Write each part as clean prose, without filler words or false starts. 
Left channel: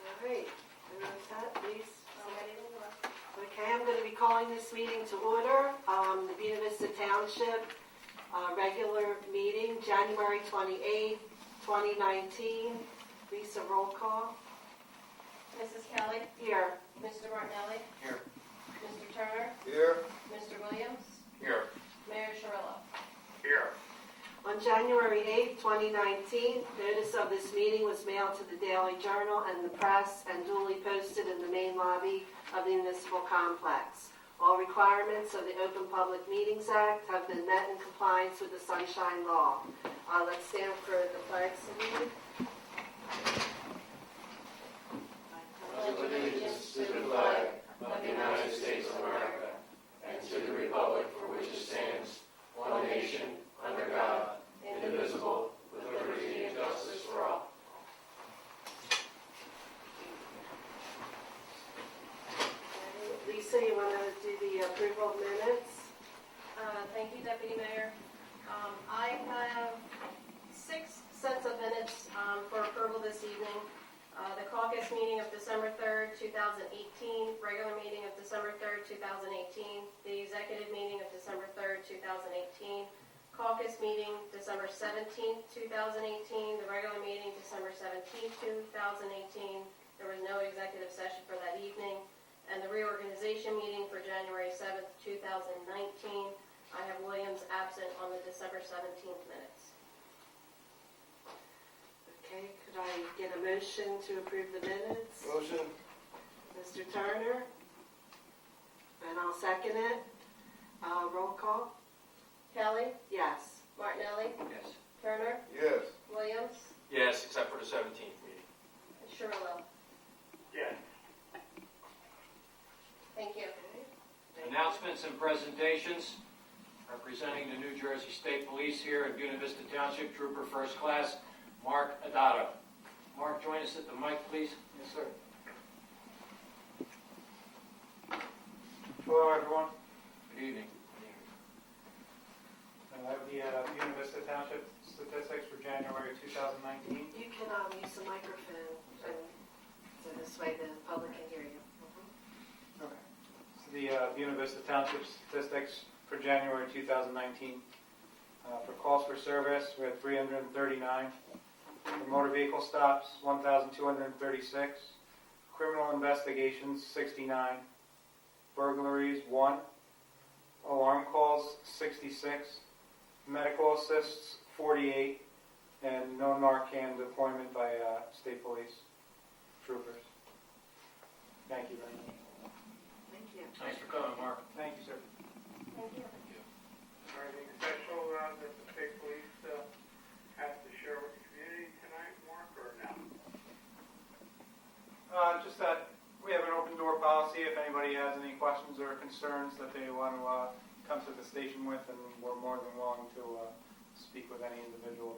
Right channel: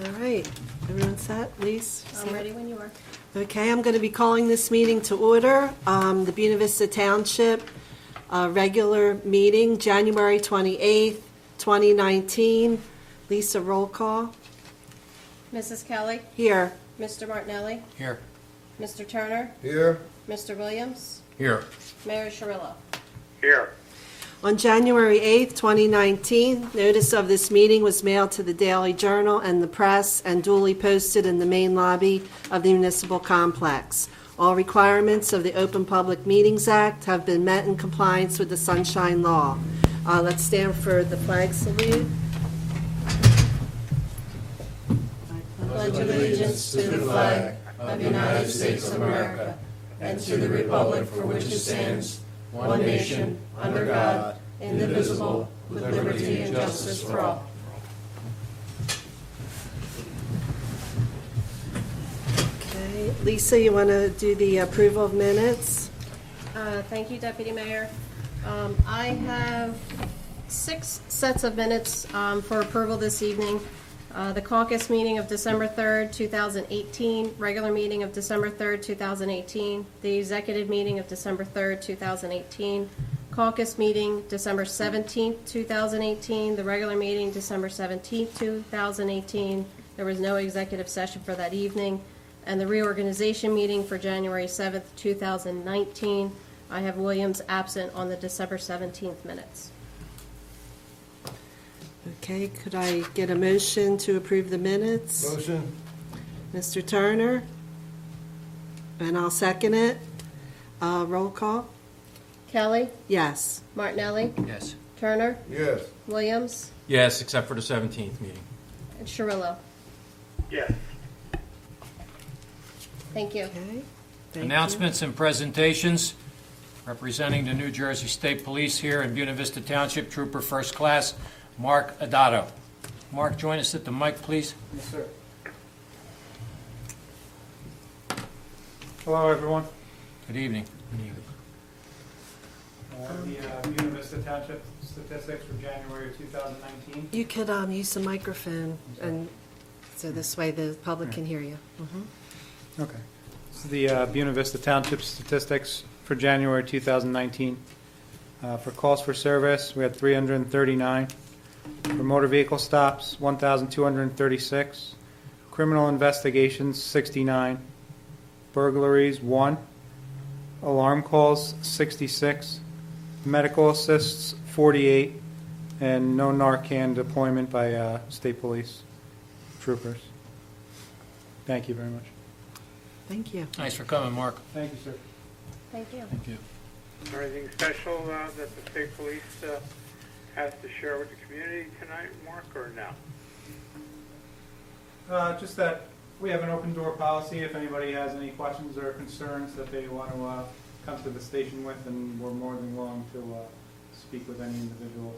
All right, everyone set? Lise? I'm ready when you are. Okay, I'm going to be calling this meeting to order. The Buena Vista Township regular meeting, January 28th, 2019. Lisa, roll call. Mrs. Kelly, Here. Mr. Martinelli, Here. Mr. Turner, Here. Mr. Williams, Here. Mayor Scirillo. Here. On January 8th, 2019, notice of this meeting was mailed to the Daily Journal and the press and duly posted in the main lobby of the municipal complex. All requirements of the Open Public Meetings Act have been met in compliance with the Sunshine Law. Let's stand for the flag salute. Pledge allegiance to the flag of the United States of America and to the republic for which it stands, one nation, under God, indivisible, with liberty and justice for all. Okay, Lisa, you want to do the approval of minutes? Thank you, Deputy Mayor. I have 6 sets of minutes for approval this evening. The caucus meeting of December 3rd, 2018, regular meeting of December 3rd, 2018, the executive meeting of December 3rd, 2018, caucus meeting December 17th, 2018, the regular meeting December 17th, 2018. There was no executive session for that evening. And the reorganization meeting for January 7th, 2019. I have Williams absent on the December 17th minutes. Okay, could I get a motion to approve the minutes? Motion. Mr. Turner? And I'll second it. Roll call? Kelly, Yes. Martinelli, Yes. Turner, Yes. Williams, Yes, except for the 17th meeting. and Scirillo. Yes. Thank you. Okay. Thank Announcements and presentations. Representing the New Jersey State Police here in Buena Vista Township, Trooper First Class, Mark Adato. Mark, join us at the mic, please. Yes, sir. Hello, everyone. Good evening. The Buena Vista Township statistics for January 2019. You could use the microphone, and so this way the public can hear you. Okay. This is the Buena Vista Township statistics for January 2019. For calls for service, we had 339. For motor vehicle stops, 1,236. Criminal investigations, 69. Burglaries, 1. Alarm calls, 66. Medical assists, 48. And no Narcan deployment by state police troopers. Thank you very much. Thank you. Thanks for coming, Mark. Thank you, sir. Thank you. Thank you. Anything special that the state police has to share with the community tonight, Mark, or no? Just that we have an open door policy. If anybody has any questions or concerns that they want to come to the station with, and we're more than willing to speak with any individual.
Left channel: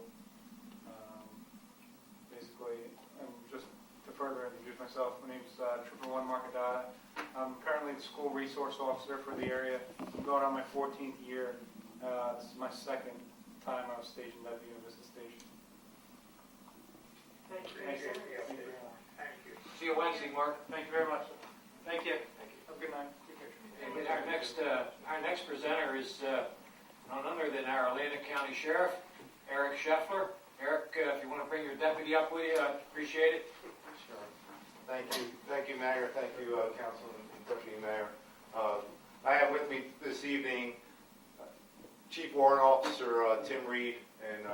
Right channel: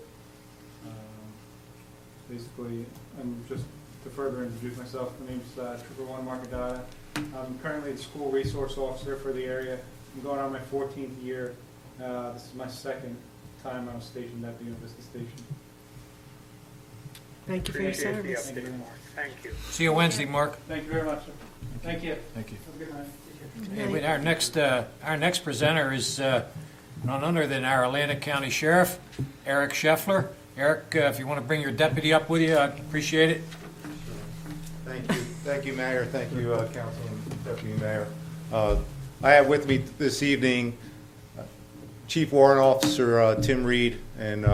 Basically, and just to further introduce myself, my name's Trooper 1 Mark Adada. I'm currently the school resource officer for the area. I'm going on my 14th year. This is my second time I was stationed at the Buena Vista Station. Thank you for your Appreciate the service. update, Mark. Thank you. See you Wednesday, Mark. Thank you very much, sir. Thank you. Thank you. Have a good night. Okay, wait, our next presenter is none other than our Atlantic County Sheriff, Eric Scheffler. Eric, if you want to bring your deputy up with you, I'd appreciate it. Thank you, Mayor. Thank you, Councilman, Deputy Mayor. I have with me this evening Chief Warrant Officer Tim Reed and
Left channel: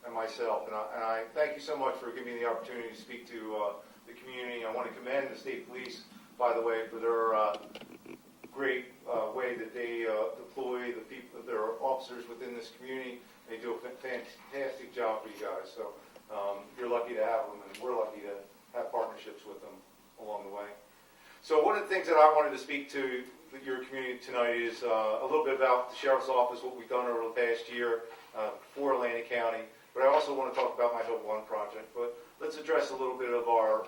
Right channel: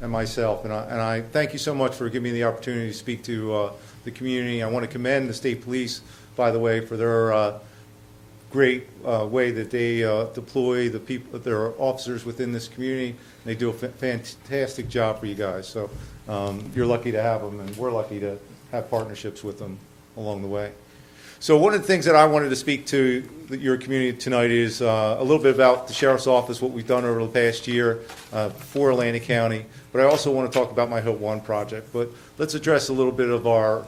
myself, and I thank you so much for giving me the opportunity to speak to the community. I want to commend the state police, by the way, for their great way that they deploy the people, their officers within this community. They do a fantastic job for you guys. So you're lucky to have them, and we're lucky to have partnerships with them along the way. So one of the things that I wanted to speak to your community tonight is a little bit about the Sheriff's Office, what we've done over the past year for Atlantic County. But I also want to talk about my Hope One project. But let's address a little bit of our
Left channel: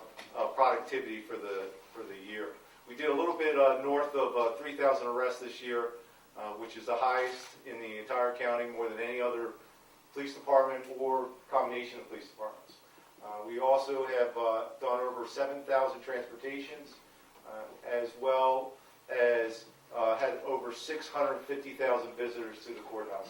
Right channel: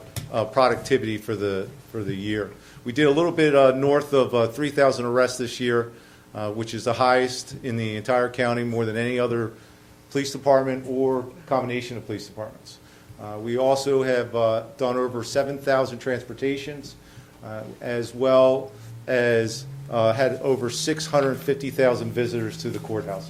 productivity for the year. We did a little bit north of 3,000 arrests this year, which is the highest in the entire county, more than any other police department or combination of police departments. We also have done over 7,000 transportations, as well as had over 650,000 visitors to the courthouses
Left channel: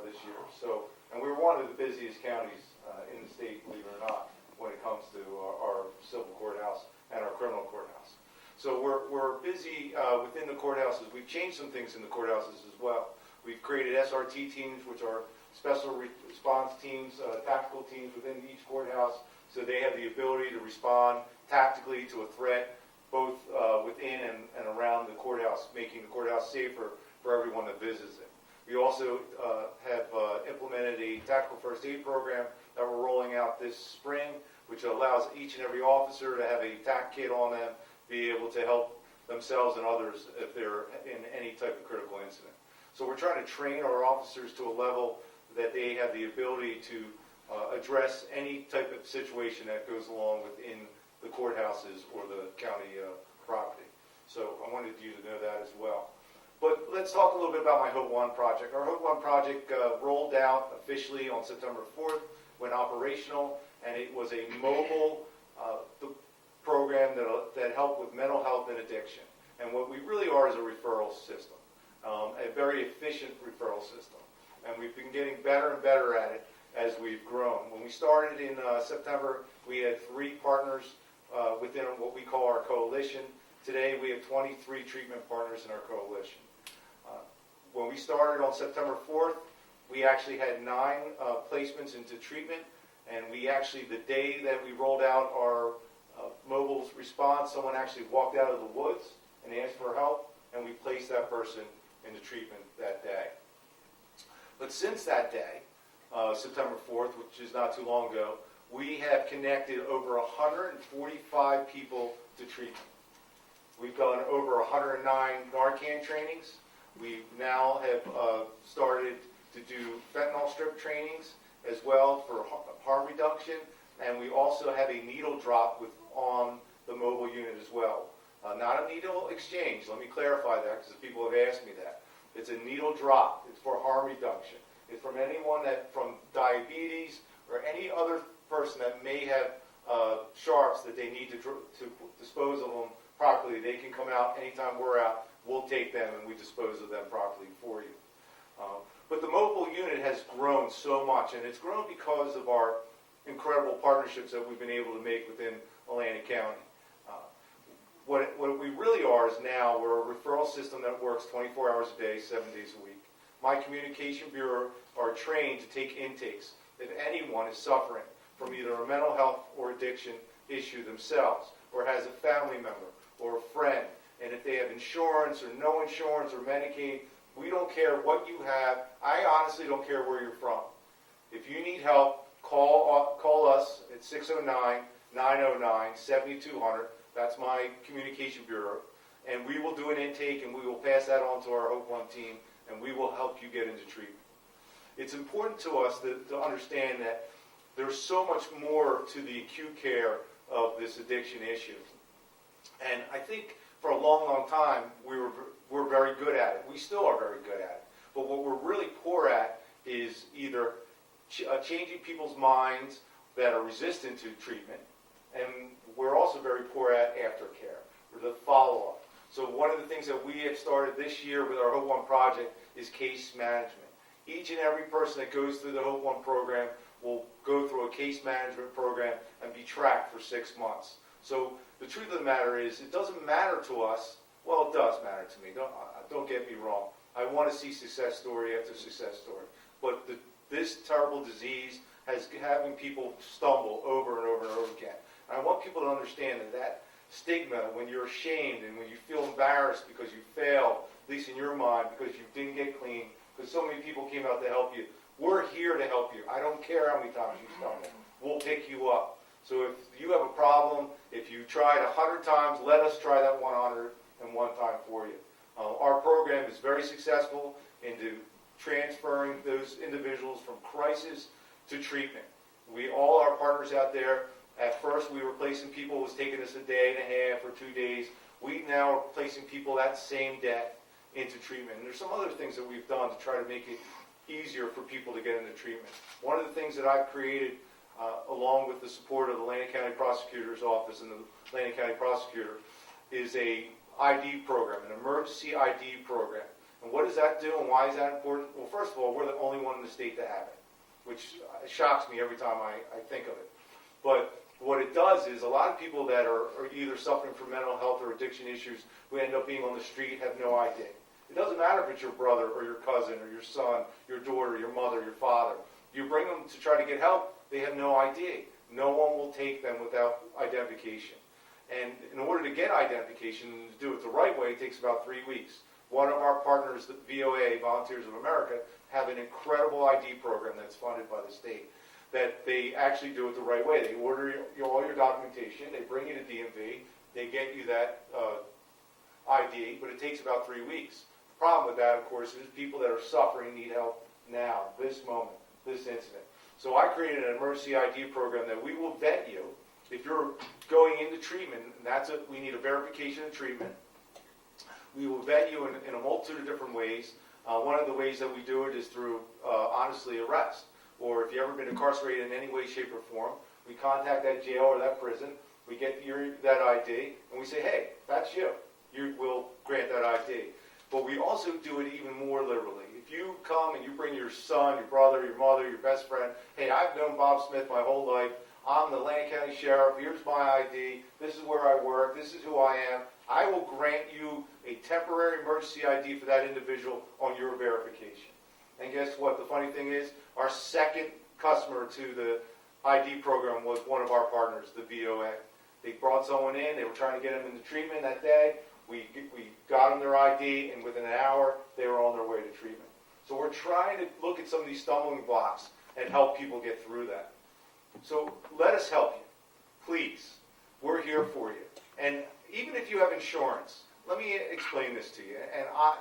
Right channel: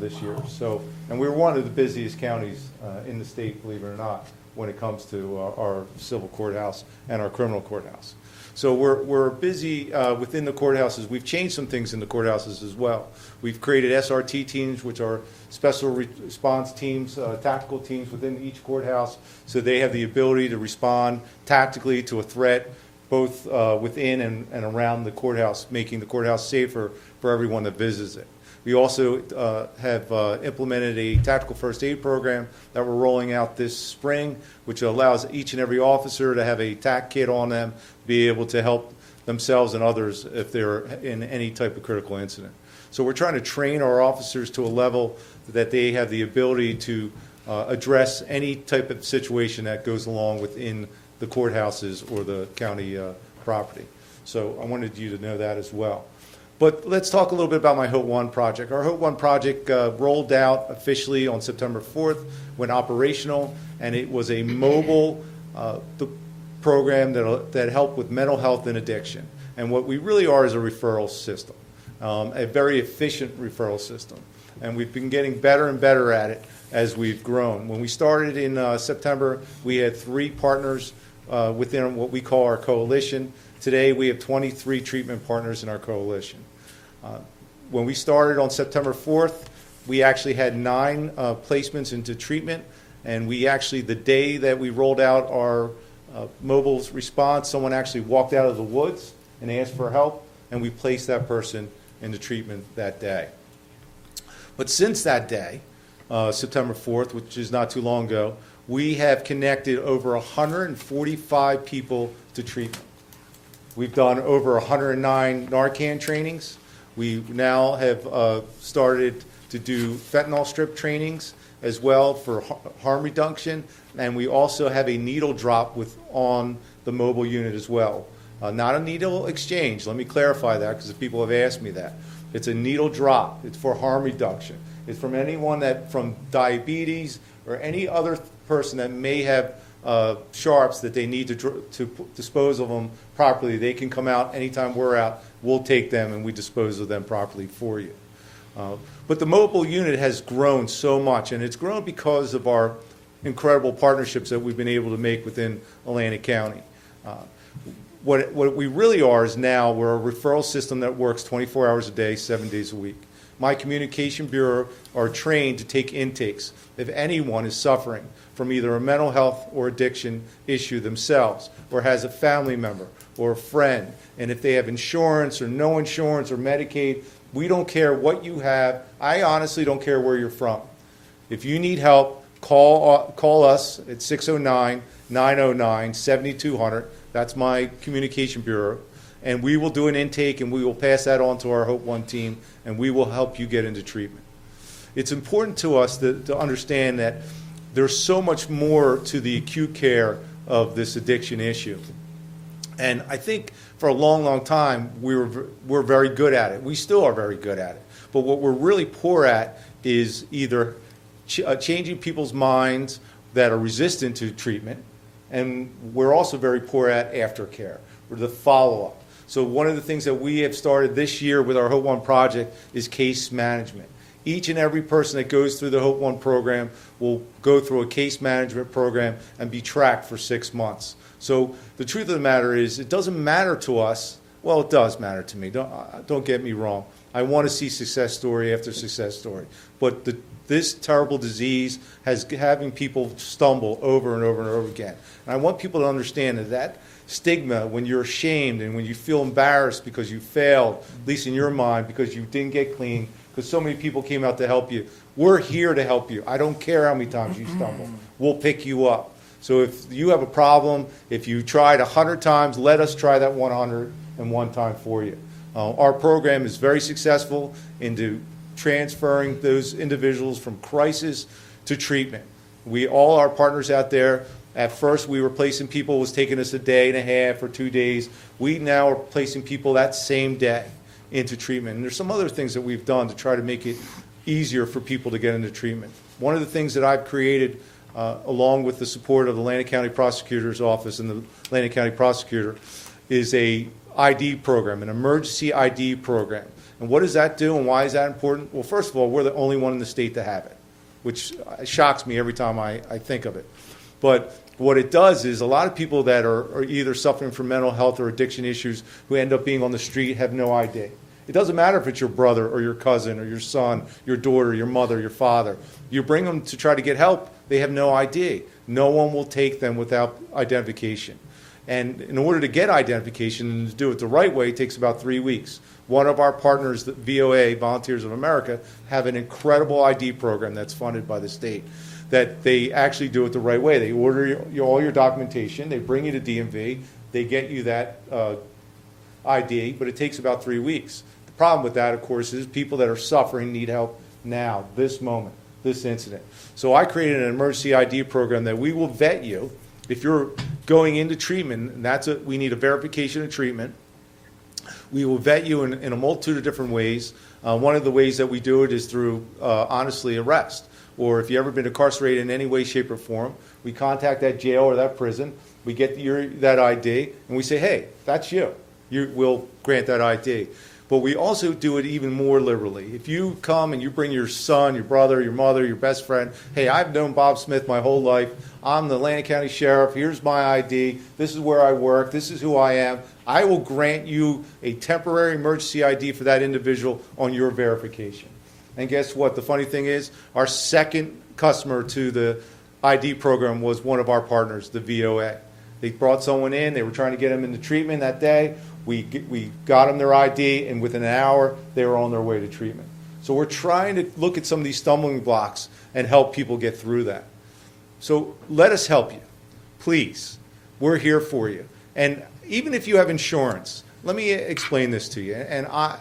this year. So, and we're one of the busiest counties in the state, believe it or not, when it comes to our civil courthouse and our criminal courthouse. So we're busy within the courthouses. We've changed some things in the courthouses as well. We've created SRT teams, which are special response teams, tactical teams within each courthouse, so they have the ability to respond tactically to a threat, both within and around the courthouse, making the courthouse safer for everyone that visits it. We also have implemented a tactical first aid program that we're rolling out this spring, which allows each and every officer to have a TAC kit on them, be able to help themselves and others if they're in any type of critical incident. So we're trying to train our officers to a level that they have the ability to address any type of situation that goes along within the courthouses or the county property. So I wanted you to know that as well. But let's talk a little bit about my HOPE 1 project. Our HOPE 1 project rolled out officially on September 4th, went operational, and it was a mobile program that helped with mental health and addiction. And what we really are is a referral system, a very efficient referral system. And we've been getting better and better at it as we've grown. When we started in September, we had 3 partners within what we call our coalition. Today, we have 23 treatment partners in our coalition. When we started on September 4th, we actually had 9 placements into treatment, and we actually, the day that we rolled out our mobile response, someone actually walked out of the woods and asked for help, and we placed that person into treatment that day. But since that day, September 4th, which is not too long ago, we have connected over 145 people to treatment. We've done over 109 Narcan trainings. We now have started to do fentanyl strip trainings as well for harm reduction, and we also have a needle drop on the mobile unit as well. Not a needle exchange, let me clarify that because people have asked me that. It's a needle drop, it's for harm reduction. It's from anyone from diabetes or any other person that may have sharps that they need to dispose of them properly. They can come out anytime we're out, we'll take them and we dispose of them properly for you. But the mobile unit has grown so much, and it's grown because of our incredible partnerships that we've been able to make within Atlantic County. What we really are is now we're a referral system that works 24 hours a day, 7 days a week. My communication bureau are trained to take intakes if anyone is suffering from either a mental health or addiction issue themselves, or has a family member or a friend, and if they have insurance or no insurance or Medicaid. We don't care what you have. I honestly don't care where you're from. If you need help, call us at 609-909-7200. That's my communication bureau. And we will do an intake, and we will pass that on to our HOPE 1 team, and we will help you get into treatment. It's important to us to understand that there's so much more to the acute care of this addiction issue. And I think for a long, long time, we're very good at it. We still are very good at it. But what we're really poor at is either changing people's minds that are resistant to treatment, and we're also very poor at aftercare, or the follow-up. So one of the things that we have started this year with our HOPE 1 project is case management. Each and every person that goes through the HOPE 1 program will go through a case management program and be tracked for 6 months. So the truth of the matter is, it doesn't matter to us. Well, it does matter to me. Don't get me wrong. I want to see success story after success story. But this terrible disease has having people stumble over and over and over again. And I want people to understand that stigma, when you're ashamed and when you feel embarrassed because you failed, at least in your mind, because you didn't get clean, because so many people came out to help you. We're here to help you. I don't care how many times you stumble. We'll pick you up. So if you have a problem, if you tried 100 times, let us try that 101 time for you. Our program is very successful into transferring those individuals from crisis to treatment. All our partners out there, at first we were placing people, it was taking us a day and a half or 2 days. We now are placing people that same day into treatment. And there's some other things that we've done to try to make it easier for people to get into treatment. One of the things that I've created along with the support of the Atlantic County Prosecutor's Office and the Atlantic County Prosecutor, is a ID program, an emergency ID program. And what does that do and why is that important? Well, first of all, we're the only one in the state to have it, which shocks me every time I think of it. But what it does is a lot of people that are either suffering from mental health or addiction issues who end up being on the street have no ID. It doesn't matter if it's your brother or your cousin or your son, your daughter, your mother, your father. You bring them to try to get help, they have no ID. No one will take them without identification. And in order to get identification and to do it the right way, it takes about 3 weeks. One of our partners, the VOA, Volunteers of America, have an incredible ID program that's funded by the state, that they actually do it the right way. They order all your documentation, they bring you to DMV, they get you that ID, but it takes about 3 weeks. The problem with that, of course, is people that are suffering need help now, this moment, this incident. So I created an emergency ID program that we will vet you. If you're going into treatment, and we need a verification of treatment. We will vet you in a multitude of different ways. One of the ways that we do it is through, honestly, arrest. Or if you've ever been incarcerated in any way, shape, or form, we contact that jail or that prison, we get that ID, and we say, hey, that's you. We'll grant that ID. But we also do it even more liberally. If you come and you bring your son, your brother, your mother, your best friend, hey, I've known Bob Smith my whole life. I'm the Atlantic County Sheriff. Here's my ID. This is where I work. This is who I am. I will grant you a temporary emergency ID for that individual on your verification. And guess what? The funny thing is, our second customer to the ID program was one of our partners, the VOA. They brought someone in. They were trying to get them into treatment that day. We got them their ID, and within an hour, they were on their way to treatment. So we're trying to look at some of these stumbling blocks and help people get through that. So let us help you. Please. We're here for you. And even if you have insurance, let me explain this to you. And I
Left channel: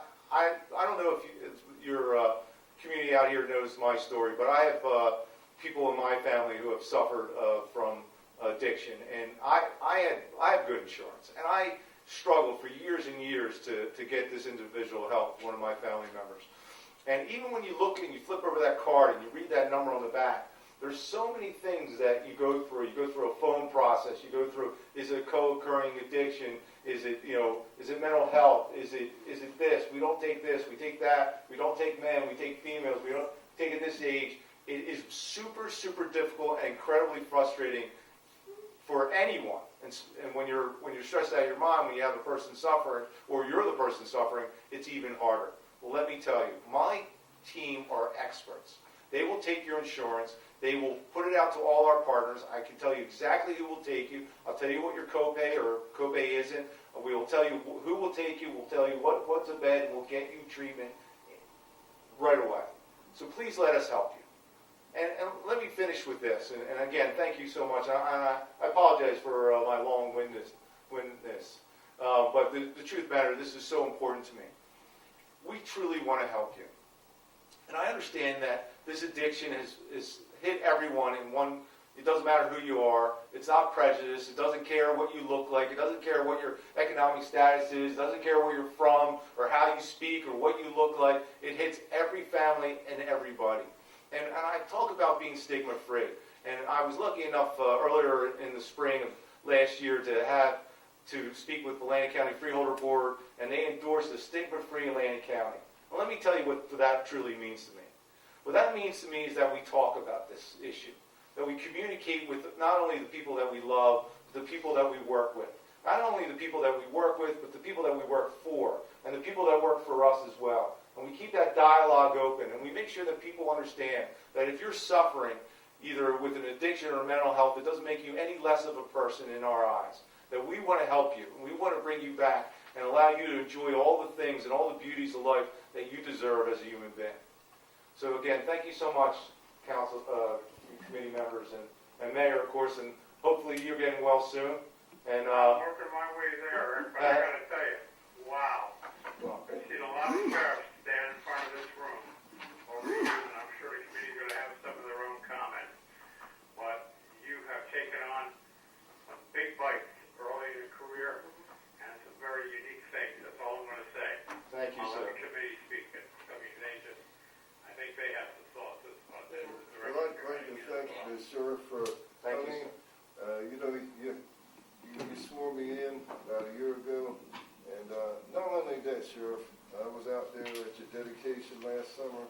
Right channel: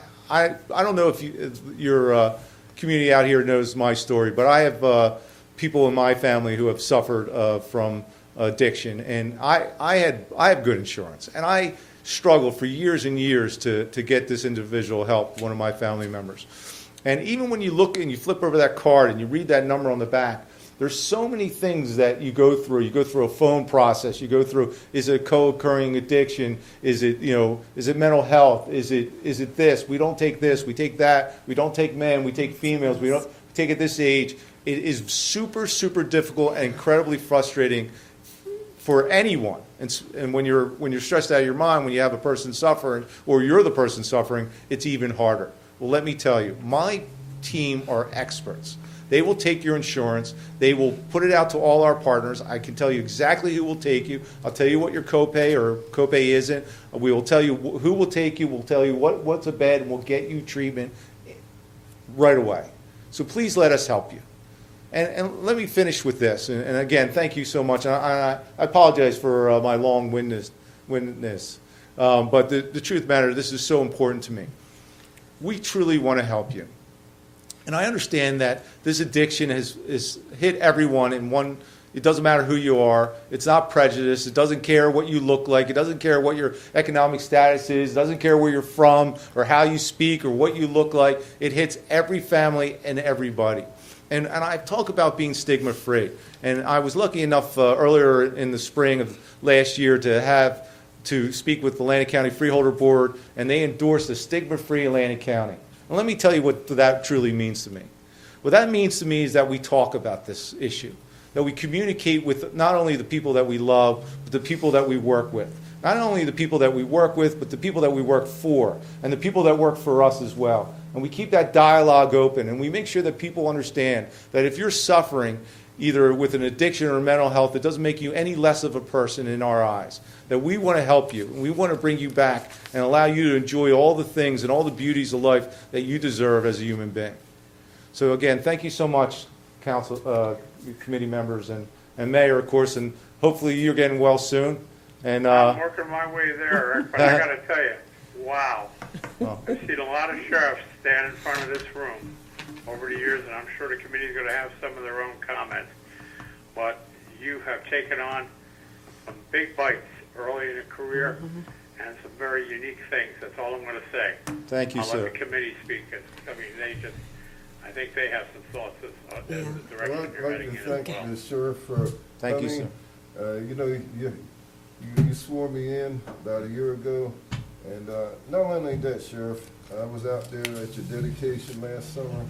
don't know if your community out here knows my story, but I have people in my family who have suffered from addiction, and I have good insurance, and I struggled for years and years to get this individual help, one of my family members. And even when you look and you flip over that card and you read that number on the back, there's so many things that you go through. You go through a phone process. You go through, is it a co-occurring addiction? Is it mental health? Is it this? We don't take this. We take that. We don't take men. We take females. We don't take at this age. It is super, super difficult and incredibly frustrating for anyone. And when you're stressed out of your mind, when you have a person suffering, or you're the person suffering, it's even harder. Well, let me tell you, my team are experts. They will take your insurance. They will put it out to all our partners. I can tell you exactly who will take you. I'll tell you what your copay or copay isn't. We will tell you who will take you. We'll tell you what's a bed, and we'll get you treatment right away. So please let us help you. And let me finish with this. And again, thank you so much. And I apologize for my long-windedness. But the truth matters, this is so important to me. We truly want to help you. And I understand that this addiction has hit everyone in one. It doesn't matter who you are. It's not prejudice. It doesn't care what you look like. It doesn't care what your economic status is. It doesn't care where you're from or how you speak or what you look like. It hits every family and everybody. And I talk about being stigma-free. And I was lucky enough earlier in the spring of last year to speak with the Atlantic County Freeholder Board, and they endorsed a stigma-free Atlantic County. And let me tell you what that truly means to me. What that means to me is that we talk about this issue, that we communicate with not only the people that we love, but the people that we work with. Not only the people that we work with, but the people that we work for, and the people that work for us as well. And we keep that dialogue open, and we make sure that people understand that if you're suffering either with an addiction or mental health, it doesn't make you any less of a person in our eyes. That we want to help you, and we want to bring you back and allow you to enjoy all the things and all the beauties of life that you deserve as a human being. So again, thank you so much, council, committee members, and Mayor, of course, and hopefully you're getting well soon. And I'm working my way there, Eric, but I got to tell you, wow. well, I've seen a lot of sheriffs stand in front of this room over the years, and I'm sure the committee's going to have some of their own comments. But you have taken on some big bites early in your career and some very unique things. That's all I'm going to say. thank you, I'll sir. let the committee speak. I mean, I think they have some thoughts as Yeah. the Well, direction I'd you're like heading to in. thank the sheriff for Thank you, coming. sir. You know, you swore me in about a year ago, and not only that, Sheriff, I was out there at your dedication last summer.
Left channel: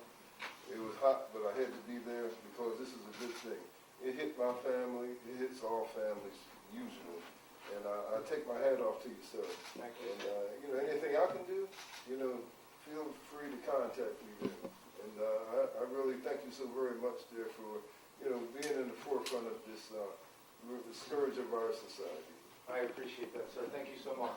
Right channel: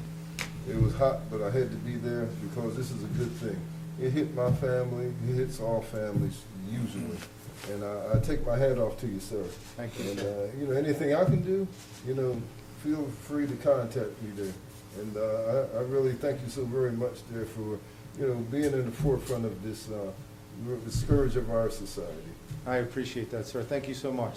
It was hot, but I had to be there because this is a good thing. It hit my family, it hits all families usually, and I take my hat off to you, sir. Thank you. And, you know, anything I can do, you know, feel free to contact me there. And I really thank you so very much there for, you know, being in the forefront of this, the scourge of our society. I appreciate that, sir. Thank you so much.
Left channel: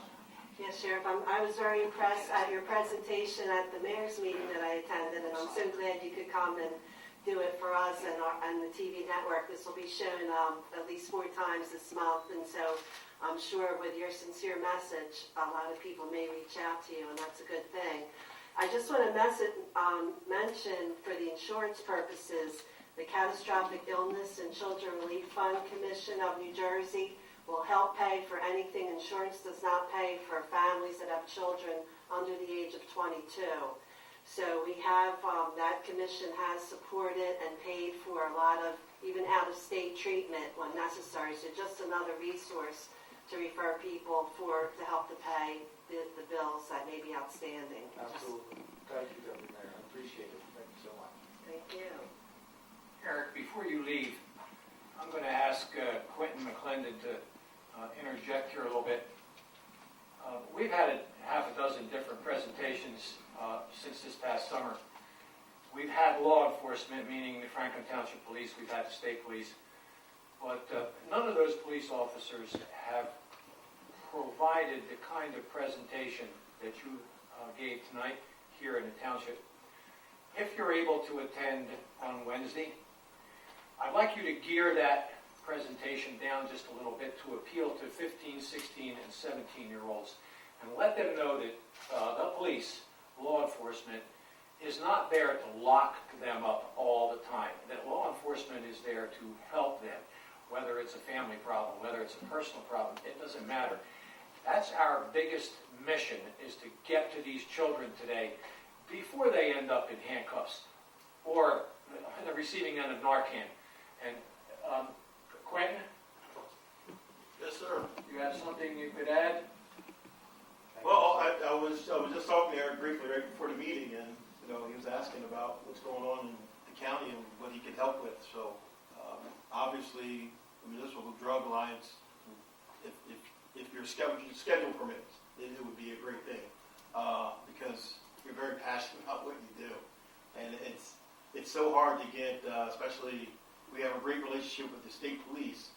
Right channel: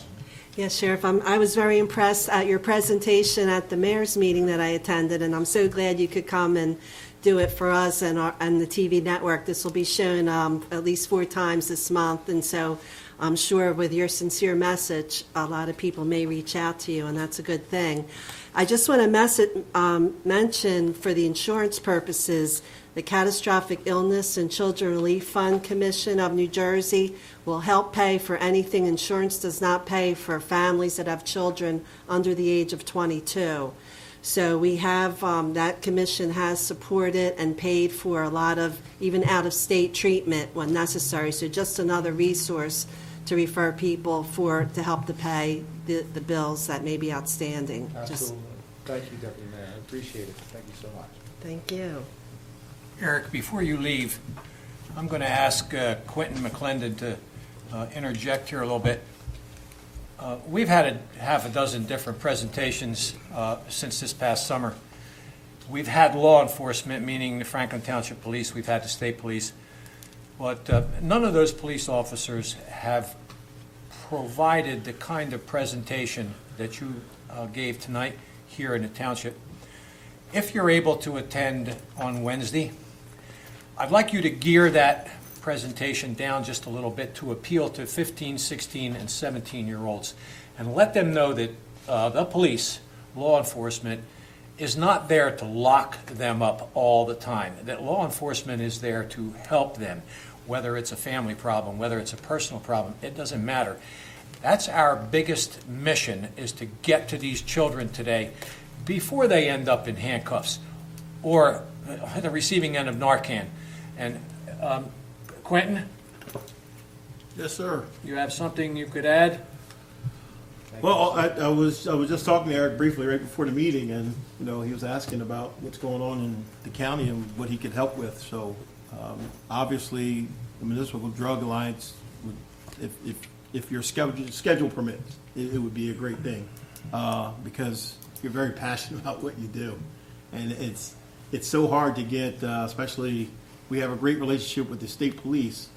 Yes, Sheriff, I was very impressed at your presentation at the mayor's meeting that I attended, and I'm so glad you could come and do it for us and the TV network. This will be shown at least 4 times this month, and so I'm sure with your sincere message, a lot of people may reach out to you, and that's a good thing. I just want to mention for the insurance purposes, the Catastrophic Illness and Children Relief Fund Commission of New Jersey will help pay for anything insurance does not pay for families that have children under the age of 22. So we have, that commission has supported and paid for a lot of even out-of-state treatment when necessary. So just another resource to refer people to help to pay the bills that may be outstanding. Absolutely. Thank you, Deputy Mayor. I appreciate it. Thank you so much. Thank you. Eric, before you leave, I'm going to ask Quentin McClendon to interject here a little bit. We've had half a dozen different presentations since this past summer. We've had law enforcement, meaning the Franklin Township Police, we've had the state police, but none of those police officers have provided the kind of presentation that you gave tonight here in the township. If you're able to attend on Wednesday, I'd like you to gear that presentation down just a little bit to appeal to 15, 16, and 17-year-olds and let them know that the police, law enforcement, is not there to lock them up all the time, that law enforcement is there to help them, whether it's a family problem, whether it's a personal problem, it doesn't matter. That's our biggest mission, is to get to these children today before they end up in handcuffs or the receiving end of Narcan. And Quentin, Yes, sir. you have something you could add? Well, I was just talking to Eric briefly right before the meeting, and you know he was asking about what's going on in the county and what he could help with. So obviously, the Municipal Drug Alliance, if your schedule permits, it would be a great thing because you're very passionate about what you do, and it's so hard to get, especially. We have a great relationship with the state police,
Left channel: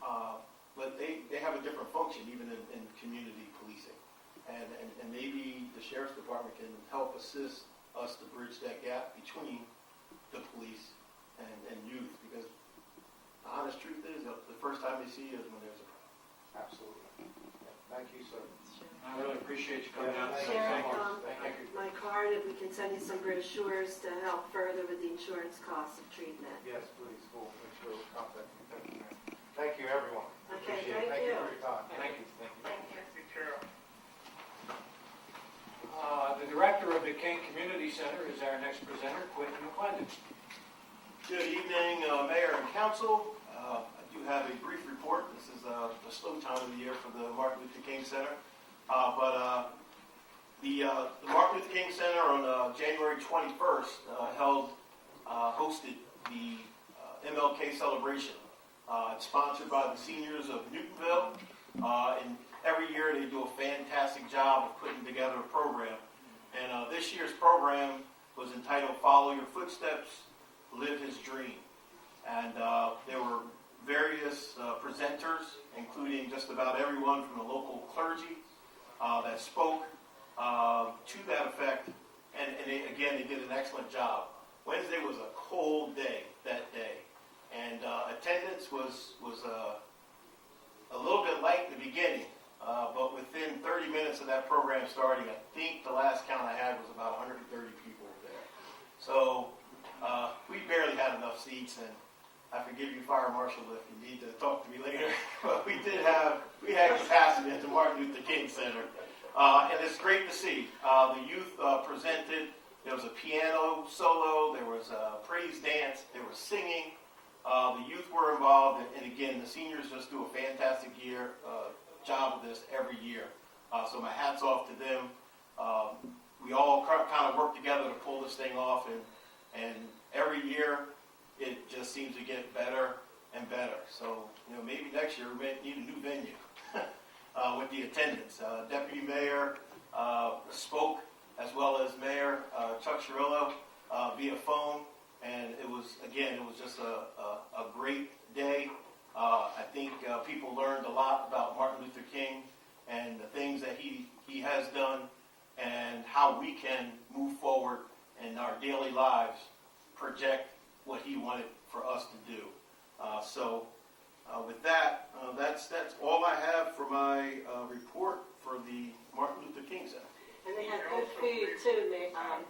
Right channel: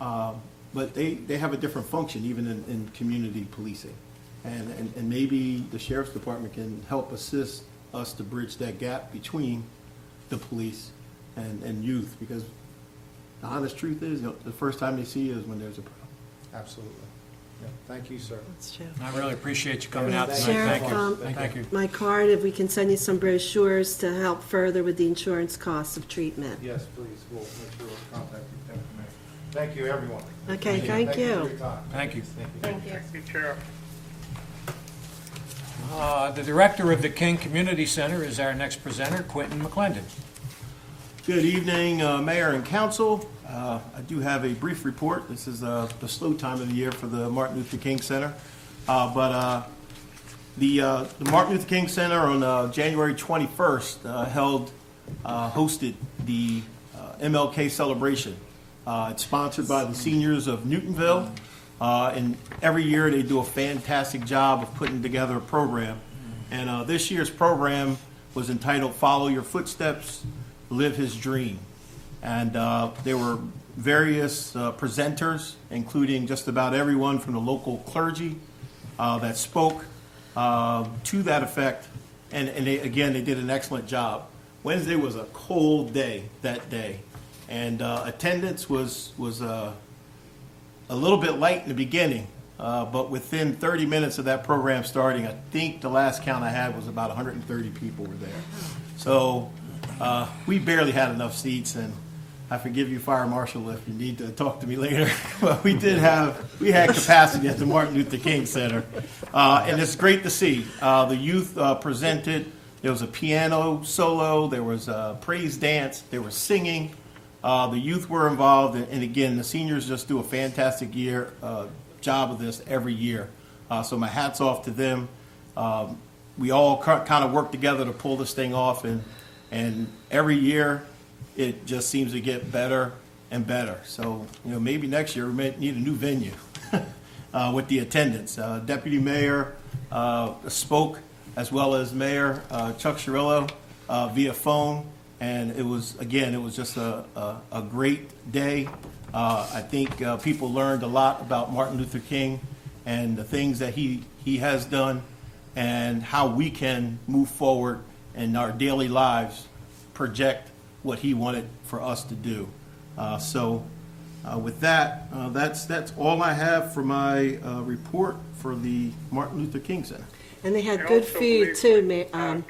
but they have a different function even in community policing. And maybe the sheriff's department can help assist us to bridge that gap between the police and youth, because the honest truth is the first time they see you is when there's a problem. Absolutely. Yeah. Thank you, sir. That's true. I really appreciate you coming out Thank tonight. Sheriff, Thank you. Thank you. my card, if we can send you some brochures to help further with the insurance costs of treatment. Yes, please. We'll make sure we'll contact you, Deputy Mayor. Thank you, everyone. Okay, thank Thank you you. for your time. Thank you. Thank you. Thank you, Sheriff. The director of the King Community Center is our next presenter, Quentin McClendon. Good evening, Mayor and Council. I do have a brief report. This is the slow time of the year for the Martin Luther King Center. But the Martin Luther King Center on January 21st hosted the MLK celebration. It's sponsored by the seniors of Newtonville. And every year they do a fantastic job of putting together a program. And this year's program was entitled Follow Your Footsteps, Live His Dream. And there were various presenters, including just about everyone from the local clergy that spoke to that effect. And they did an excellent job. Wednesday was a cold day that day. And attendance was a little bit light in the beginning, but within 30 minutes of that program starting, I think the last count I had was about 130 people were there. So we barely had enough seats, and I forgive you, Fire Marshal, if you need to talk to me later. But we had capacity at the Martin Luther King Center, and it's great to see. The youth presented There was a piano solo, there was a praise dance, there was singing. The youth were involved, and again, the seniors just do a fantastic job of this every year. So my hat's off to them. We all kind of work together to pull this thing off, and every year it just seems to get better and better. So, maybe next year we may need a new venue with the attendance. Deputy Mayor spoke, as well as Mayor Chuck Cirillo via phone, and it was just a great day. I think people learned a lot about Martin Luther King and the things that he has done, and how we can move forward in our daily lives, project what he wanted for us to do. With that, that's all I have for my report for the Martin Luther King Center. And they had I good also food believe too,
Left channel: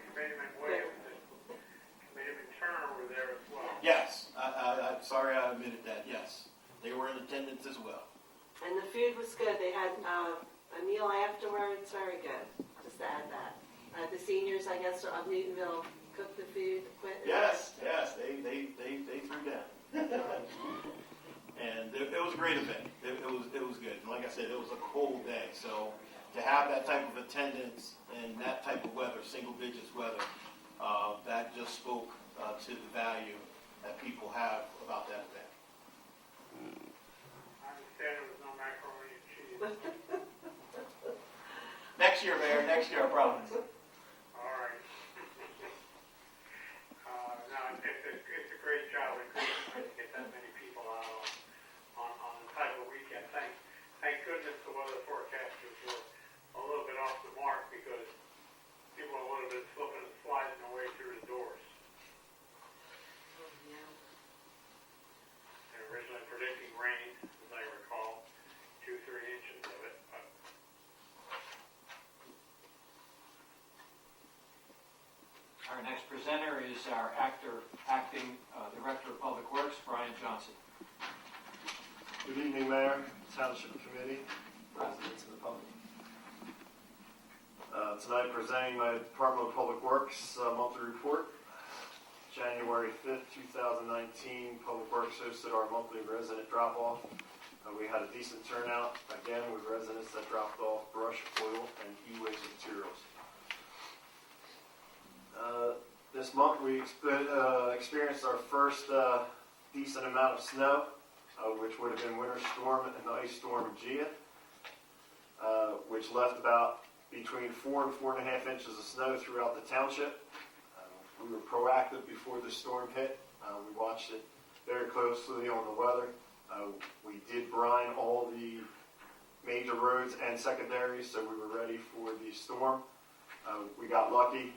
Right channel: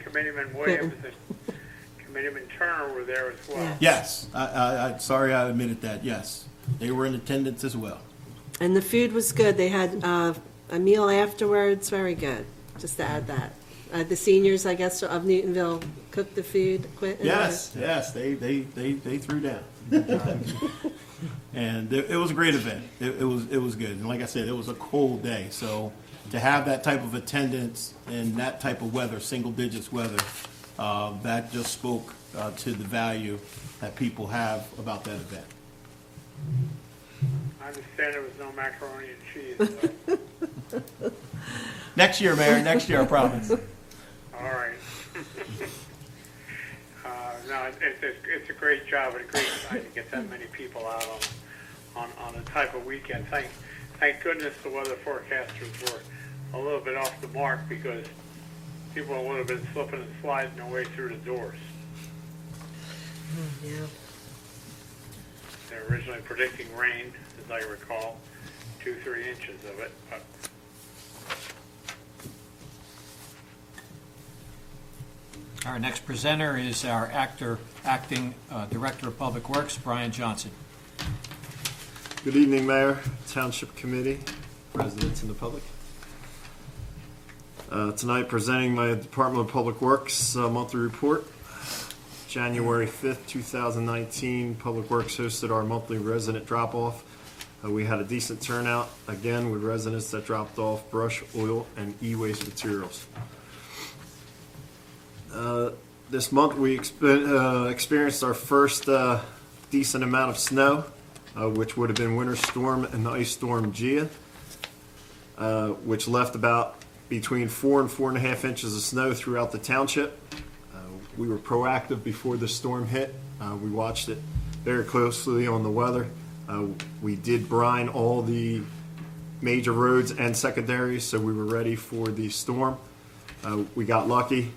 Committeeman Williams and Committeeman Turner were there as well. Yeah. Yes, I sorry I admitted that. Yes, they were in attendance as well. and the food was good. They had a meal afterwards, very good. Just to add that. The seniors, I guess, of Newtonville cooked the food. Quentin, Yes, they threw down. And it was a great event. It was good. And like I said, it was a cold day. So to have that type of attendance and that type of weather, single digits weather, that just spoke to the value that people have about that event. I understand there was no macaroni and cheese. So. Next year, Mayor. Next year, I promise. All right. No, it's a great job and a great time to get that many people out on a type of weekend. Thank goodness the weather forecasters were a little bit off the mark, because people would have been slipping and sliding their way through the doors. Yeah. They're originally predicting rain, as I recall, 2-3 inches of it. But Our next presenter is our acting Director of Public Works, Brian Johnson. Good evening, Mayor, Township Committee, residents, and the public. Tonight, presenting my Department of Public Works monthly report. January 5th, 2019, Public Works hosted our monthly resident drop-off. We had a decent turnout, again, with residents that dropped off brush, oil, and e-waste materials. This month, we experienced our first decent amount of snow, which would have been Winter Storm and the Ice Storm Gia, which left about between 4 and 4.5 inches of snow throughout the township. We were proactive before the storm hit. We watched it very closely on the weather. We did brine all the major roads and secondaries, so we were ready for the storm. We got lucky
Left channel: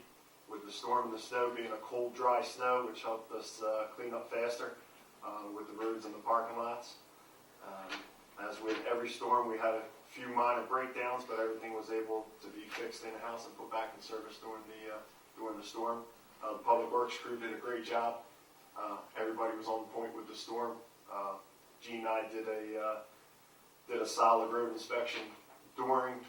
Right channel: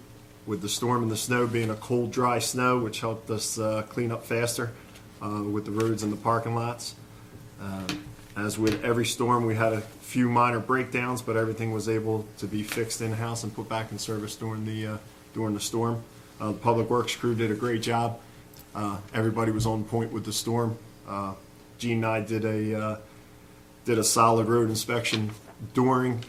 with the storm and the snow being a cold, dry snow, which helped us clean up faster with the roads and the parking lots. As with every storm, we had a few minor breakdowns, but everything was able to be fixed in-house and put back in service during the storm. The Public Works crew did a great job. Everybody was on point with the storm. Gene and I did a solid road inspection during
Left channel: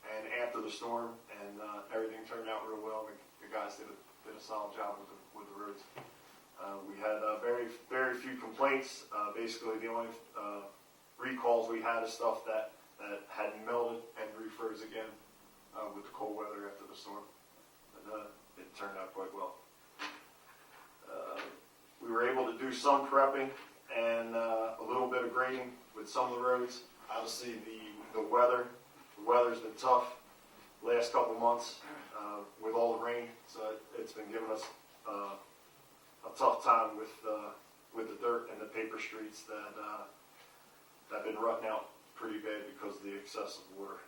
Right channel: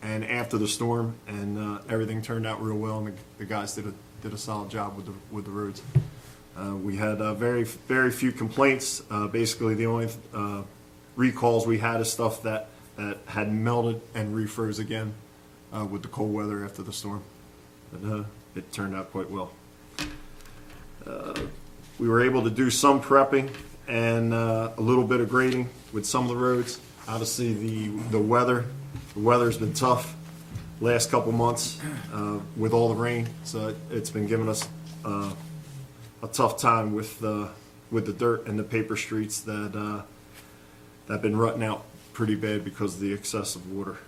and after the storm, and everything turned out real well, and the guys did a solid job with the roads. We had very few complaints. Basically, the only recalls we had is stuff that had melted and refroze again with the cold weather after the storm. But, it turned out quite well. We were able to do some prepping and a little bit of grading with some of the roads. Obviously, the weather's been tough last couple months with all the rain, so it's been giving us a tough time with the dirt and the paper streets that have been rutting out pretty bad because of the excessive water.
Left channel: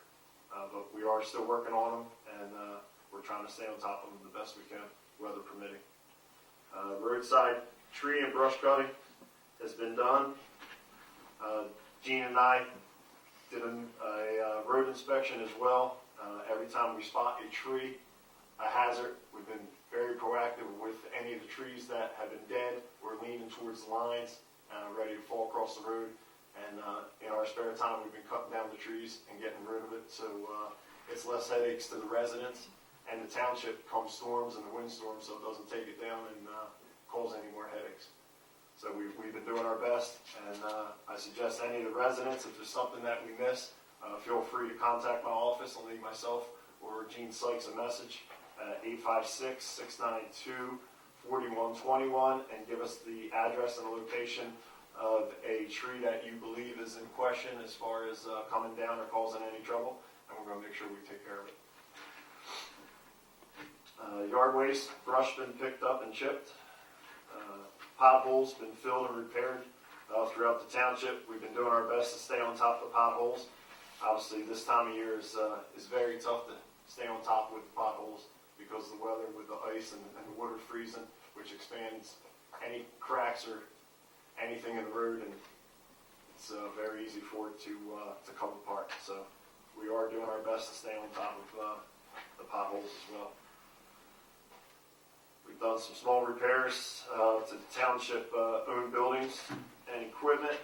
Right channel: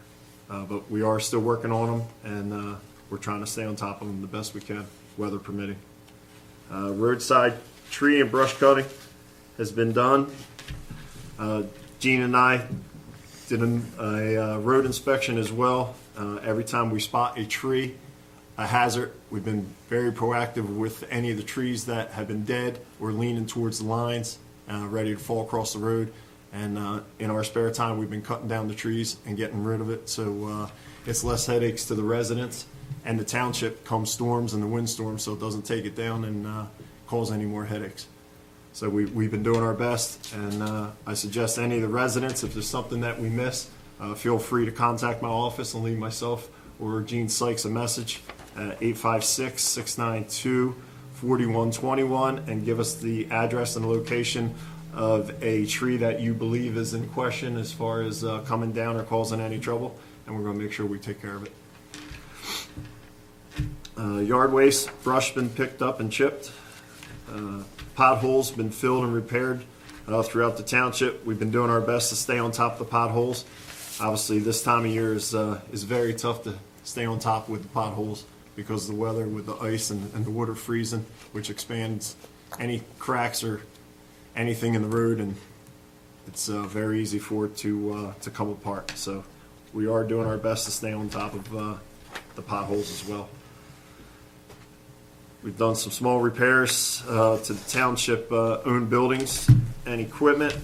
But we are still working on them, and we're trying to stay on top of them the best we can, weather permitting. Roadside tree and brush cutting has been done. Gene and I did a road inspection as well. Every time we spot a tree, a hazard, we've been very proactive with any of the trees that have been dead or leaning towards the lines, ready to fall across the road. And in our spare time, we've been cutting down the trees and getting rid of it, so it's less headaches to the residents, and the township come storms and the windstorms, so it doesn't take it down and cause any more headaches. So we've been doing our best, and I suggest any of the residents, if there's something that we miss, feel free to contact my office and leave myself or Gene Sykes a message at 856-692-4121 and give us the address and location of a tree that you believe is in question as far as coming down or causing any trouble, and we're going to make sure we take care of it. Yard waste, brush been picked up and chipped. Potholes been filled and repaired throughout the township. We've been doing our best to stay on top of the potholes. Obviously, this time of year is very tough to stay on top with the potholes because of the weather with the ice and the water freezing, which expands any cracks or anything in the road, and it's very easy for it to come apart. So we are doing our best to stay on top of the potholes as well. We've done some small repairs to the township owned buildings and equipment,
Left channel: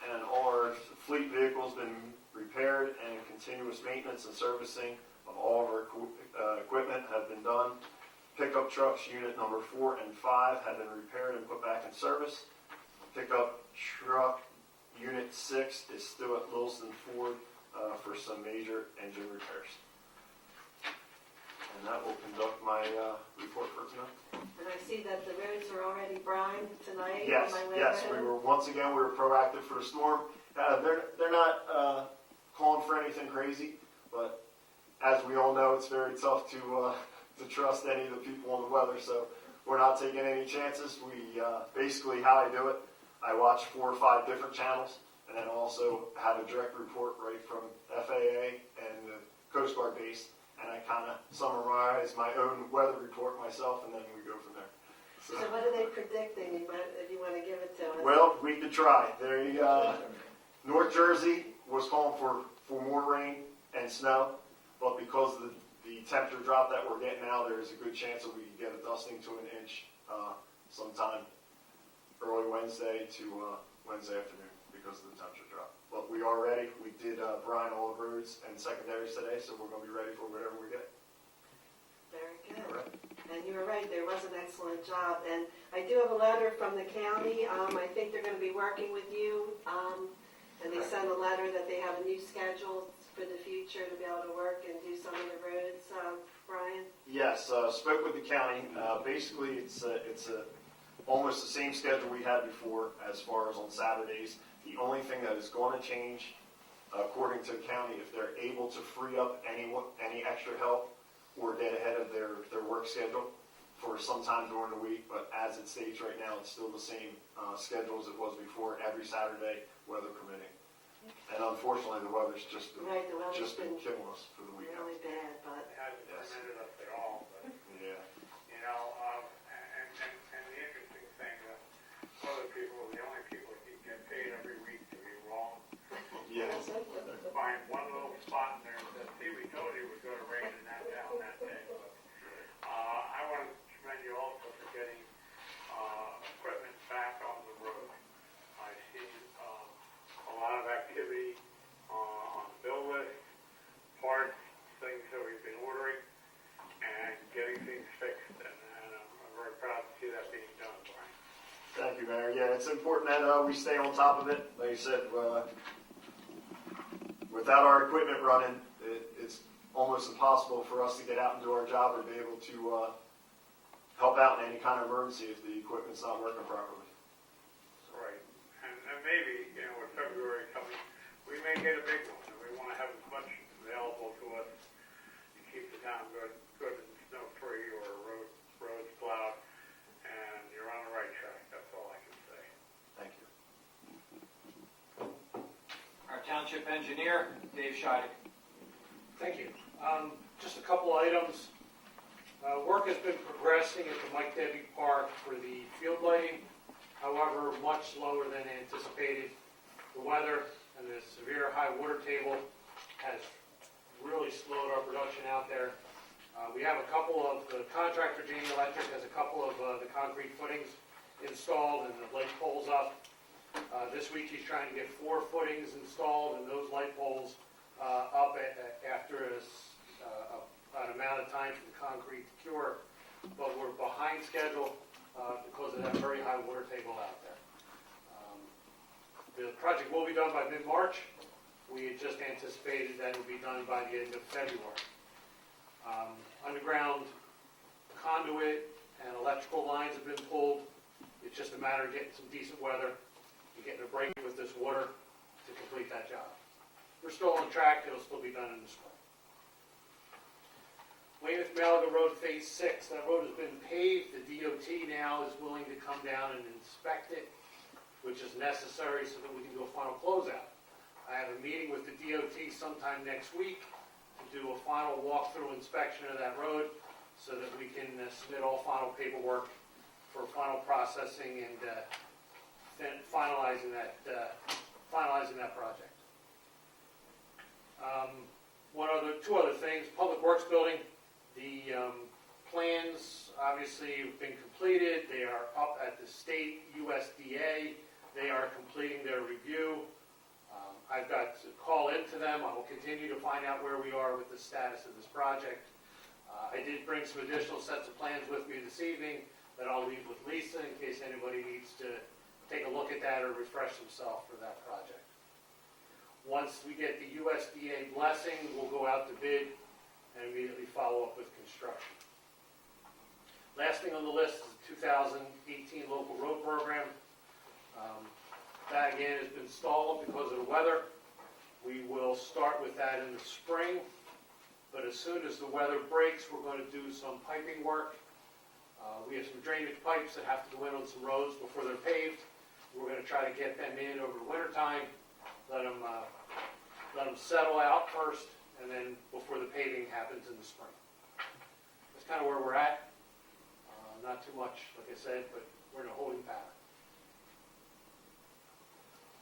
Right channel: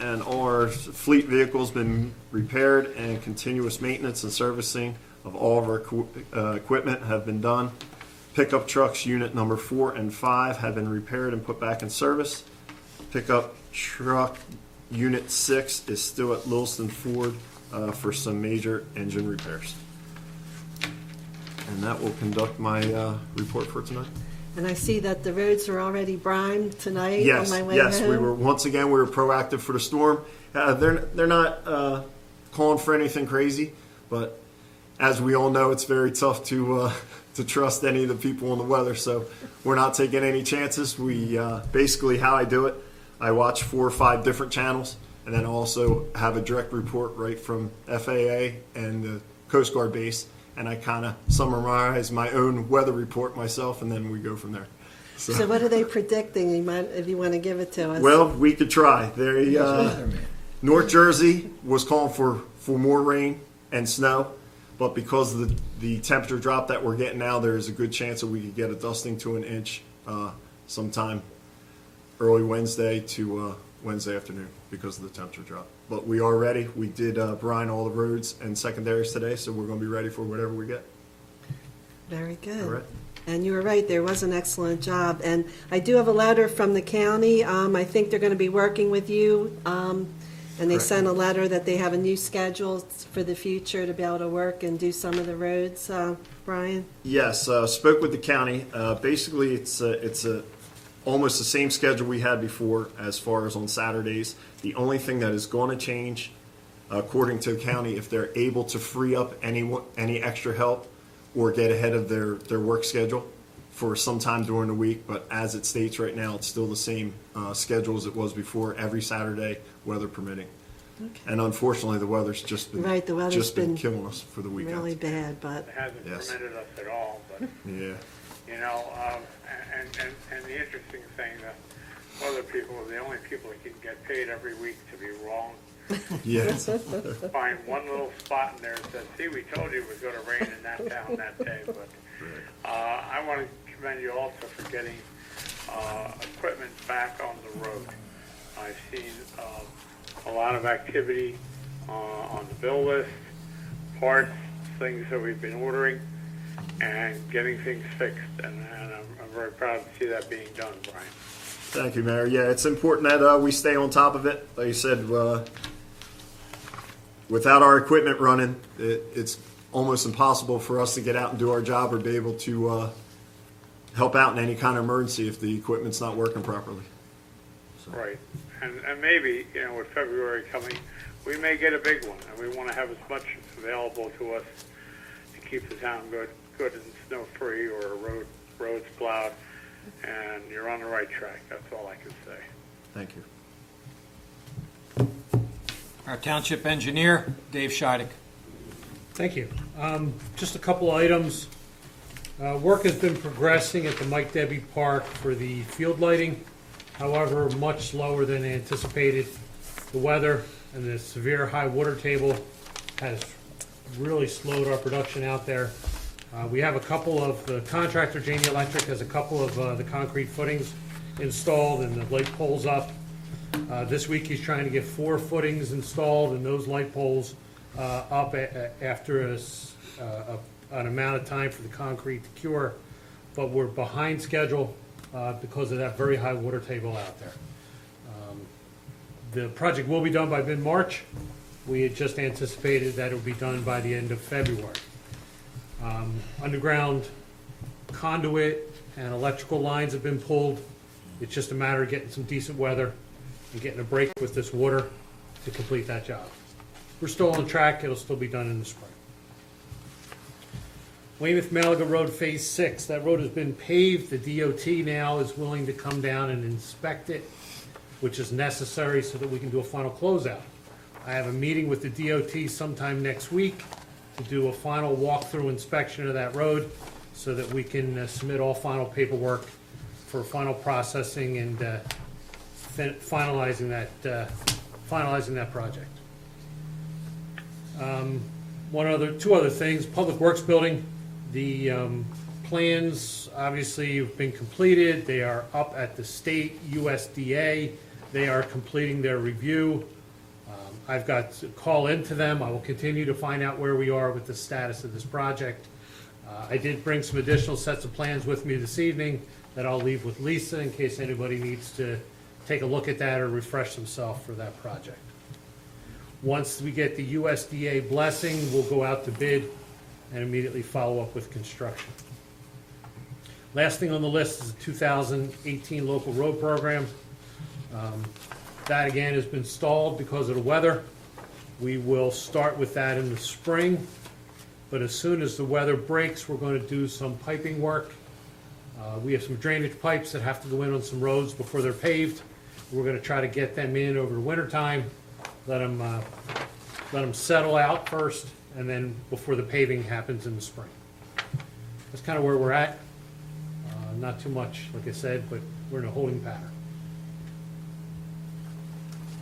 and all our fleet vehicles been repaired, and continuous maintenance and servicing of all of our equipment have been done. Pickup trucks unit number 4 and 5 have been repaired and put back in service. Pickup truck unit 6 is still at Lewiston Ford for some major engine repairs. And that will conduct my report for tonight. And I see that the roads are already brimed tonight Yes, on my way yes, home. we were proactive for the storm. They're not calling for anything crazy, but as we all know, it's very tough to trust any of the people in the weather. So we're not taking any chances. We basically, how I do it, I watch 4 or 5 different channels, and then also have a direct report right from FAA and the Coast Guard base. And I kind of summarize my own weather report myself, and then we go from there. So what are they predicting, if you want to give it to us? Well, we could try. North Jersey was calling for more rain and snow, but because of the temperature drop that we're getting now, there's a good chance that we could get a dusting to an inch sometime early Wednesday to Wednesday afternoon because of the temperature drop. But we are ready. We did brine all the roads and secondaries today, so we're going to be ready for whatever we get. Very good. All right. And you were right, there was an excellent job. And I do have a letter from the county. I think they're going to be working with you. And they Correct. sent a letter that they have a new schedule for the future to be able to work and do some of the roads. Brian? Yes, spoke with the county. Basically, it's almost the same schedule we had before as far as on Saturdays. The only thing that is going to change, according to the county, if they're able to free up any extra help or get ahead of their work schedule for some time during the week. But as it states right now, it's still the same schedule as it was before, every Saturday, weather permitting. Okay. And unfortunately, the weather's just been Right, the weather's been killing us for the weekend. really bad, but It hasn't Yes. permitted us at all, but, Yeah. you know, and the interesting thing, that other people are the only people that can get paid every week to be wrong. Yes. Find one little spot in there that says, see, we told you it was gonna rain in that town that day, but, I wanna commend you also for getting, equipment back on the road. I've seen, a lot of activity, on the bill list, parts, things that we've been ordering, and getting things fixed, and I'm very proud to see that being done, Brian. Thank you, Mayor. Yeah, it's important that we stay on top of it. Like you said, without our equipment running, it's almost impossible for us to get out and do our job or be able to help out in any kind of emergency if the equipment's not working properly. So. Right, and maybe, you know, with February coming, we may get a big one, and we want to have as much available to us to keep the town good and snow-free, or roads plowed, and you're on the right track. That's all I can say. Thank you. Our township engineer, Dave Scheidek. Thank you. Just a couple items. Work has been progressing at the Mike Debbie Park for the field lighting. However, much slower than anticipated. The weather and the severe high water table has really slowed our production out there. We have a couple of, the contractor, Janie Electric, has a couple of the concrete footings installed and the light poles up. This week he's trying to get 4 footings installed and those light poles up after a an amount of time for the concrete to cure, but we're behind schedule because of that very high water table out there. The project will be done by mid-March. We had just anticipated that it would be done by the end of February. Underground conduit and electrical lines have been pulled. It's just a matter of getting some decent weather and getting a break with this water to complete that job. We're still on track. It'll still be done in the spring. Weymouth-Malaga Road Phase 6. That road has been paved. The DOT now is willing to come down and inspect it, which is necessary so that we can do a final closeout. I have a meeting with the DOT sometime next week to do a final walkthrough inspection of that road so that we can submit all final paperwork for final processing and finalizing that project. Two other things. Public Works Building. The plans obviously have been completed. They are up at the state USDA. They are completing their review. I've got to call into them. I will continue to find out where we are with the status of this project. I did bring some additional sets of plans with me this evening that I'll leave with Lisa in case anybody needs to take a look at that or refresh themselves for that project. Once we get the USDA blessing, we'll go out to bid and immediately follow up with construction. Last thing on the list is the 2018 local road program. That again has been stalled because of the weather. We will start with that in the spring, but as soon as the weather breaks, we're going to do some piping work. We have some drainage pipes that have to go in on some roads before they're paved. We're going to try to get them in over the winter time, let them settle out first, and then before the paving happens in the spring. That's kind of where we're at. Not too much, like I said, but we're in a holding pattern.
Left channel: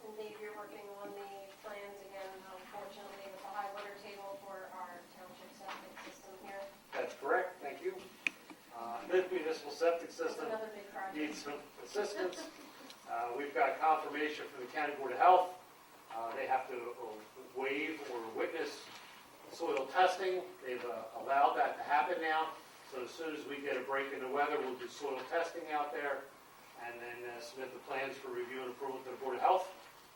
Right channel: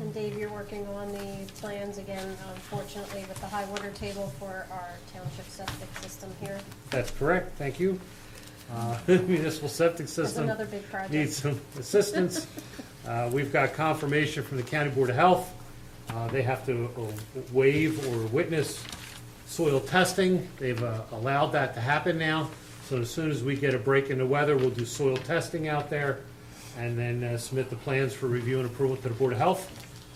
And Dave, you're working on the plans again, unfortunately, with the high water table for our township septic system here. That's correct, thank you. Municipal septic That's system another big project. needs some assistance. We've got confirmation from the County Board of Health. They have to waive or witness soil testing. They've allowed that to happen now. So as soon as we get a break in the weather, we'll do soil testing out there and then submit the plans for review and approval to the Board of Health.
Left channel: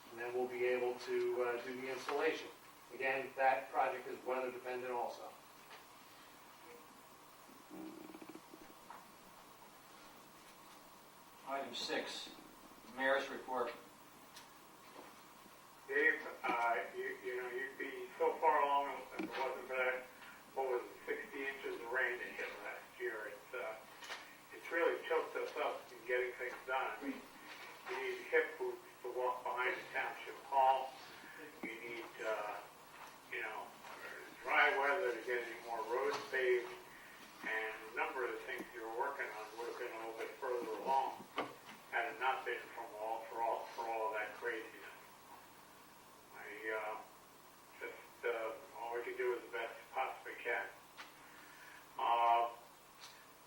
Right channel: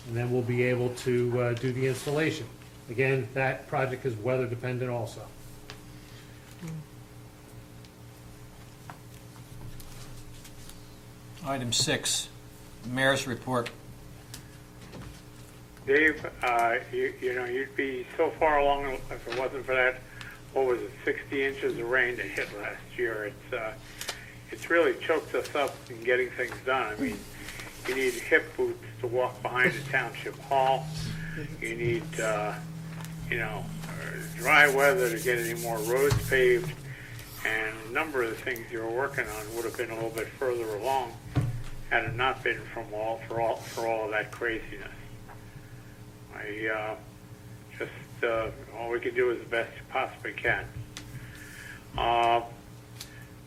And then we'll be able to do the installation. Again, that project is weather dependent also. Item 6, Mayor's report. Dave, you know, you'd be so far along if it wasn't for that, what was it, 60 inches of rain that hit last year. It's really choked us up in getting things done. I mean, you need hip boots to walk behind the township hall. You need, dry weather to get any more roads paved. And a number of the things you were working on would have been a little bit further along had it not been for all of that craziness. All we can do is the best you possibly can.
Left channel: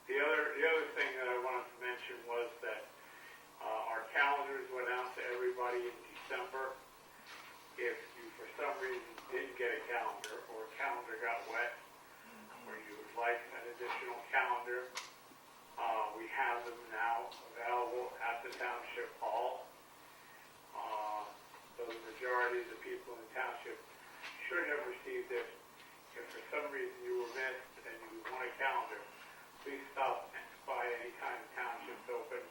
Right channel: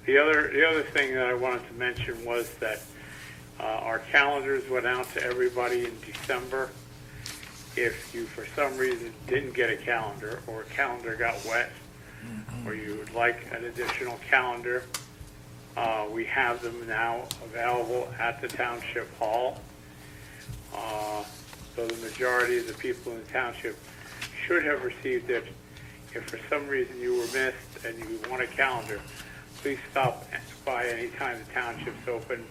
The other thing that I wanted to mention was that our calendars went out to everybody in December. If you, for some reason, didn't get a calendar or a calendar got wet, or you would like an additional calendar, we have them now available at the Township Hall. So the majority of the people in the township should have received it. If for some reason you were missed and you want a calendar, please stop by any time the township's open,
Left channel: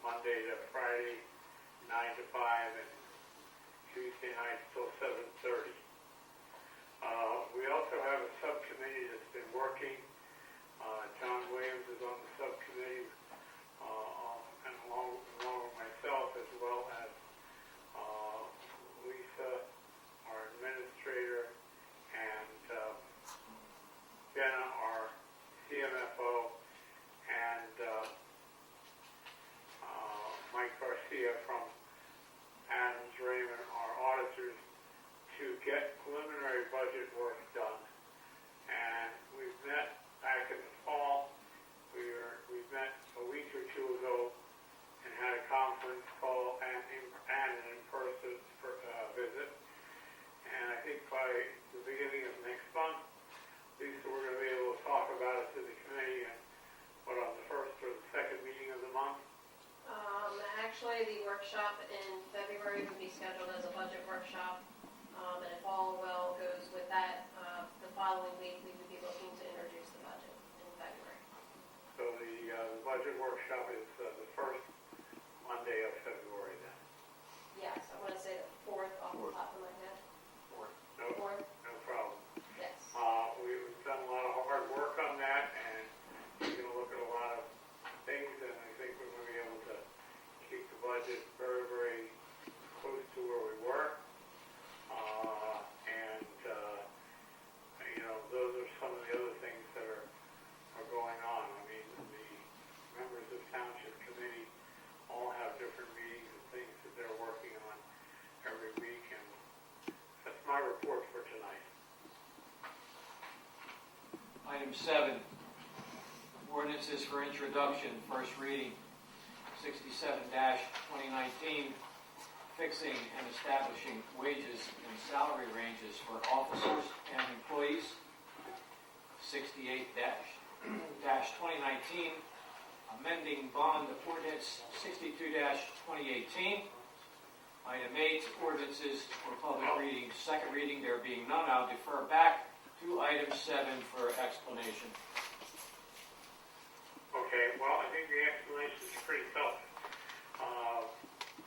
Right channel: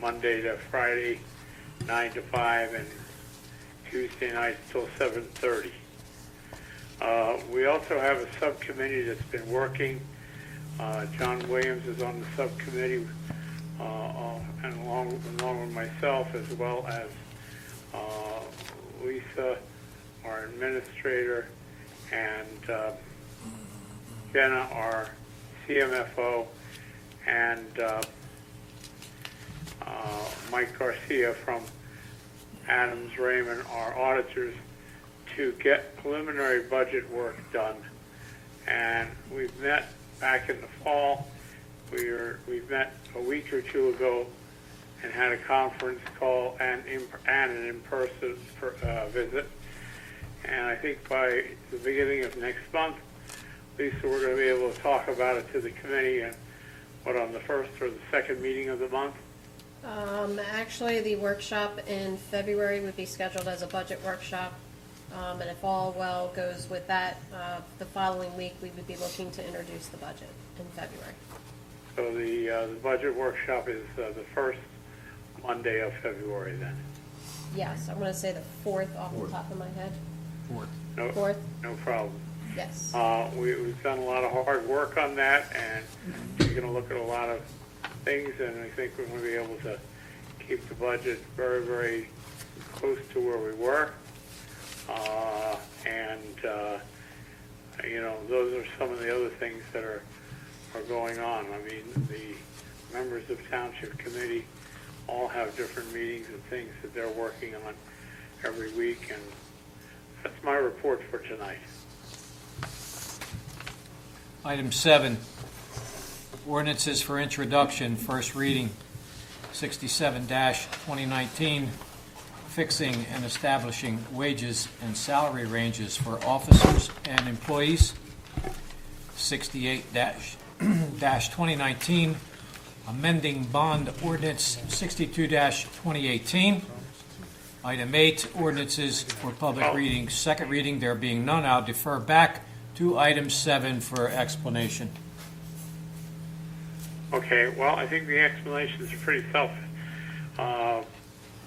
Monday to Friday, 9 to 5, and Tuesday nights till 7:30. We also have a subcommittee that's been working. John Williams is on the subcommittee, and along with myself, as well as Lisa, our administrator, and Jenna, our CMFO, and Mike Garcia from Adams Raymond, our auditors, to get preliminary budget work done. And we've met back in the fall. We've met a week or two ago and had a conference call and an in-person visit. And I think by the beginning of next month, Lisa, we're going to be able to talk about it to the committee and what, on the first or the second meeting of the month? Actually, the workshop in February would be scheduled as a budget workshop. And if all well goes with that, the following week, we would be looking to introduce the budget in February. So the budget workshop is the first Monday of February then? Yes, I'm gonna say the 4th off the top of my head. No, 4th, no problem. yes. We've done a lot of hard work on that, and we're going to look at a lot of things, and I think we're going to be able to keep the budget very, very close to where we were. You know, those are some of the other things that are going on. I mean, the members of Township Committee all have different meetings and things that they're working on every week, and that's my report for tonight. Item 7, ordinances for introduction, first reading, 67-2019, fixing and establishing wages and salary ranges for officers and employees. 68-2019, amending bond ordinance 62-2018. Item 8, ordinances for public reading, second reading, there being none, I'll defer back to item 7 for explanation. Okay, well, I think the explanations are pretty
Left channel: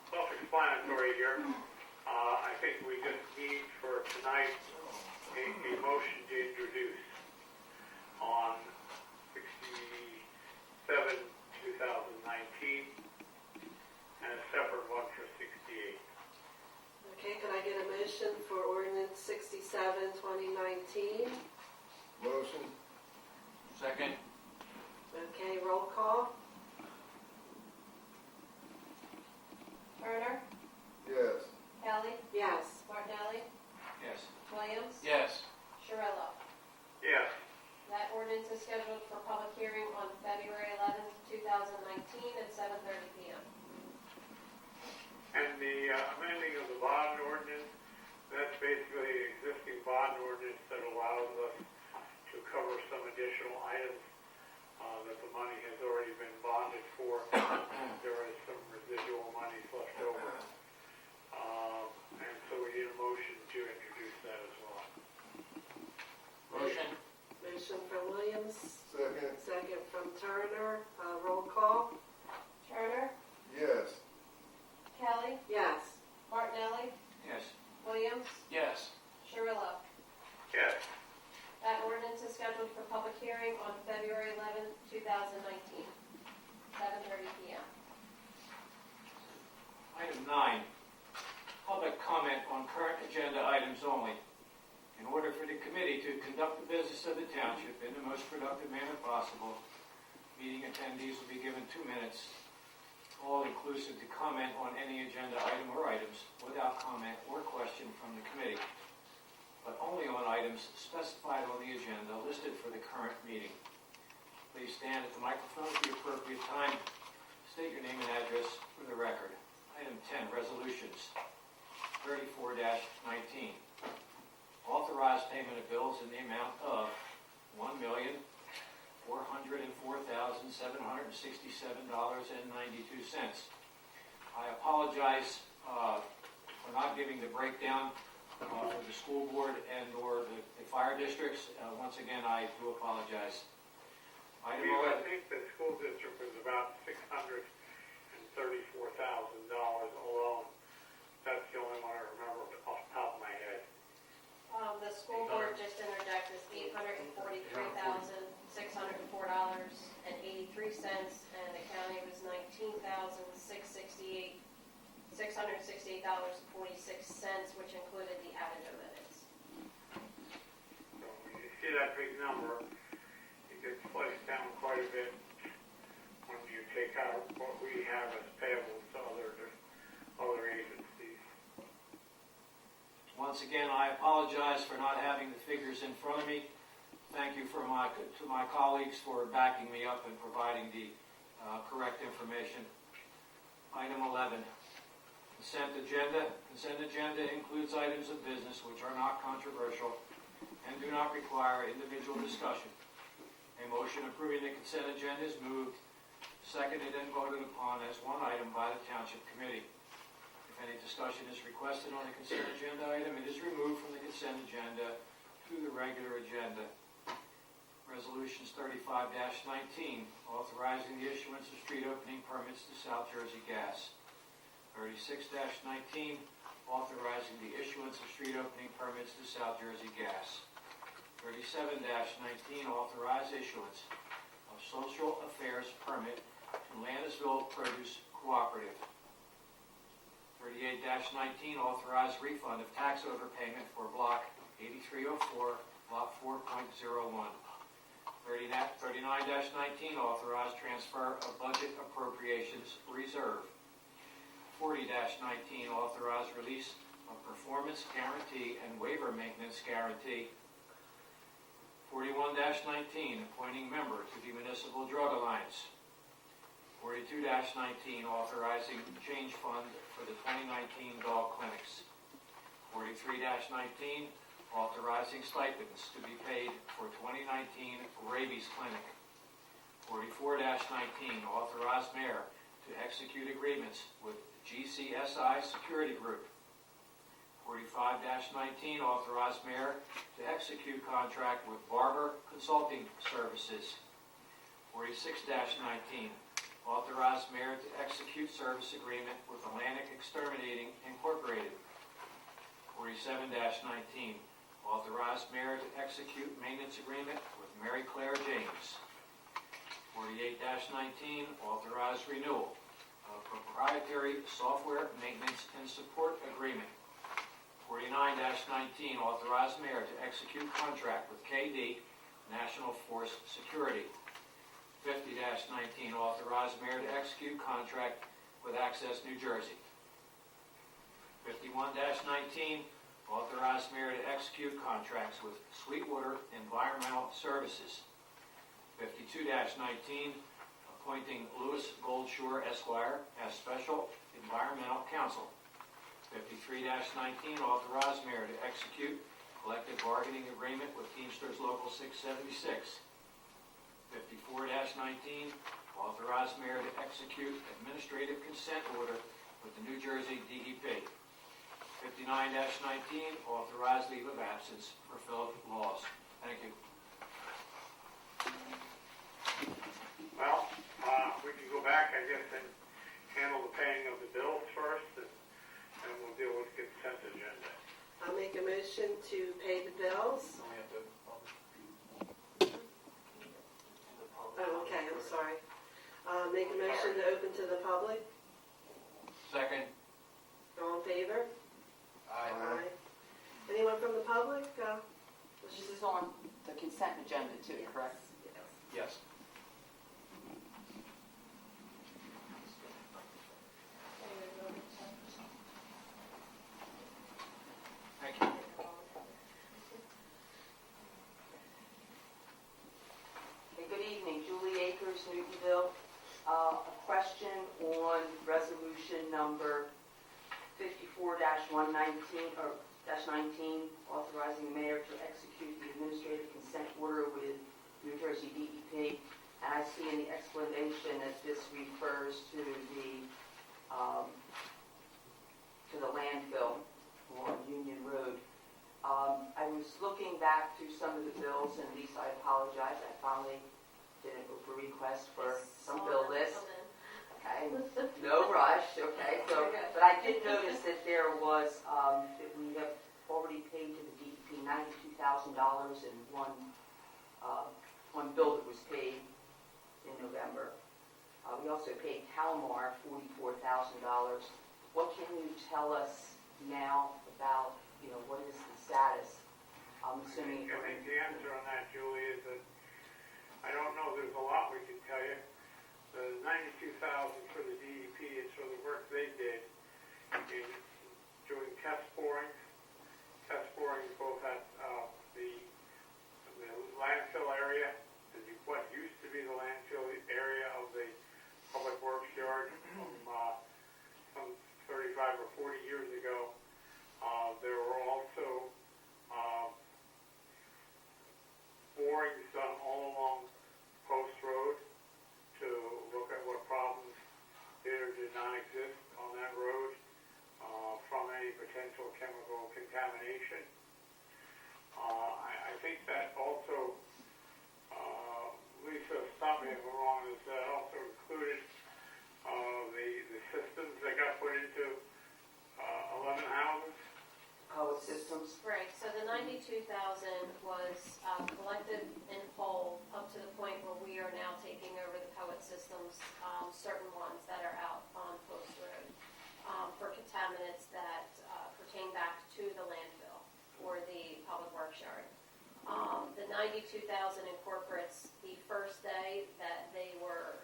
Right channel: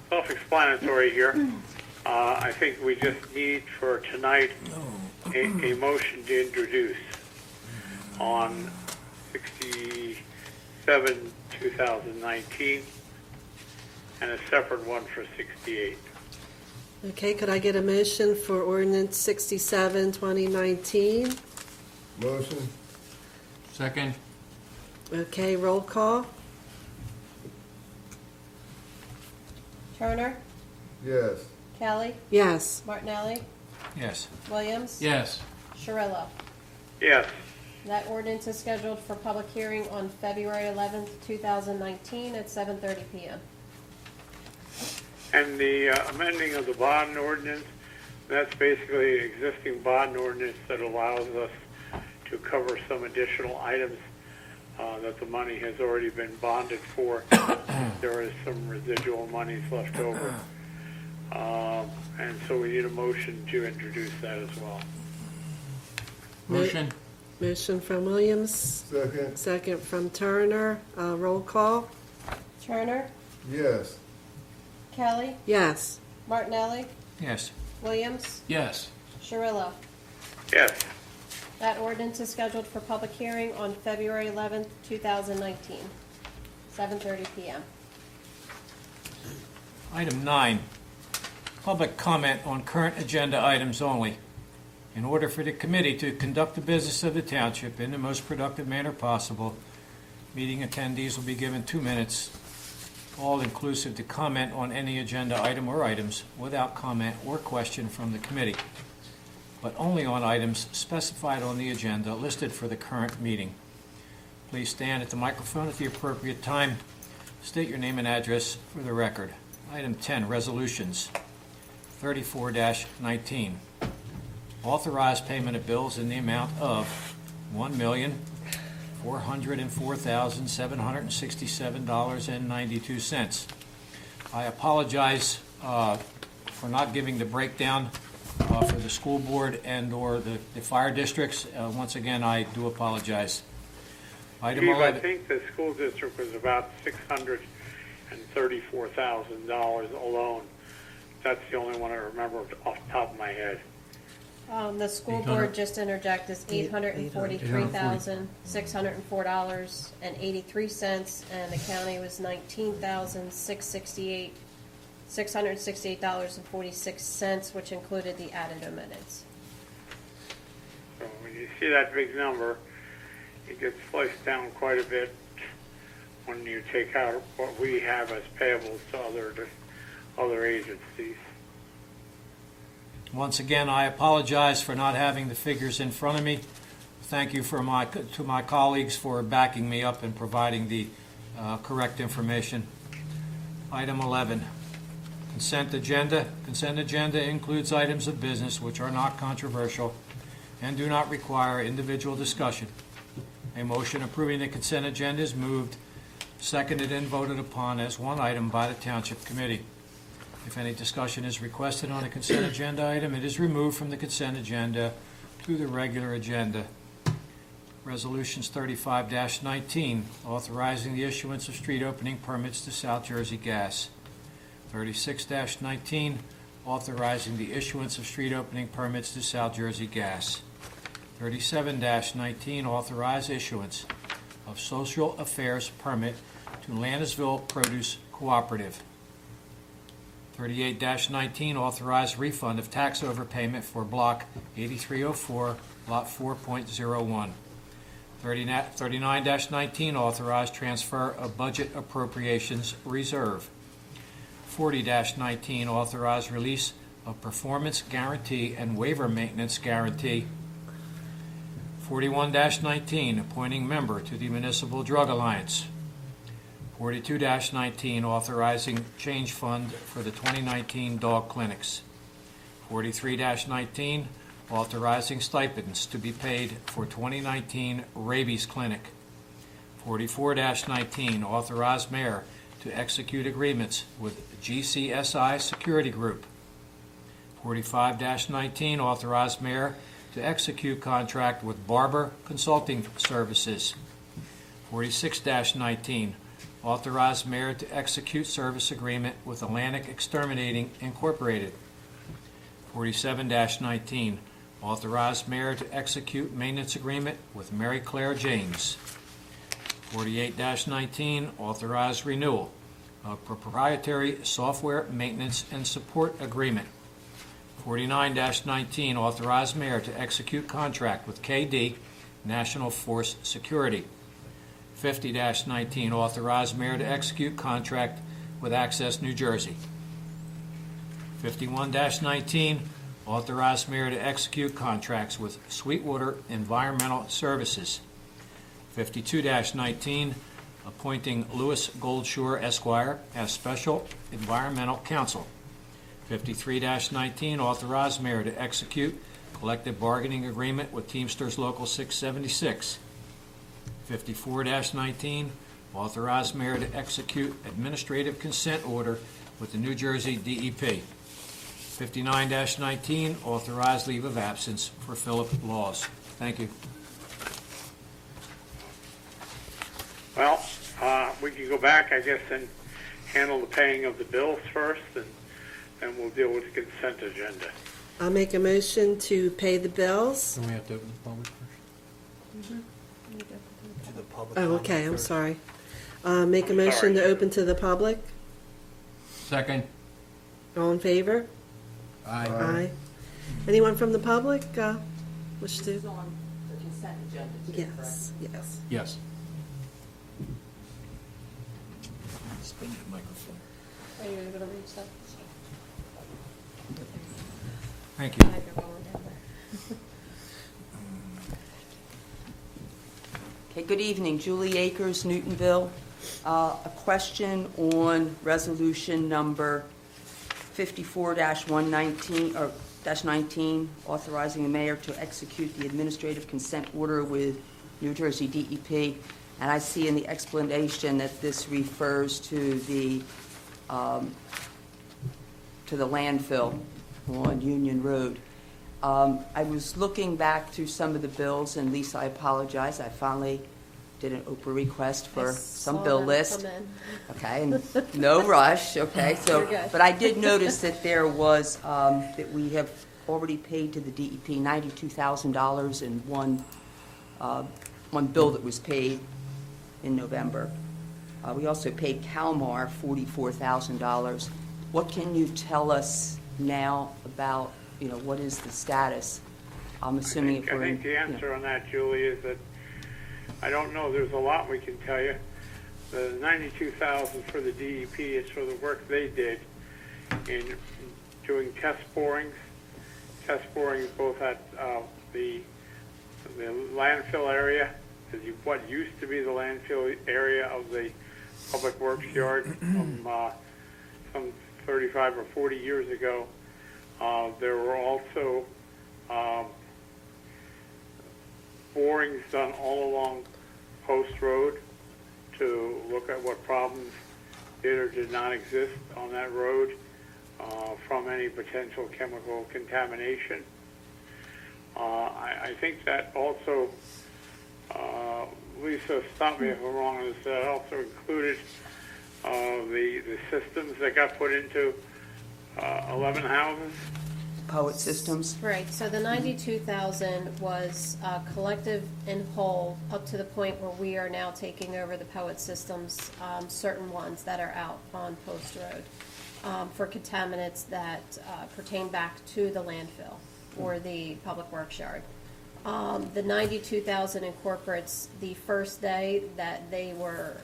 self-explanatory here. I think we just need for tonight a motion to introduce on 67, 2019, and a separate one for 68. Okay, could I get a motion for ordinance 67, 2019? Motion? Second. Okay, roll call. Turner, Yes. Kelly, Yes. Martinelli, Yes. Williams, Yes. Shirillo. Yes, That ordinance is scheduled for public hearing on February 11th, 2019 at 7:30 p.m. and the amending of the bond ordinance, that's basically an existing bond ordinance that allows us to cover some additional items that the money has already been bonded for. There is some residual monies left over. And so we need a motion to introduce that as well. Motion. Motion from Williams, Second? second from Turner. Roll call. Turner, Yes. Kelly, Yes. Martinelli, Yes. Williams, Yes. Shirillo. Yes, That ordinance is scheduled for public hearing on February 11th, 2019, 7:30 p.m. Item 9, public comment on current agenda items only. In order for the committee to conduct the business of the township in the most productive manner possible, meeting attendees will be given 2 minutes, all inclusive, to comment on any agenda item or items without comment or question from the committee, but only on items specified on the agenda listed for the current meeting. Please stand at the microphone at the appropriate time. State your name and address for the record. Item 10, resolutions. 34-19. Authorize payment of bills in the amount of $1,404,767.92. I apologize for not giving the breakdown for the school board and or the fire districts. Once again, I do apologize. Item Steve, I 11. think the school district was about $634,000 alone. That's the only one I remember off the top of my head. The school board, just interject, is $843,604.83, and the county was $19,668.46, which included the added omitteds. So when you see that big number, it gets sliced down quite a bit when you take out what we have as payables to other agencies. Once again, I apologize for not having the figures in front of me. Thank you to my colleagues for backing me up and providing the correct information. Item 11, consent agenda. Consent agenda includes items of business which are not controversial and do not require individual discussion. A motion approving the consent agenda is moved, seconded, and voted upon as one item by the Township Committee. If any discussion is requested on a consent agenda item, it is removed from the consent agenda to the regular agenda. Resolutions 35-19, authorizing the issuance of street opening permits to South Jersey Gas. 36-19, authorizing the issuance of street opening permits to South Jersey Gas. 37-19, authorize issuance of social affairs permit to Landisville Produce Cooperative. 38-19, authorize refund of tax overpayment for Block 8304, Lot 4.01. 39-19, authorize transfer of budget appropriations reserve. 40-19, authorize release of performance guarantee and waiver maintenance guarantee. 41-19, appointing member to the Municipal Drug Alliance. 42-19, authorizing change fund for the 2019 dog clinics. 43-19, authorizing stipends to be paid for 2019 rabies clinic. 44-19, authorize mayor to execute agreements with GCSI Security Group. 45-19, authorize mayor to execute contract with Barber Consulting Services. 46-19, authorize mayor to execute service agreement with Atlantic Exterminating Incorporated. 47-19, authorize mayor to execute maintenance agreement with Mary Claire James. 48-19, authorize renewal of proprietary software maintenance and support agreement. 49-19, authorize mayor to execute contract with KD National Force Security. 50-19, authorize mayor to execute contract with Access New Jersey. 51-19, authorize mayor to execute contracts with Sweetwater Environmental Services. 52-19, appointing Louis Goldshore Esquire as Special Environmental Counsel. 53-19, authorize mayor to execute collective bargaining agreement with Teamsters Local 676. 54-19, authorize mayor to execute administrative consent order with the New Jersey DEP. 59-19, authorize leave of absence for Philip Laws. Thank you. Well, we can go back, I guess, and handle the paying of the bills first, and we'll deal with the consent agenda. I'll make a motion to pay the bills. Then we have to open the public first. Oh, okay, I'm sorry. Make a motion to open to the public. Second. All in favor? Aye. Aye. Anyone from the public wish This to? is on the consent agenda too, correct? Yes, yes. Yes. Spin the microphone. Are you able to reach that? Thank you. Okay, good evening. Julie Akers, Newtonville. A question on resolution number 54-119, or -19, authorizing the mayor to execute the administrative consent order with New Jersey DEP. And I see in the explanation that this refers to the landfill on Union Road. I was looking back through some of the bills, and Lisa, I apologize, I finally did an Oprah request for some bill list. Okay, and no rush, okay, so, You're good. but I did notice that there was, that we have already paid to the DEP $92,000 in one bill that was paid in November. We also paid Calmar $44,000. What can you tell us now about, what is the status? I'm assuming if I we're think the in, answer on that, Julie, is that I don't know, there's a lot we can tell you. The $92,000 for the DEP is for the work they did in doing test borings both at the landfill area, what used to be the landfill area of the public works yard from some 35 or 40 years ago. There were also borings done all along Post Road to look at what problems did or did not exist on that road from any potential chemical contamination. I think that also, Lisa, stop me if I'm wrong, is that also included the systems that got put into 11 houses? Poet Systems. Right, so the 92,000 was collective in whole up to the point where we are now taking over the Poet Systems, certain ones that are out on Post Road for contaminants that pertain back to the landfill or the public works yard. The 92,000 incorporates the first day that they were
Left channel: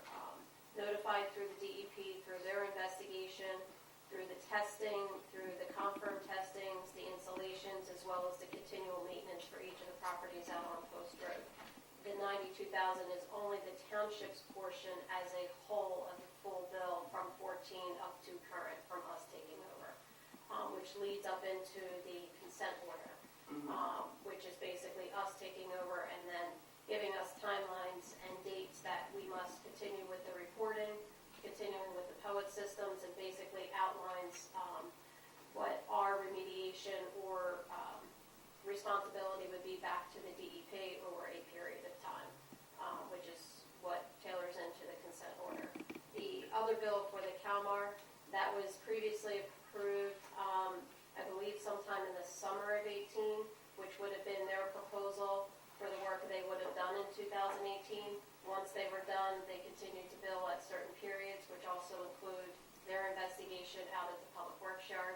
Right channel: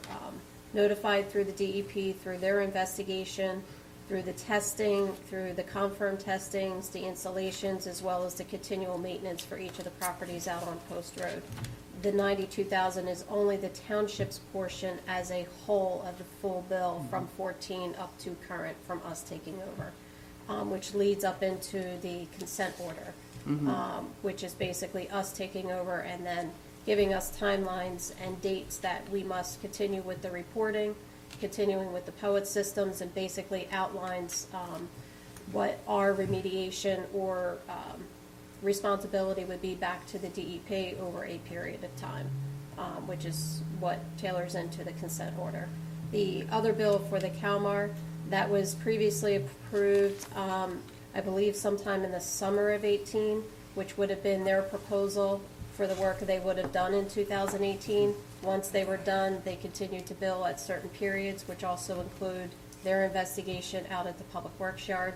notified through the DEP, through their investigation, through the testing, through the confirmed testings, the installations, as well as the continual maintenance for each of the properties out on Post Road. The 92,000 is only the township's portion as a whole of the full bill from 14 up to current from us taking over, which leads up into the consent order, which is basically us taking over and then giving us timelines and dates that we must continue with the reporting, continuing with the Poet Systems, and basically outlines what our remediation or responsibility would be back to the DEP over a period of time, which is what tailors into the consent order. The other bill for the CalMAR, that was previously approved, I believe sometime in the summer of 18, which would have been their proposal for the work they would have done in 2018. Once they were done, they continued to bill at certain periods, which also include their investigation out at the public works yard.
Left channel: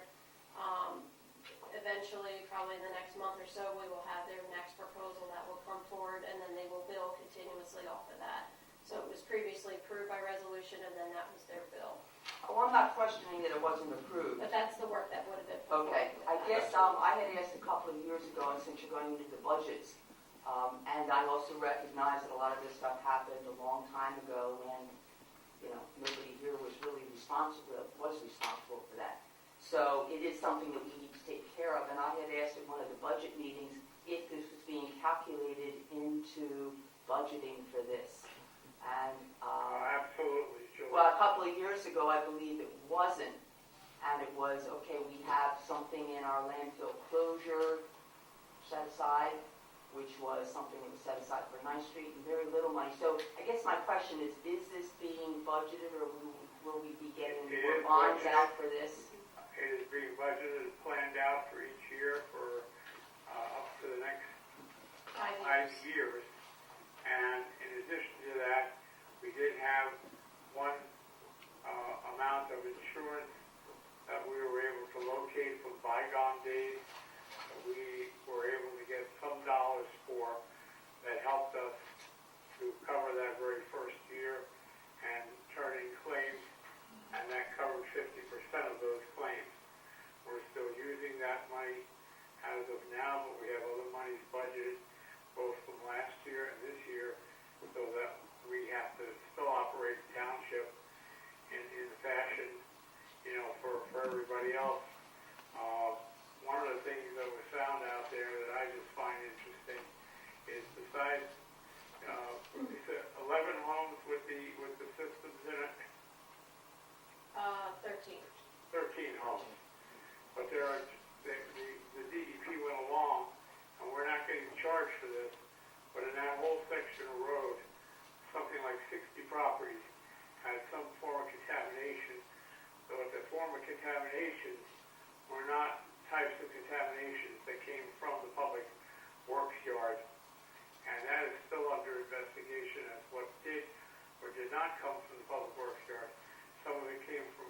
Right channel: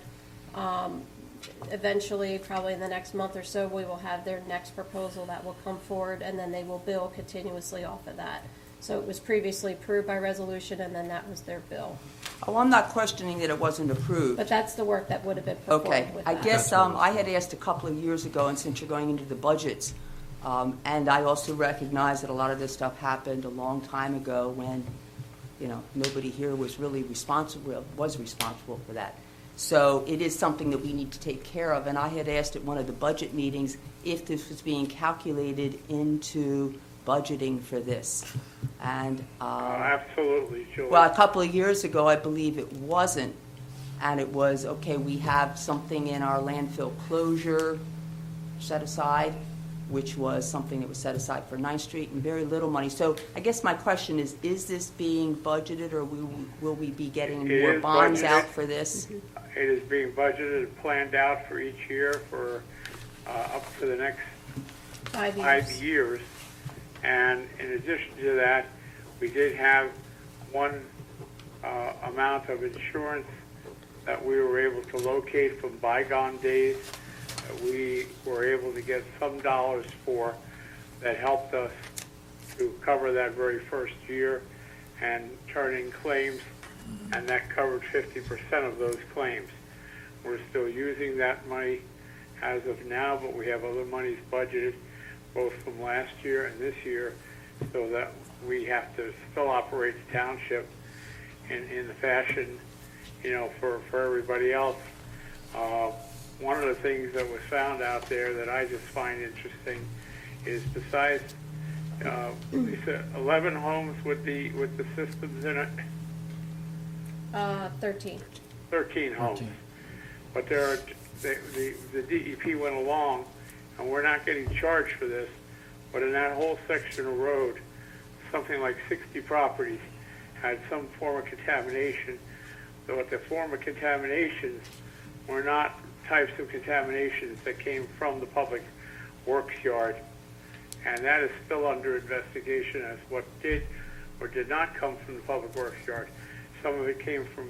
Eventually, probably in the next month or so, we will have their next proposal that will come forward, and then they will bill continuously off of that. So it was previously approved by resolution, and then that was their bill. Oh, I'm not questioning that it wasn't approved. But that's the work that would have been put Okay, forward with I that. guess I had asked a couple of years ago, and since you're going into the budgets, and I also recognize that a lot of this stuff happened a long time ago when, you know, nobody here was really responsible for that. So it is something that we need to take care of, and I had asked at one of the budget meetings if this was being calculated into budgeting for this. And Absolutely, Julie. well, a couple of years ago, I believe it wasn't, and it was, okay, we have something in our landfill closure set aside, which was something that was set aside for 9th Street, and very little money. So I guess my question is this being budgeted, or will we be getting It more is bonds budgeted. out for this? It is being budgeted and planned out for each year for up to the next 5 years. 5 years. And in addition to that, we did have one amount of insurance that we were able to locate from bygone days. We were able to get some dollars for that helped us to cover that very first year and turn in claims, and that covered 50% of those claims. We're still using that money as of now, but we have other monies budgeted both from last year and this year, so that we have to still operate the township in the fashion, you know, for everybody else. One of the things that was found out there that I just find interesting is besides 11 homes with the systems in it, 13. 13 homes. But there are, the DEP went along, and we're not getting charged for this, but in that whole section of road, something like 60 properties had some form of contamination, but the form of contaminations were not types of contaminations that came from the public works yard. And that is still under investigation as what did or did not come from the public works yard. Some of it came from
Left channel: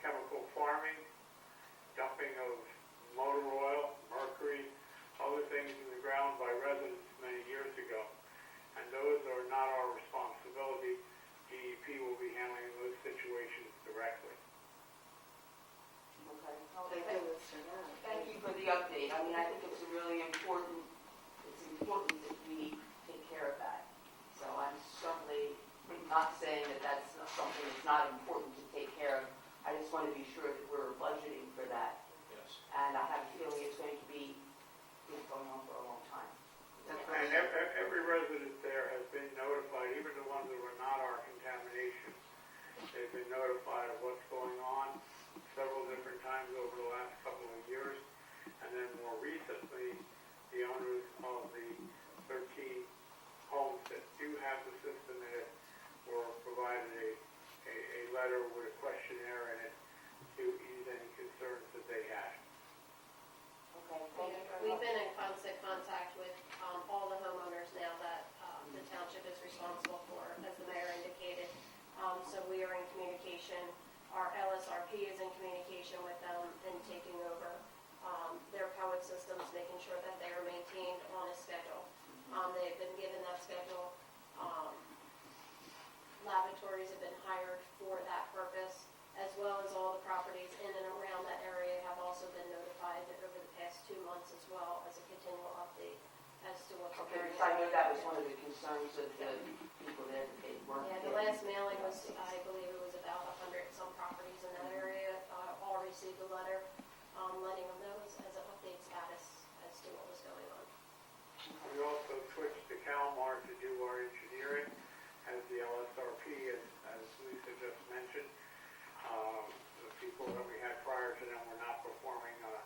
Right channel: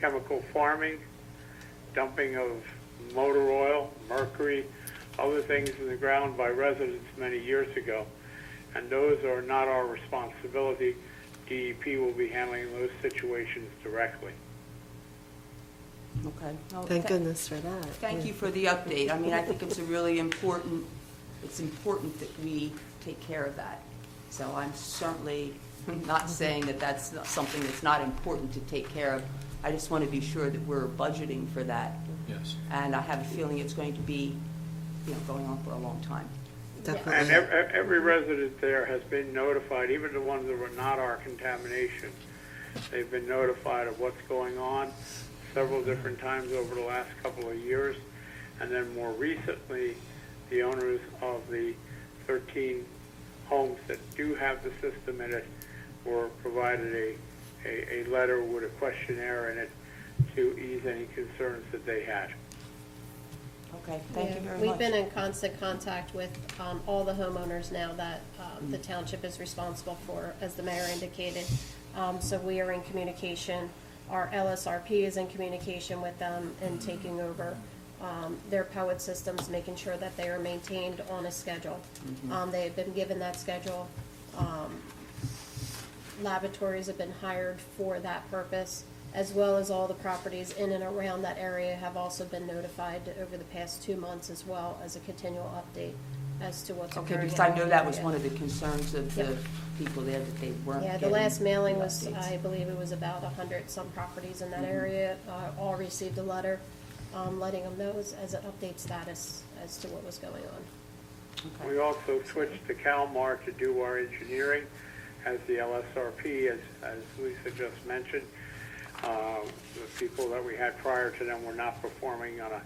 chemical farming, dumping of motor oil, mercury, other things in the ground by residents many years ago. And those are not our responsibility. DEP will be handling those situations directly. Okay. Well, Thank goodness for that. Thank you for the update. I mean, I think it's a really important, it's important that we take care of that. So I'm certainly not saying that that's not something that's not important to take care of. I just want to be sure that we're budgeting for that. Yes. And I have a feeling it's going to be, you know, going on for a long time. definitely. And every resident there has been notified, even the ones that were not our contamination. They've been notified of what's going on several different times over the last couple of years. And then more recently, the owners of the 13 homes that do have the system in it were provided a letter with a questionnaire in it to ease any concerns that they had. Okay, thank you very much. We've been in constant contact with all the homeowners now that the township is responsible for, as the mayor indicated. So we are in communication. Our LSRP is in communication with them and taking over their poet systems, making sure that they are maintained on a schedule. They have been given that schedule. Laboratories have been hired for that purpose, as well as all the properties in and around that area have also been notified over the past 2 months, as well as a continual update as to what's Okay, occurring. because I in know the that was area. one of the concerns of the Yeah. people there, that they weren't Yeah, the getting last mailing the was, updates. I believe it was about 100 some properties in that area, all received a letter letting them know as an update status as to what was going on. We also switched to CalMar to do our engineering as the LSRP, as Lisa just mentioned. The people that we had prior to them were not performing on a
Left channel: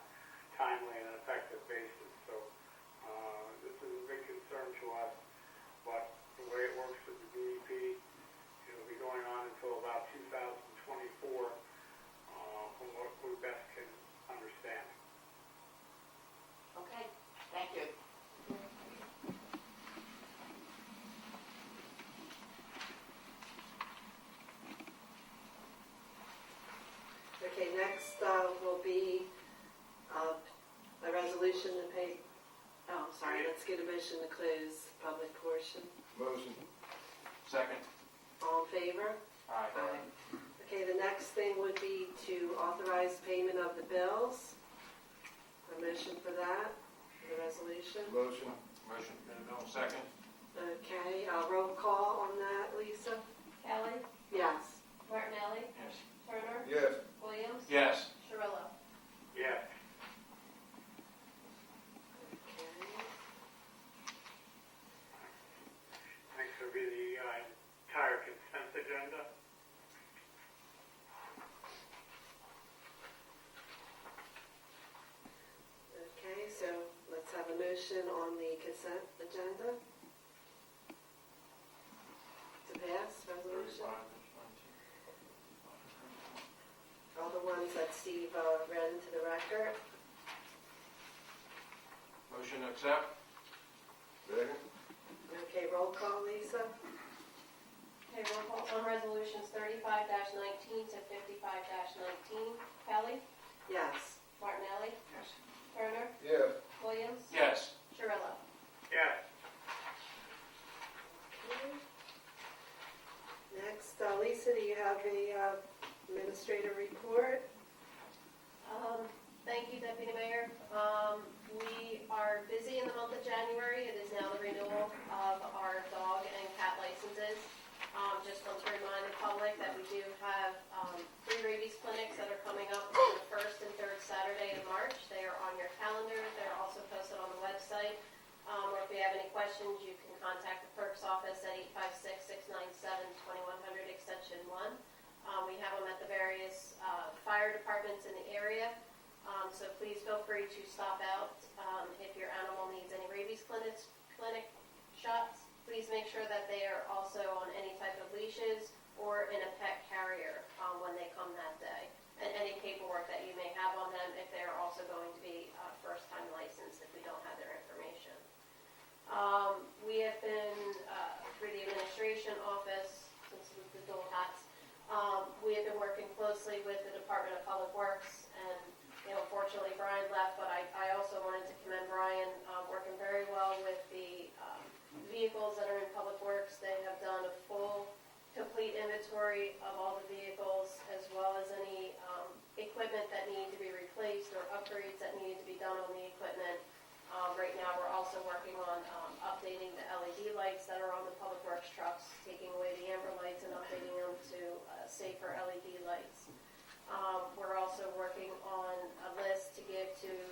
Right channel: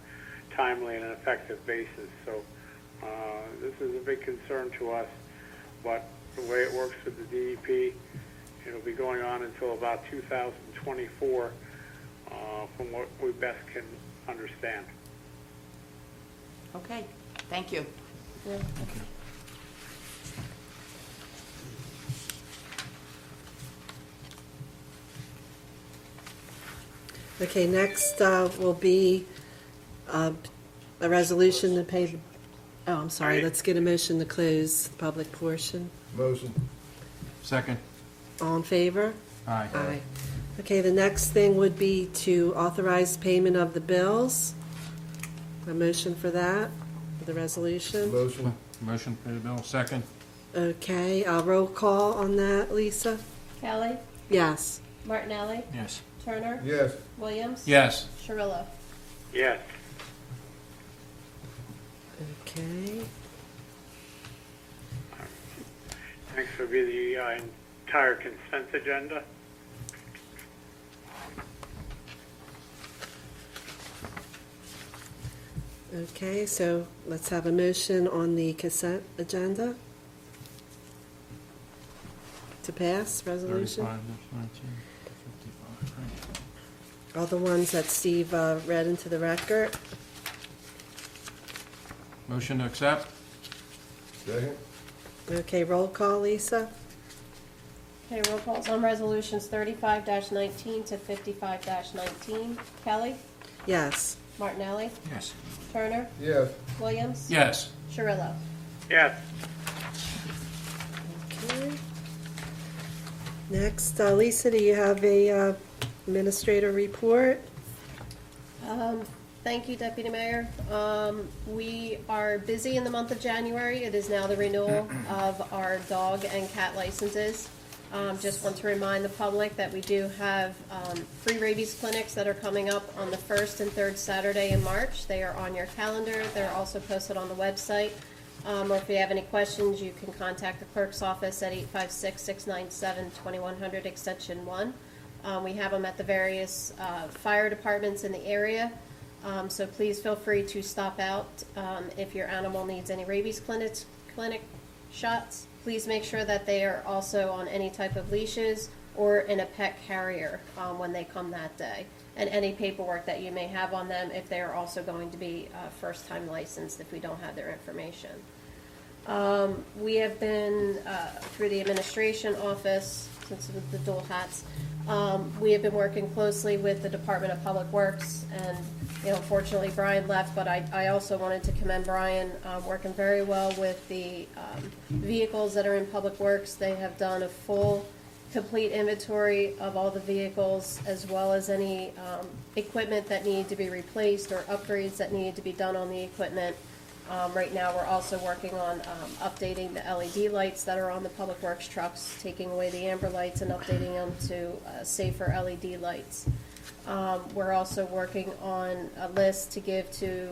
timely and effective basis. So this is a big concern to us, but the way it works with the DEP, it'll be going on until about 2024 from what we best can understand. Okay, thank you. Yeah. Okay, next will be a resolution to pay, oh, I'm sorry, let's get a motion to close the public portion. Motion. Second. All in favor? Aye. Aye. Okay, the next thing would be to authorize payment of the bills. A motion for that, for the resolution. Motion. Motion for the bill, second. Okay, roll call on that, Lisa? Kelly, Yes. Martinelli, Yes. Turner, Yes. Williams. Yes. Cirillo. Yes. Okay. Next will be the entire consent agenda. Okay, so let's have a motion on the consent agenda to pass resolution. All the ones that Steve read into the record. Motion to accept? Second. Okay, roll call, Lisa? Okay, roll calls on resolutions 35-19 to 55-19. Kelly, Yes. Martinelli, Yes. Turner, Yes. Williams. Yes. Cirillo. Yes. Okay. Next, Lisa, do you have a administrator report? Thank you, Deputy Mayor. We are busy in the month of January. It is now the renewal of our dog and cat licenses. Just want to remind the public that we do have free rabies clinics that are coming up on the 1st and 3rd Saturday in March. They are on your calendar. They're also posted on the website. Or if you have any questions, you can contact the clerk's office at 856-697-2100 extension 1. We have them at the various fire departments in the area. So please feel free to stop out if your animal needs any rabies clinic shots. Please make sure that they are also on any type of leashes or in a pet carrier when they come that day. And any paperwork that you may have on them if they are also going to be first-time licensed if we don't have their information. We have been, through the administration office, since with the dual hats, we have been working closely with the Department of Public Works, and fortunately Brian left, but I also wanted to commend Brian, working very well with the vehicles that are in Public Works. They have done a full, complete inventory of all the vehicles, as well as any equipment that needed to be replaced or upgrades that needed to be done on the equipment. Right now, we're also working on updating the LED lights that are on the Public Works trucks, taking away the amber lights and updating them to safer LED lights. We're also working on a list to give to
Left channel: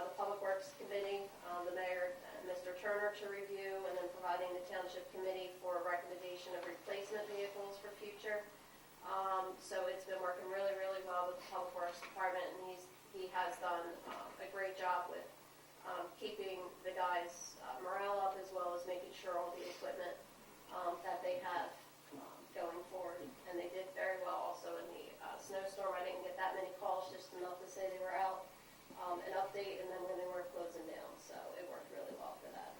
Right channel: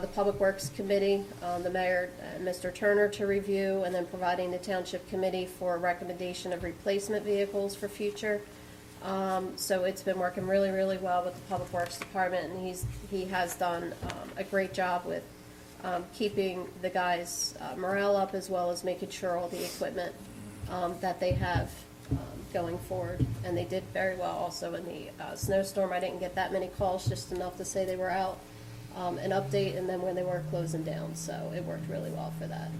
the Public Works Committee, the mayor, Mr. Turner, to review, and then providing the Township Committee for a recommendation of replacement vehicles for future. So it's been working really, really well with the Public Works Department, and he has done a great job with keeping the guys' morale up, as well as making sure all the equipment that they have going forward. And they did very well also in the snowstorm. I didn't get that many calls, just enough to say they were out, an update, and then when they were closing down. So it worked really well for that.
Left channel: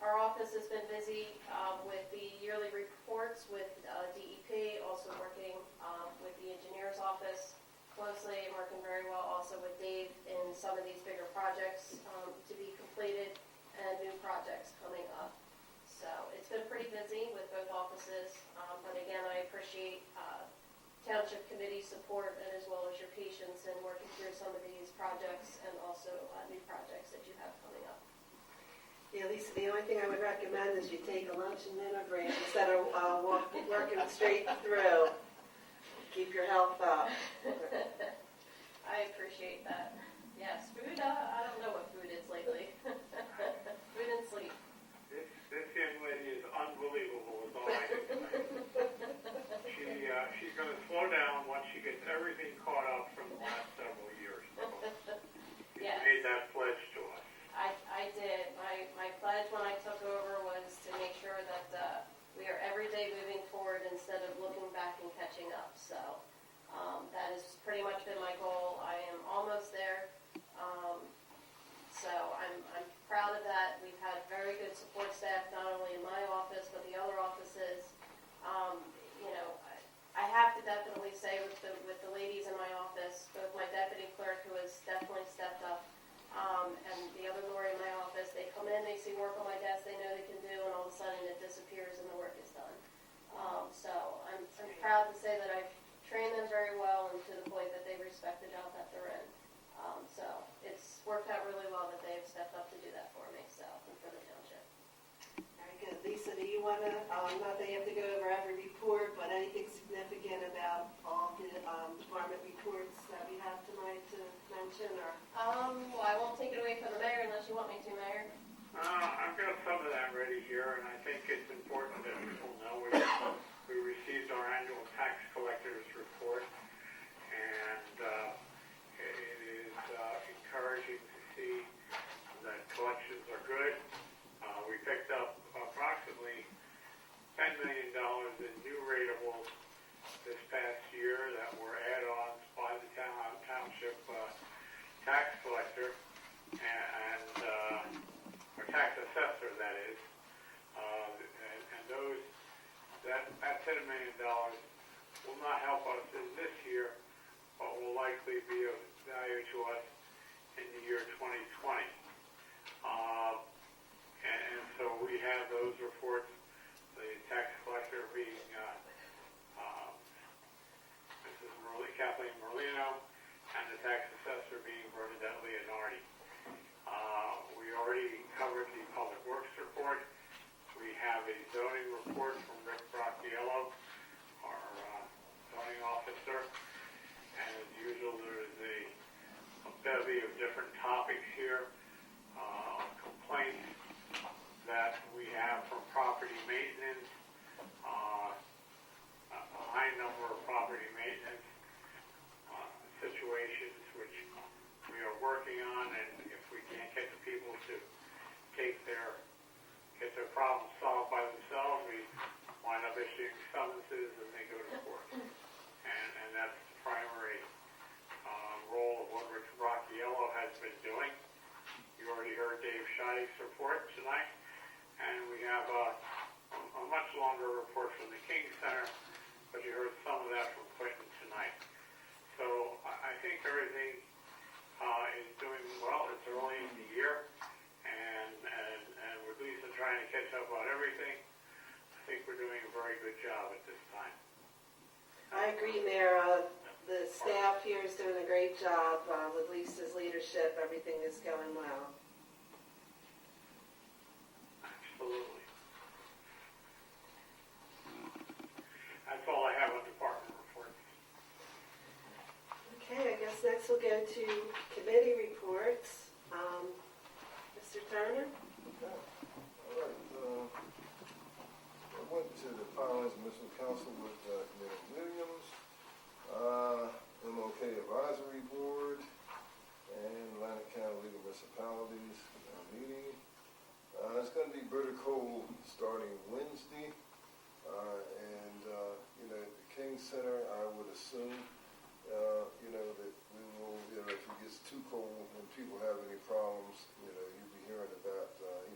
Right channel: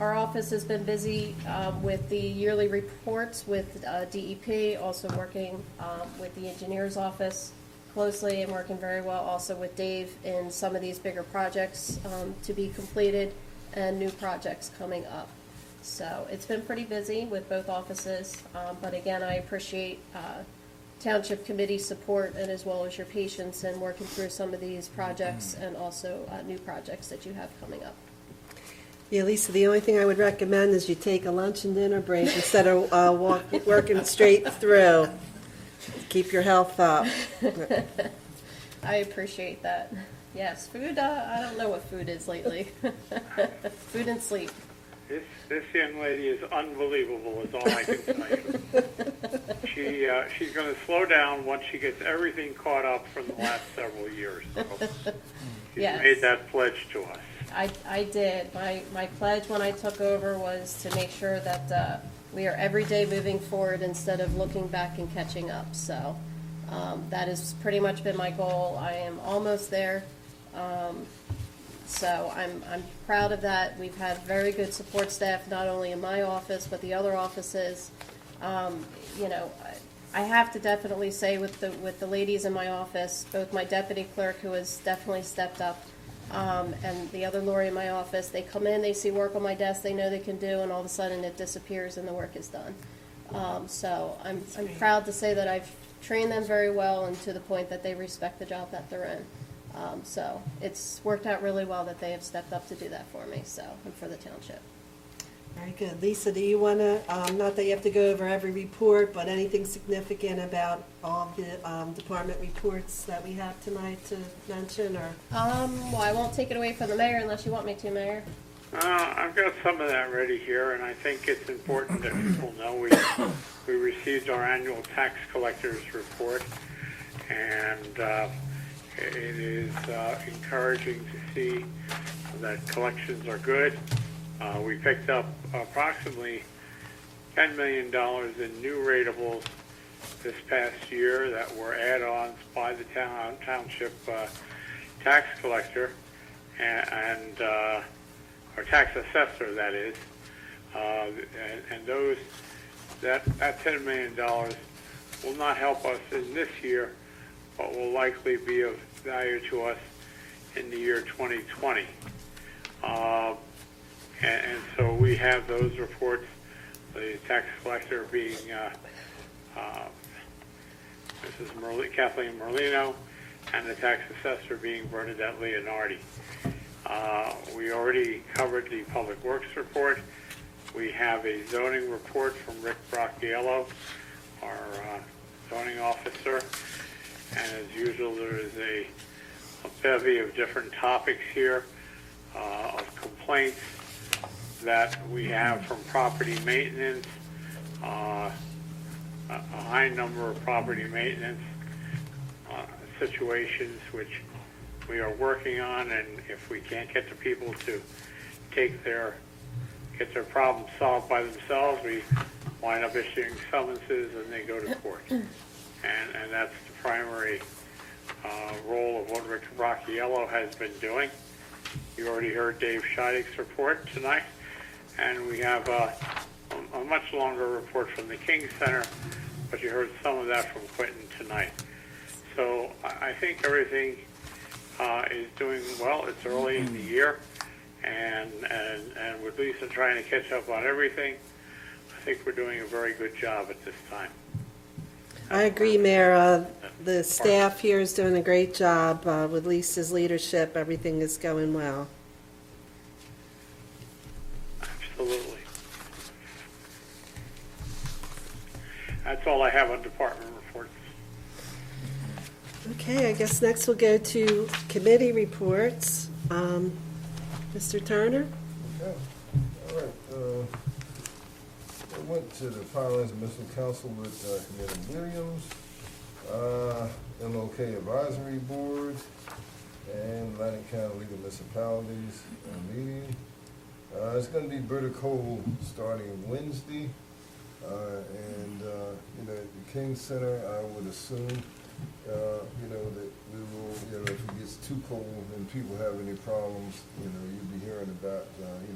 Our office has been busy with the yearly reports with DEP, also working with the engineer's office closely, and working very well also with Dave in some of these bigger projects to be completed and new projects coming up. So it's been pretty busy with both offices, but again, I appreciate Township Committee support, and as well as your patience in working through some of these projects and also new projects that you have coming up. Yeah, Lisa, the only thing I would recommend is you take a lunch and dinner break instead of working straight through. Keep your health up. I appreciate that. Yes, food, I don't know what food is lately. Food and sleep. This young lady is unbelievable, is all I can say. She's going to slow down once she gets everything caught up from the last several years. So she's Yes. made that pledge to us. I did. My pledge when I took over was to make sure that we are every day moving forward instead of looking back and catching up. So that has pretty much been my goal. I am almost there. So I'm proud of that. We've had very good support staff, not only in my office, but the other offices. You know, I have to definitely say with the ladies in my office, both my deputy clerk, who has definitely stepped up, and the other Lori in my office, they come in, they see work on my desk they know they can do, and all of a sudden it disappears and the work is done. So I'm proud to say that I've trained them very well, and to the point that they respect the job that they're in. So it's worked out really well that they have stepped up to do that for me, so, and for the township. Very good. Lisa, do you want to, not that you have to go over every report, but anything significant about all of the department reports that we have tonight to mention, or? Well, I won't take it away from the mayor unless you want me to, Mayor. I've got some of that ready here, and I think it's important that people know we received our annual tax collectors report, and it is encouraging to see that collections are good. We picked up approximately $10 million in new ratables this past year that were add-ons by the township tax collector and or tax assessor, that is. And those that $10 million will not help us in this year, but will likely be of value to us in the year 2020. And so we have those reports, the tax collector being Mrs. Kathleen Merlino, and the tax assessor being Bernadette Leonardi. We already covered the Public Works report. We have a zoning report from Rick Bracchiello, our zoning officer. And as usual, there is a bevy of different topics here of complaints that we have from property maintenance, a high number of property maintenance situations which we are working on, and if we can't get the people to get their problems solved by themselves, we wind up issuing summonses and they go to court. And that's the primary role of what Rick Bracchiello has been doing. You already heard Dave Scheideg's report tonight, and we have a much longer report from the King Center, but you heard some of that from Quentin tonight. So I think everything is doing well. It's early in the year, and with Lisa trying to catch up on everything, I think we're doing a very good job at this time. I agree, Mayor. The staff here is doing a great job. With Lisa's leadership, everything is going well. Absolutely. That's all I have on department reports. Okay, I guess next we'll go to committee reports. Mr. Turner? Okay, all right, I went to the Finance and Mission Council with, Committee Williams, MOK Advisory Board, and Atlantic County League of Municipalities meeting. It's gonna be bitter cold starting Wednesday, and, the King Center, I would assume, that we will, if it gets too cold and people have any problems, you'll be hearing about,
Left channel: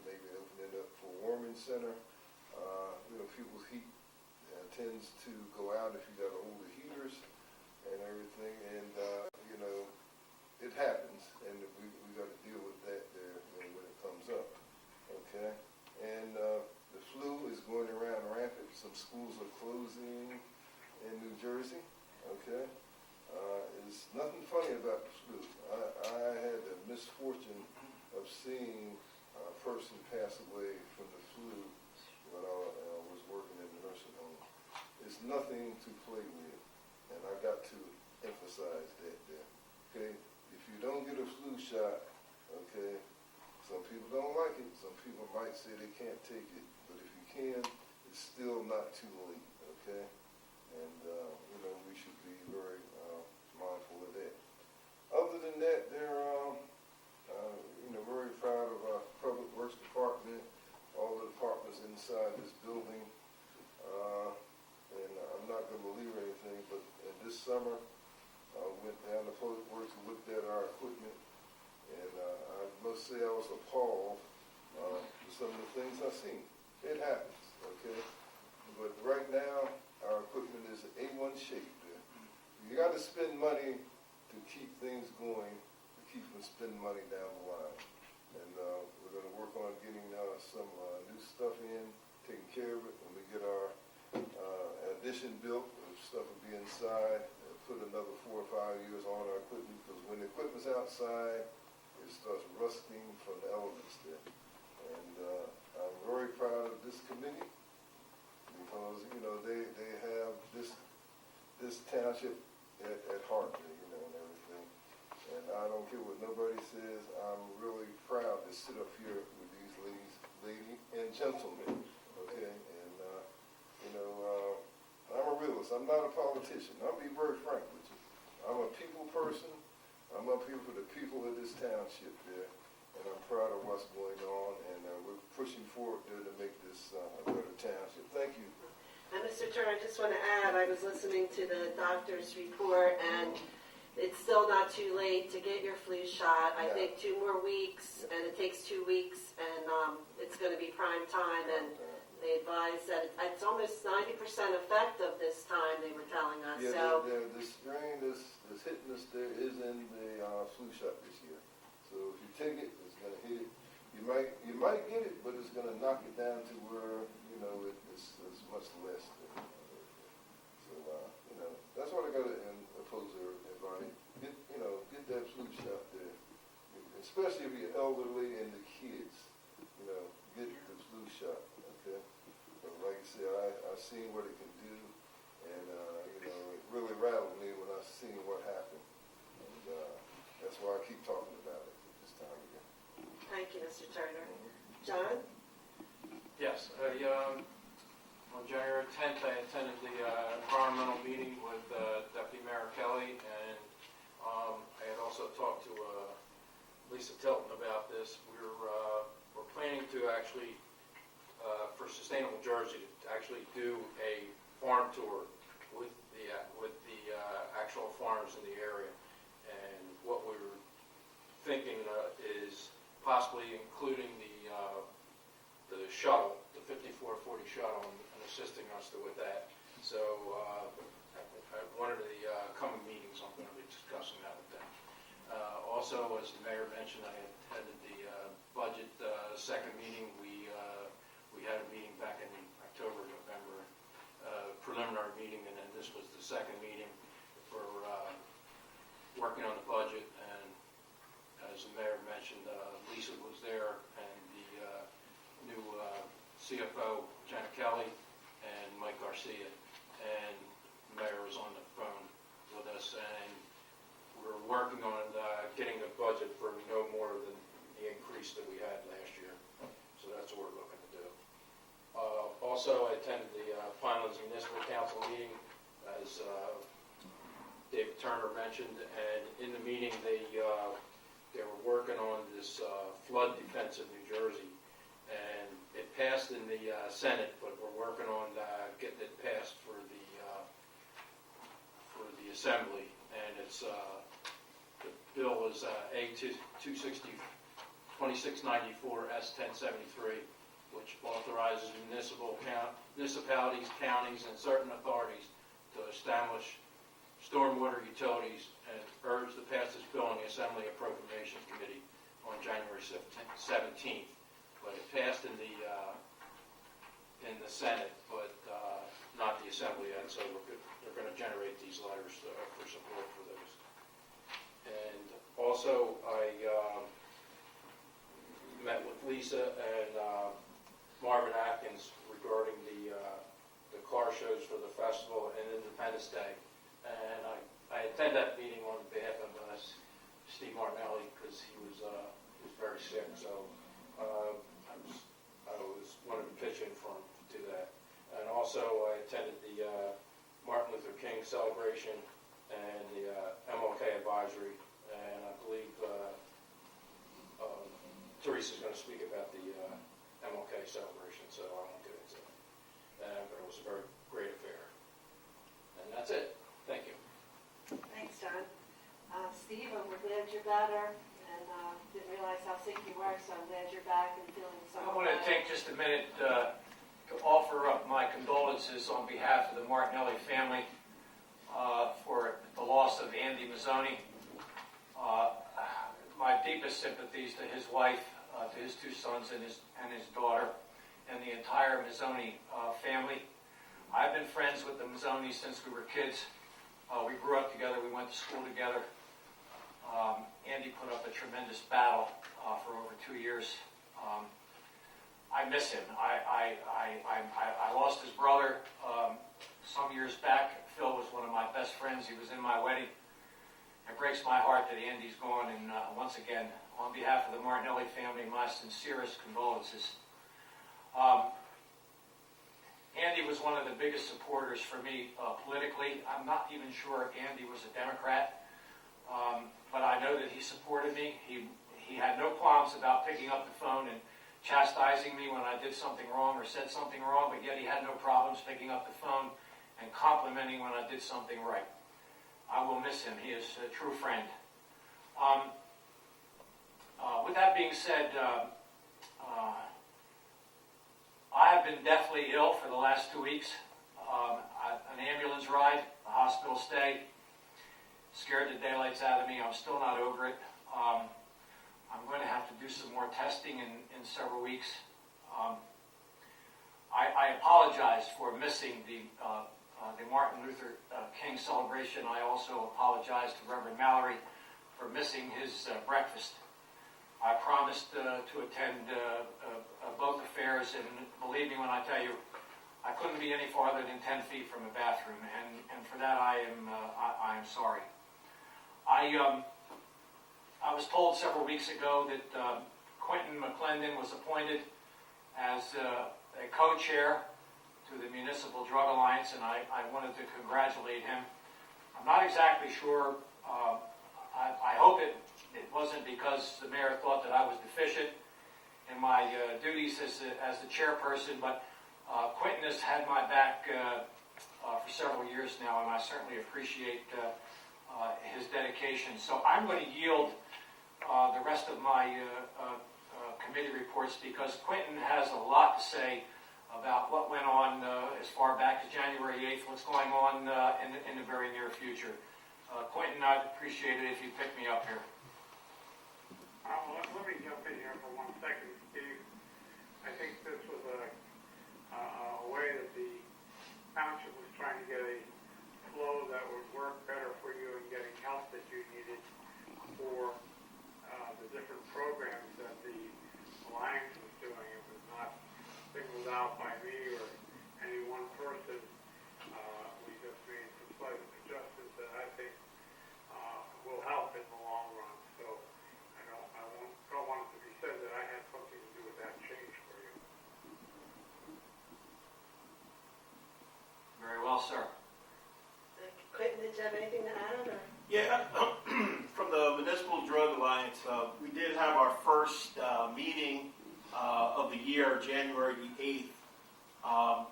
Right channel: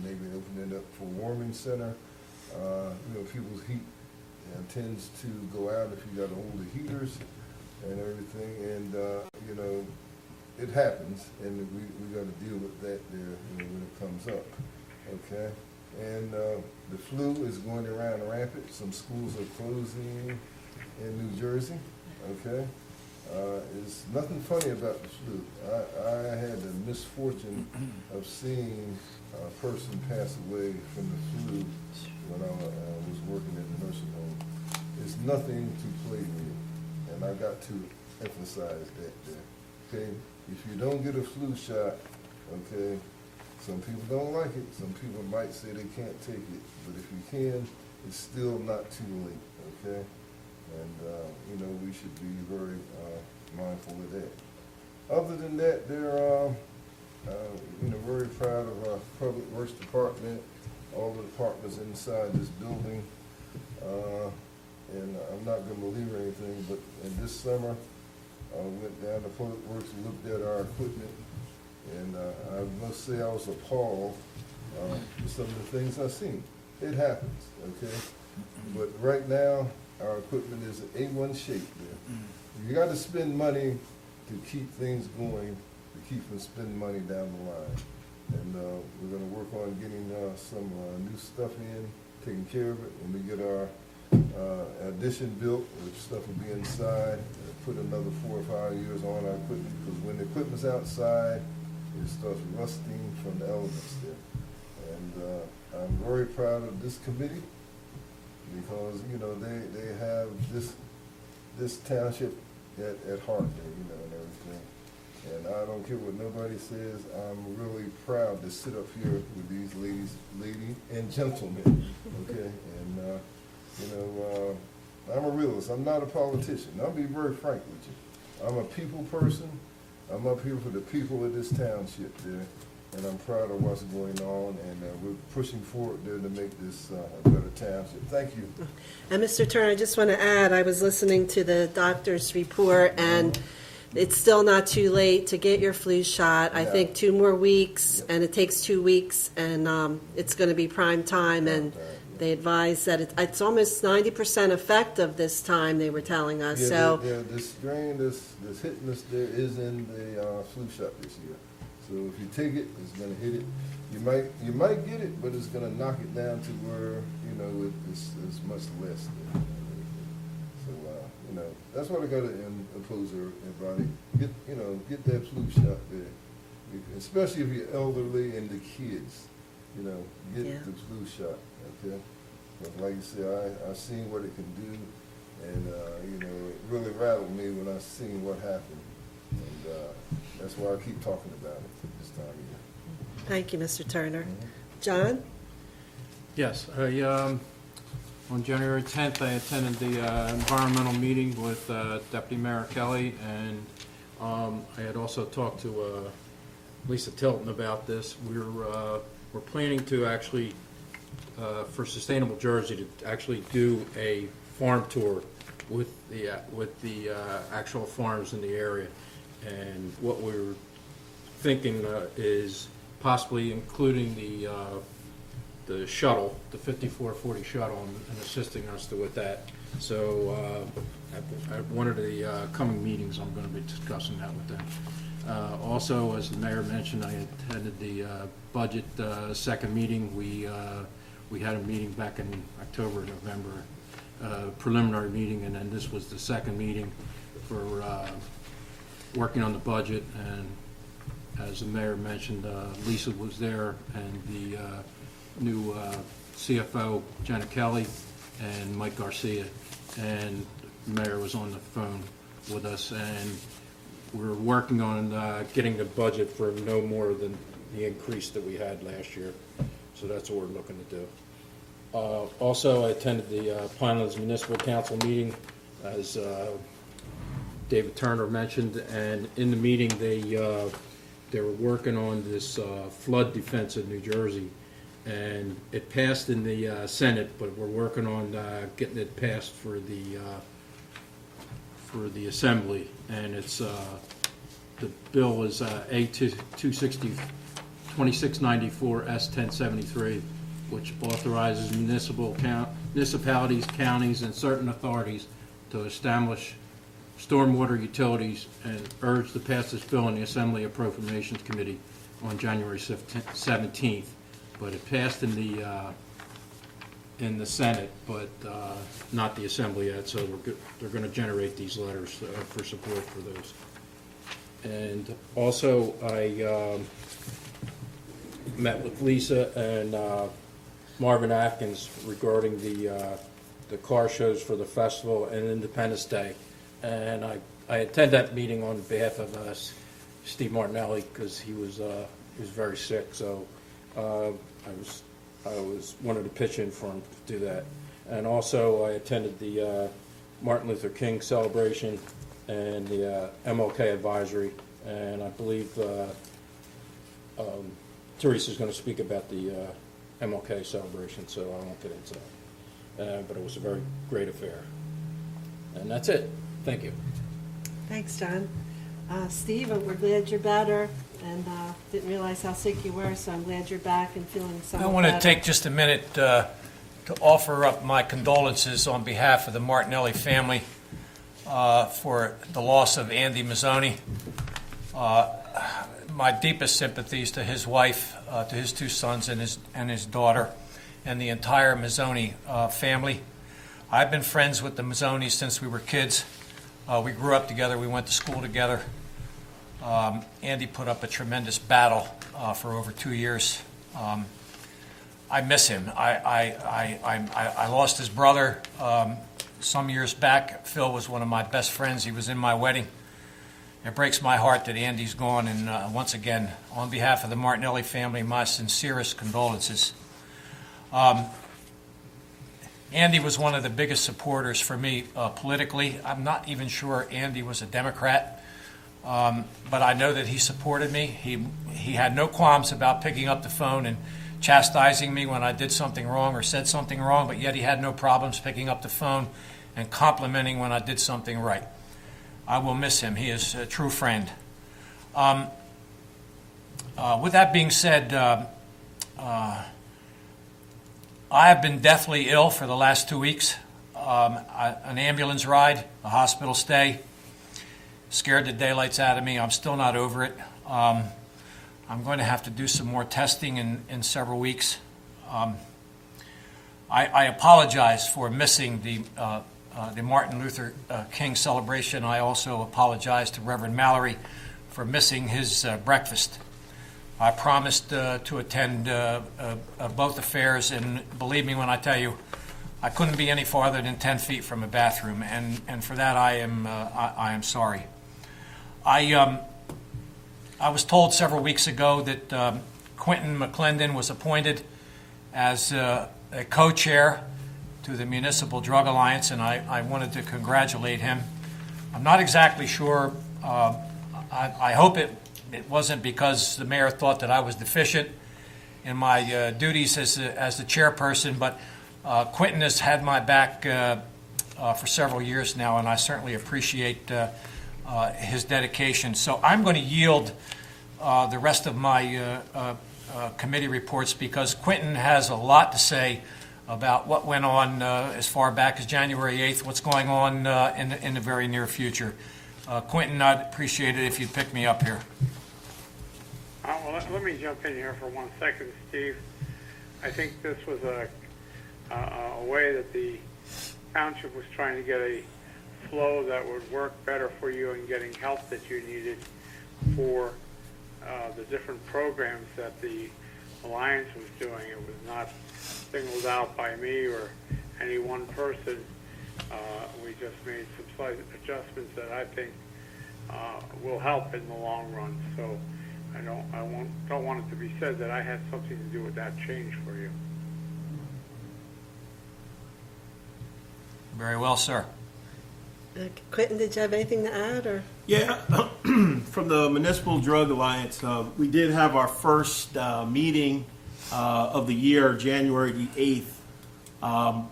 maybe opening it up for warming center. People's heat tends to go out if you got older heaters and everything, and, it happens, and we gotta deal with that there, when it comes up, okay? And, the flu is going around rampant. Some schools are closing in New Jersey, okay? There's nothing funny about the flu. I had the misfortune of seeing a person pass away from the flu when I was working in the nursing home. It's nothing to play with, and I got to emphasize that there, okay? If you don't get a flu shot, okay, some people don't like it. Some people might say they can't take it, but if you can, it's still not too late, okay? And, we should be very mindful of that. Other than that, they're, very proud of our Public Works Department, all the departments inside this building. And I'm not gonna believe anything, but in this summer, I went down to Public Works and looked at our equipment, and I must say I was appalled with some of the things I've seen. It happens, okay? But right now, our equipment is in A1 shape there. You gotta spend money to keep things going, to keep from spending money down the line. And we're gonna work on getting some new stuff in, taking care of it. When we get our addition built, the stuff will be inside, put another 4 or 5 years on our equipment, because when the equipment's outside, it starts rusting from the elements there. And I'm very proud of this committee, because, they have this township at heart, and everything. And I don't care what nobody says, I'm really proud to sit up here with these ladies and gentlemen, okay? And, I'm a realist, I'm not a politician. I'll be very frank with you. I'm a people person. I'm up here for the people of this township there, and I'm proud of what's going on, and we're pushing forward there to make this a better township. Thank you. And Mr. Turner, I just want to add, I was listening to the doctor's report, and it's still not too late to get your flu shot. I Yeah. think 2 more weeks, and it takes 2 weeks, and it's going to be prime time, and they advise that it's almost 90% effective this time, they were telling us, Yeah, so. the strain that's hitting us there is in the flu shot this year. So if you take it, it's gonna hit it. You might get it, but it's gonna knock it down to where, it's much less there. So, that's what I gotta impose everybody. Get that flu shot there. Especially if you're elderly and the kids, get Yeah. the flu shot, okay? But like you said, I've seen what it can do, and, it really rattled me when I seen what happened. And, that's why I keep talking about it this time of year. Thank you, Mr. Turner. Mhm. John? Yes, on January 10th, I attended the environmental meeting with Deputy Mayor Kelly, and I had also talked to Lisa Tilton about this. We're planning to actually, for Sustainable Jersey, to actually do a farm tour with the actual farms in the area. And what we're thinking is possibly including the shuttle, the 5440 shuttle, and assisting us with that. So at one of the coming meetings, I'm going to be discussing that with them. Also, as the mayor mentioned, I attended the budget second meeting. We had a meeting back in October, November, preliminary meeting, and then this was the second meeting for working on the budget. And as the mayor mentioned, Lisa was there, and the new CFO, Jenna Kelly, and Mike Garcia, and the mayor was on the phone with us, and we're working on getting the budget for no more than the increase that we had last year. So that's what we're looking to do. Also, I attended the Pinelands Municipal Council meeting, as David Turner mentioned, and in the meeting, they were working on this flood defense in New Jersey, and it passed in the Senate, but we're working on getting it passed for the Assembly, and it's the bill is A 2694 S 1073, which authorizes municipalities, counties, and certain authorities to establish stormwater utilities, and urged to pass this bill in the Assembly Appropriations Committee on January 17th. But it passed in the Senate, but not the Assembly yet. So they're going to generate these letters for support for those. And also, I met with Lisa and Marvin Atkins regarding the car shows for the festival and Independence Day. And I attend that meeting on behalf of Steve Martinelli, because he was very sick. So I wanted to pitch in for him to do that. And also I attended the Martin Luther King celebration and the MLK advisory. And I believe Teresa's going to speak about the MLK celebration, so I won't get into that. But it was a very great affair. And that's it. Thank you. Thanks, John. Steve, we're glad you're better, and didn't realize how sick you were, so I'm glad you're back and feeling I somewhat want to better. take just a minute to offer up my condolences on behalf of the Martinelli family for the loss of Andy Mazzoni. My deepest sympathies to his wife, to his two sons and his daughter, and the entire Mazzoni family. I've been friends with the Mazzonis since we were kids. We grew up together. We went to school together. Andy put up a tremendous battle for over 2 years. I miss him. I lost his brother some years back. Phil was one of my best friends. He was in my wedding. It breaks my heart that Andy's gone, and once again, on behalf of the Martinelli family, my sincerest condolences. Andy was one of the biggest supporters for me politically. I'm not even sure Andy was a Democrat, but I know that he supported me. He had no qualms about picking up the phone and chastising me when I did something wrong or said something wrong, but yet he had no problems picking up the phone and complimenting when I did something right. I will miss him. He is a true friend. With that being said, I have been deathly ill for the last 2 weeks. An ambulance ride, a hospital stay, scared the daylights out of me. I'm still not over it. I'm going to have to do some more testing in several weeks. I apologize for missing the Martin Luther King celebration. I also apologize to Reverend Mallory for missing his breakfast. I promised to attend both affairs, and believe me when I tell you, I couldn't be any farther than 10 feet from a bathroom, and for that I am sorry. I was told several weeks ago that Quentin McClendon was appointed as a co-chair to the Municipal Drug Alliance, and I wanted to congratulate him. I'm not exactly sure. I hope it wasn't because the mayor thought that I was deficient in my duties as the chairperson, but Quentin has had my back for several years now, and I certainly appreciate his dedication. So I'm going to yield the rest of my committee reports, because Quentin has a lot to say about what went on as far back as January 8th, what's going on in the very near future. Quentin, I'd appreciate it if you'd pick me up here. Well, let me jump in here for 1 second, Steve. I think this was a way that the township was trying to get a flow that would work better for you in getting help that you needed for the different programs that the Alliance was doing. It was not singled out by me or any one person. We just made some slight adjustments that I think will help in the long run. So I don't want it to be said that I had something to do with that change for you. Very well, sir. Quentin, did you have anything to add, or? Yeah, from the Municipal Drug Alliance, we did have our first meeting of the year, January the 8th.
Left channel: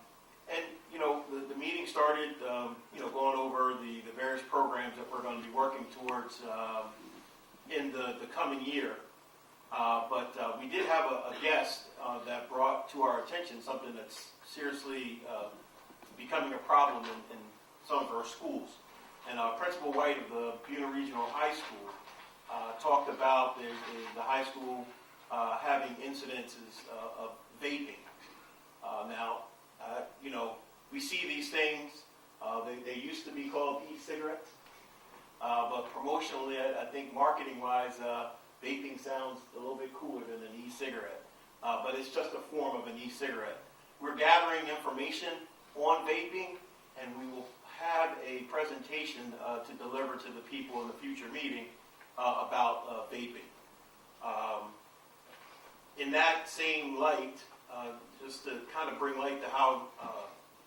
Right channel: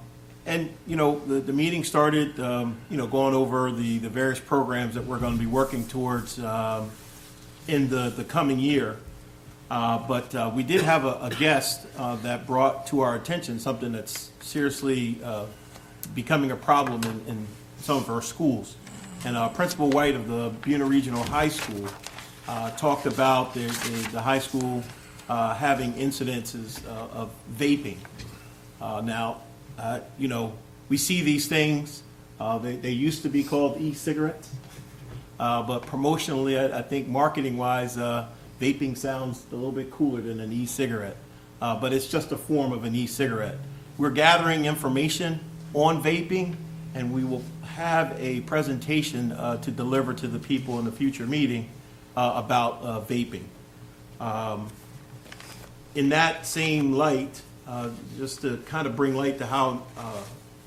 And, you know, the meeting started, you know, going over the various programs that we're going to be working towards in the coming year. But we did have a guest that brought to our attention something that's seriously becoming a problem in some of our schools. And Principal White of the Buena Regional High School talked about the high school having incidences of vaping. Now, you know, we see these things. They used to be called e-cigarettes, but promotionally, I think marketing-wise, vaping sounds a little bit cooler than an e-cigarette. But it's just a form of an e-cigarette. We're gathering information on vaping, and we will have a presentation to deliver to the people in the future meeting about vaping. In that same light, just to kind of bring light to how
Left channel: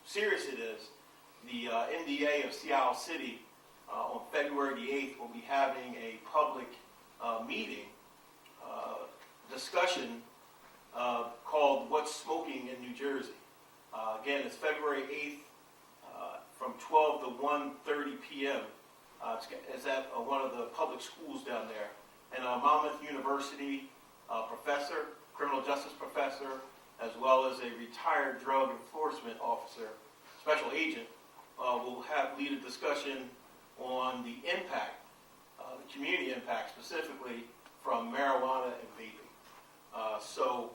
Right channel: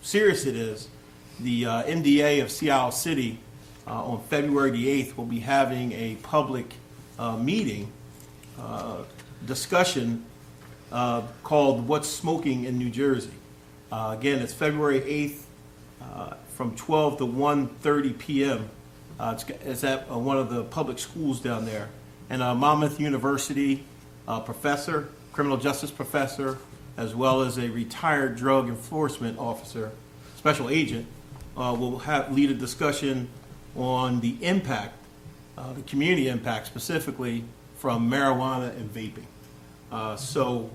serious it is, the MDA of Seattle City on February the 8th will be having a public meeting discussion called What's Smoking in New Jersey. Again, it's February 8th from 12 to 1:30 p.m. It's at one of the public schools down there. And Monmouth University professor, criminal justice professor, as well as a retired drug enforcement officer, special agent, will lead a discussion on the impact, the community impact specifically from marijuana and vaping. So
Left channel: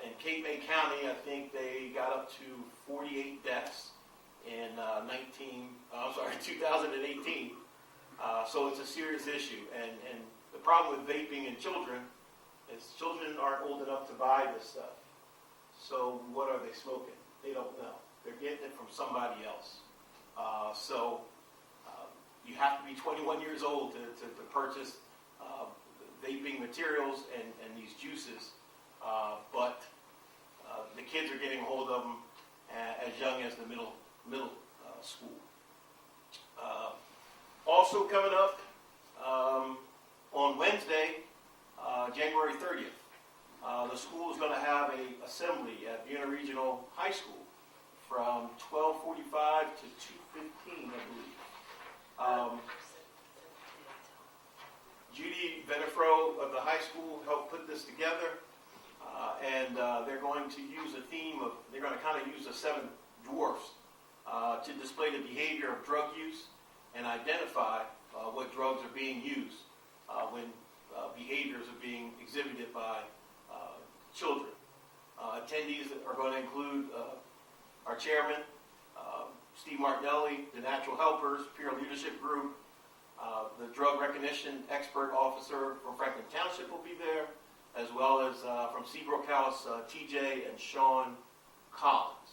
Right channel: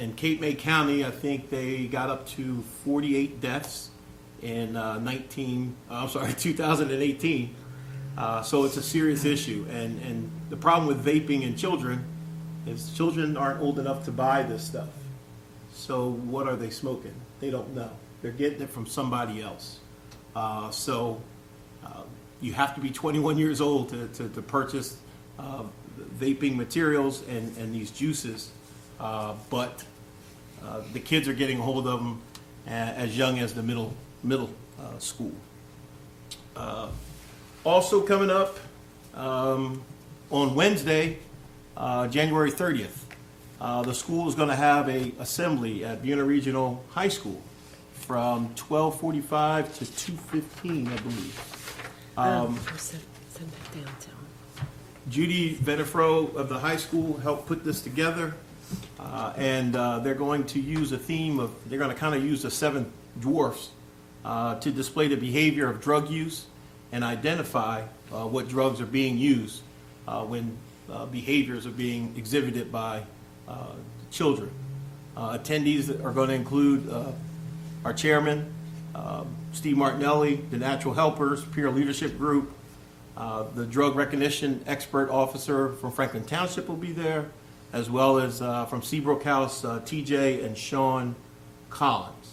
in Cape May County, I think they got up to 48 deaths in 2018. So it's a serious issue. And the problem with vaping in children is children aren't old enough to buy this stuff. So what are they smoking? They don't know. They're getting it from somebody else. So you have to be 21 years old to purchase vaping materials and these juices. But the kids are getting a hold of them as young as the middle school. Also coming up on Wednesday, January 30th, the school is going to have an assembly at Buena Regional High School from 12:45 to 2:15, I believe. Send it downtown. Judy Venefro of the high school helped put this together, and they're going to use a theme of, they're going to kind of use the seven dwarfs to display the behavior of drug use and identify what drugs are being used when behaviors are being exhibited by children. Attendees are going to include our chairman, Steve Martinelli, the Natural Helpers Peer Leadership Group, the drug recognition expert officer from Franklin Township will be there, as well as from Seabrook House, TJ and Sean Collins.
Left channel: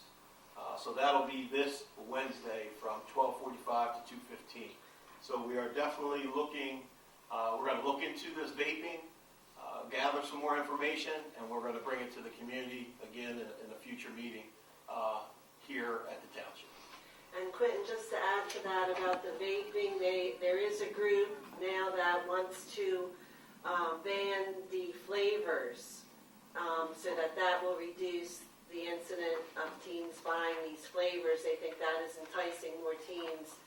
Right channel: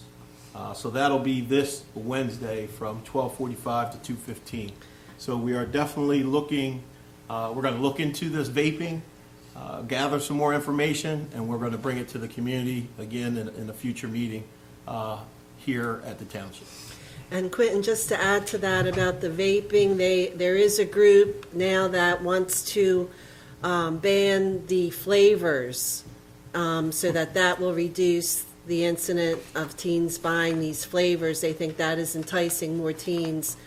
So that'll be this Wednesday from 12:45 to 2:15. So we are definitely looking, we're going to look into this vaping, gather some more information, and we're going to bring it to the community again in a future meeting here at the township. And Quentin, just to add to that about the vaping, there is a group now that wants to ban the flavors so that will reduce the incident of teens buying these flavors. They think that is enticing more teens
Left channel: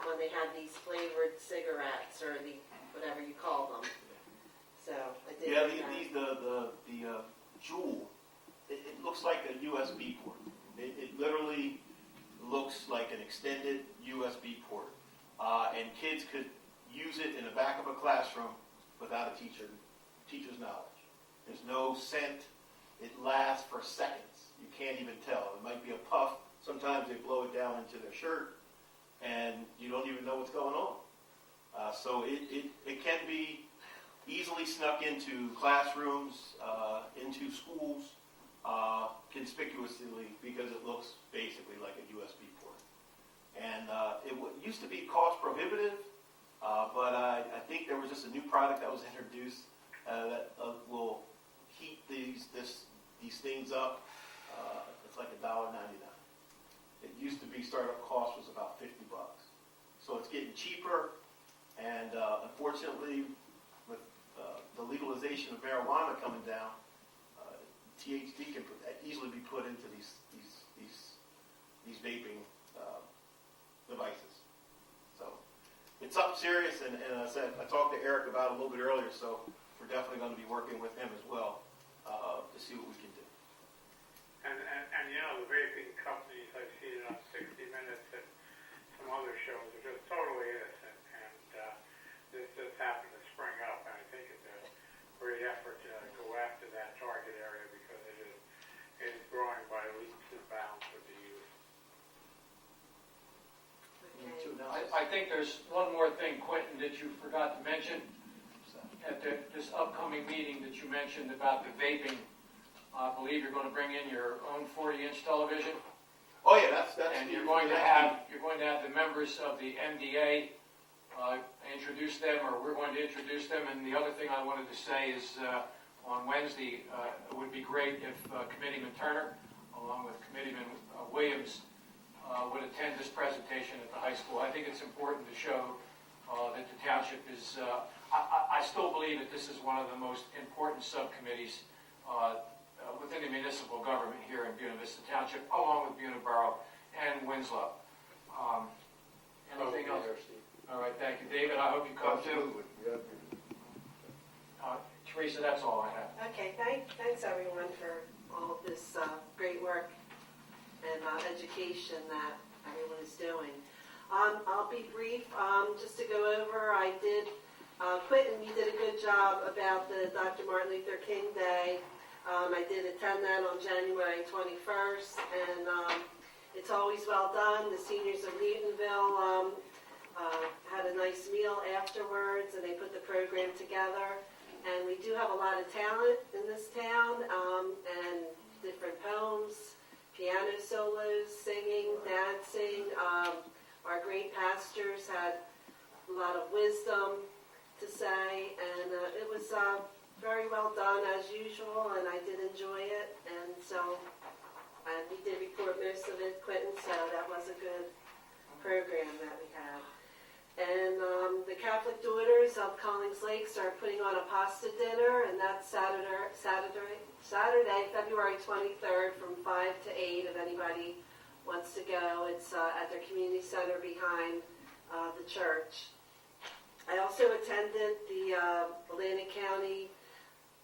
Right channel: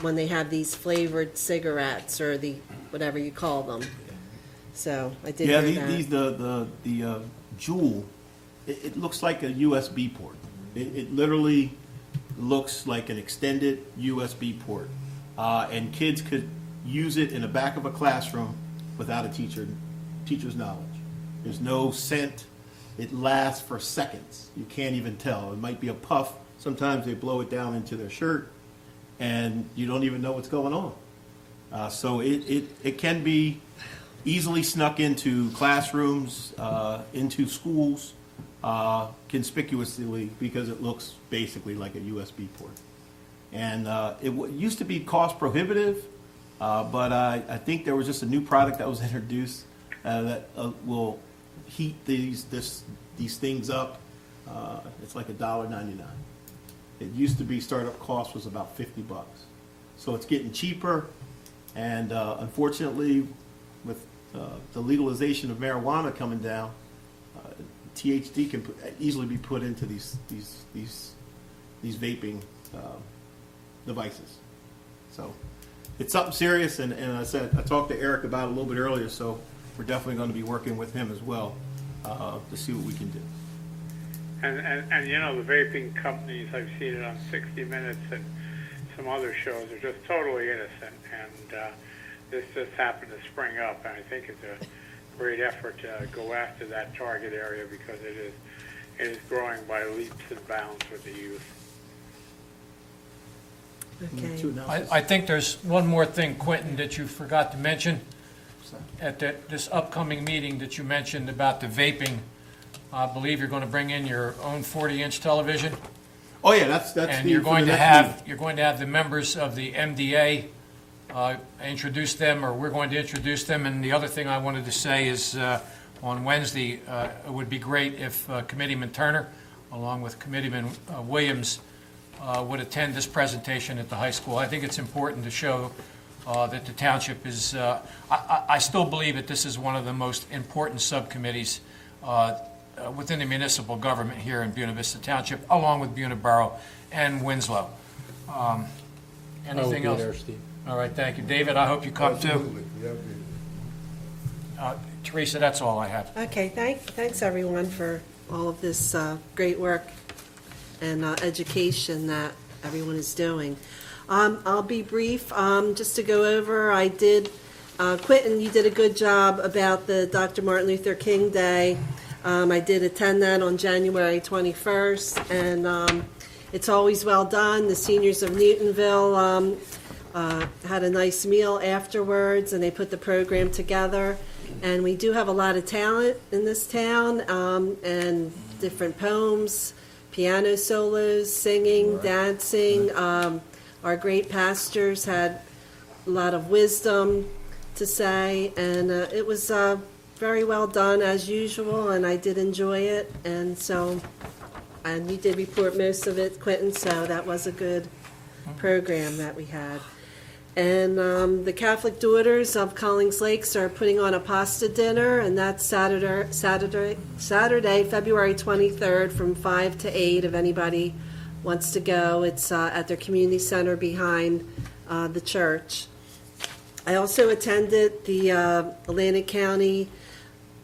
when they have these flavored cigarettes or the whatever you call them. So I did hear that. The Juul, it looks like a USB port. It literally looks like an extended USB port, and kids could use it in the back of a classroom without a teacher's knowledge. There's no scent. It lasts for seconds. You can't even tell. It might be a puff. Sometimes they blow it down into their shirt, and you don't even know what's going on. So it can be easily snuck into classrooms, into schools, conspicuously, because it looks basically like a USB port. And it used to be cost prohibitive, But I think there was just a new product that was introduced that will heat these things up. It's like $1.99. It used to be startup cost was about $50. So it's getting cheaper, and unfortunately, with the legalization of marijuana coming down, THC can easily be put into these vaping devices. So it's something serious, and I talked to Eric about it a little bit earlier, so we're definitely going to be working with him as well to see what we can do. And you know, the vaping companies, I've seen it on 60 Minutes and some other shows, are just totally innocent, and this just happened to spring up, and I think it's a great effort to go after that target area, because it is growing by leaps and bounds with the youth. Okay. I think there's one more thing, Quentin, that you forgot to mention at this upcoming meeting that you mentioned about the vaping. I believe you're going to bring in your own 40-inch television. Oh yeah, that's And the, you're for going the to next have, you're going to have the members of the MDA introduce them, or we're going to introduce them. And the other thing I wanted to say is on Wednesday, it would be great if Committeeman Turner, along with Committeeman Williams, would attend this presentation at the high school. I think it's important to show that the township is, I still believe that this is one of the most important subcommittees within the municipal government here in Buena Vista Township, along with Buena Borough and Winslow. Anything else? All right, thank you. David, I hope you come too. Absolutely. Yeah, Teresa, that's all I have. Okay, thanks everyone for all of this great work and education that everyone is doing. I'll be brief, just to go over, Quentin, you did a good job about the Dr. Martin Luther King Day. I did attend that on January 21st, and it's always well done. The seniors of Newtonville had a nice meal afterwards, and they put the program together. And we do have a lot of talent in this town, and different poems, piano solos, singing, dancing. Our great pastors had a lot of wisdom to say, and it was very well done as usual, and I did enjoy it. And you did report most of it, Quentin, so that was a good program that we had. And the Catholic Daughters of Collings Lakes are putting on a pasta dinner, and that's Saturday, February 23rd from 5 to 8, if anybody wants to go. It's at their community center behind the church. I also attended the Atlantic County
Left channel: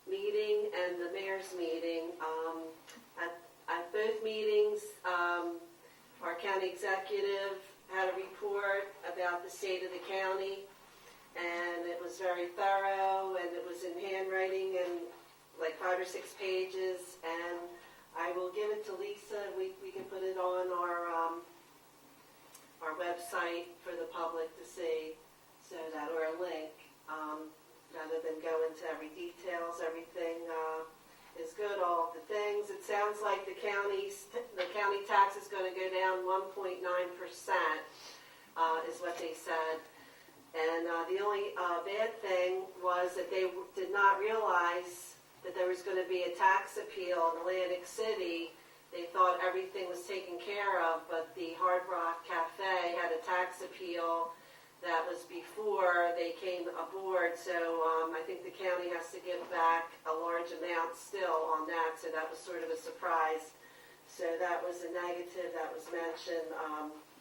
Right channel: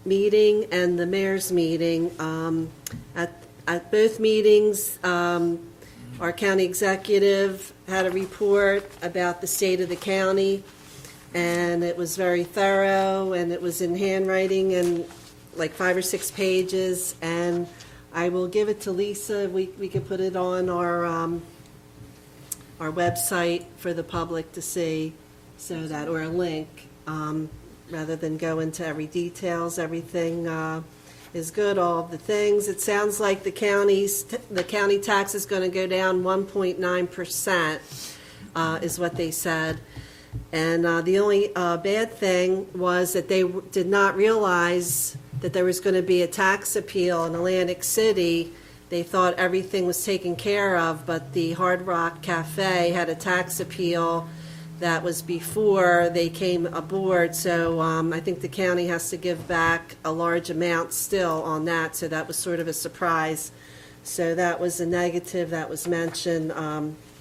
meeting and the mayor's meeting. At both meetings, our county executive had a report about the state of the county, and it was very thorough, and it was in handwriting and like 5 or 6 pages. And I will give it to Lisa. We could put it on our website for the public to see, or a link, rather than go into every details. Everything is good, all of the things. It sounds like the county tax is going to go down 1.9%, is what they said. And the only bad thing was that they did not realize that there was going to be a tax appeal in Atlantic City. They thought everything was taken care of, but the Hard Rock Cafe had a tax appeal that was before they came aboard, so I think the county has to give back a large amount still on that, so that was sort of a surprise. So that was a negative that was mentioned,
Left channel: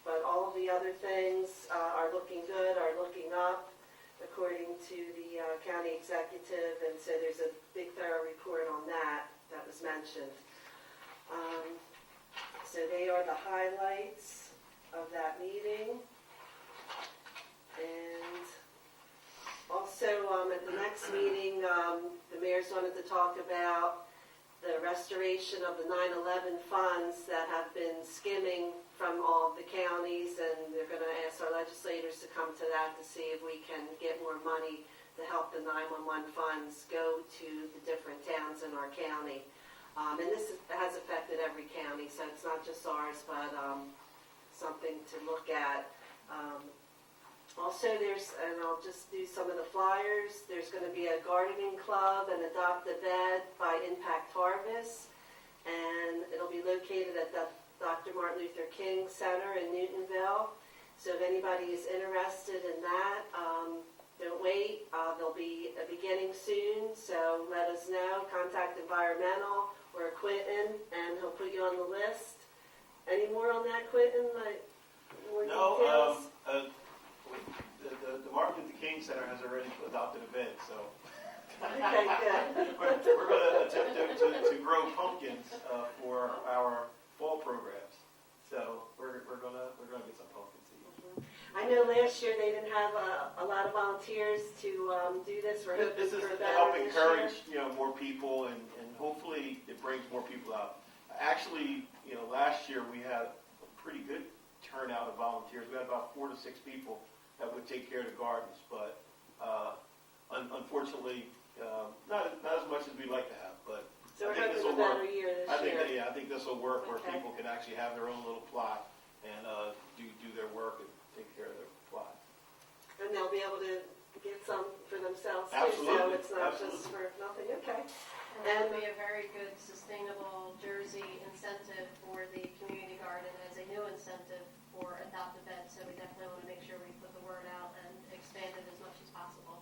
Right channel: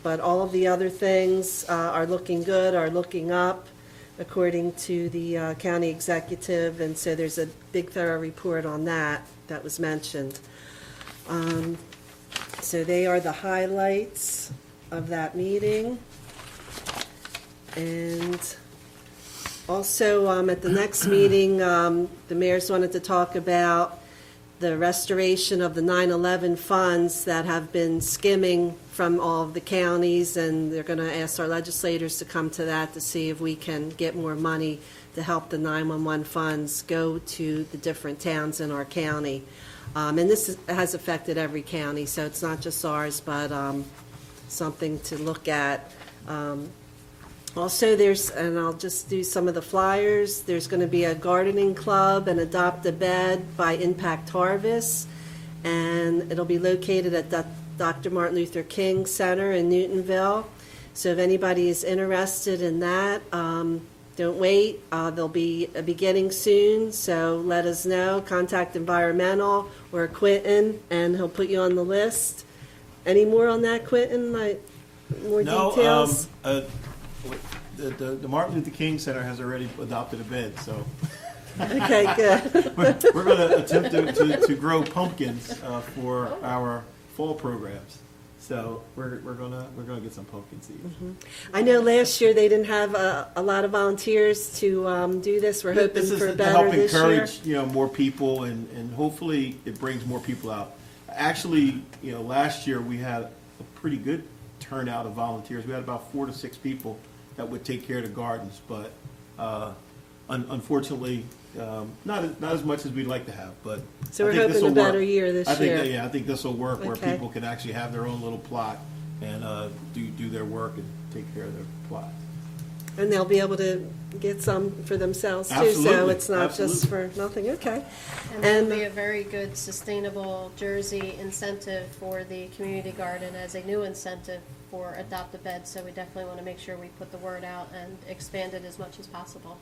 but all of the other things are looking good, are looking up, according to the county executive, and so there's a big thorough report on that was mentioned. So they are the highlights of that meeting. And also at the next meeting, the mayors wanted to talk about the restoration of the 9/11 funds that have been skimming from all of the counties, and they're going to ask our legislators to come to that to see if we can get more money to help the 911 funds go to the different towns in our county. And this has affected every county, so it's not just ours, but something to look at. Also, and I'll just do some of the flyers, there's going to be a gardening club and Adopt a Bed by Impact Harvest, and it'll be located at the Dr. Martin Luther King Center in Newtonville. So if anybody is interested in that, don't wait. There'll be a beginning soon, so let us know. Contact Environmental or Quentin, and he'll put you on the list. Any more on that, Quentin? More details? The Martin Luther King Center has already adopted a bed, so Okay, good. we're going to attempt to grow pumpkins for our fall programs. So we're gonna get some pumpkin seeds. I know last year they didn't have a lot of volunteers to do this. We're hoping This is for to better help this year. encourage more people, and hopefully it brings more people out. Actually, last year we had a pretty good turnout of volunteers. We had about 4 to 6 people that would take care of the gardens, but unfortunately, not as much as we'd like to have. But So I we're think hoping this'll a better work. year this year. I think this will work where Okay. people can actually have their own little plot and do their work and take care of their plot. And they'll be able to get some for themselves too, so Absolutely, it's not just for absolutely. nothing. Okay. And that'll And- be a very good sustainable Jersey incentive for the community garden as a new incentive for Adopt a Bed. So we definitely want to make sure we put the word out and expand it as much as possible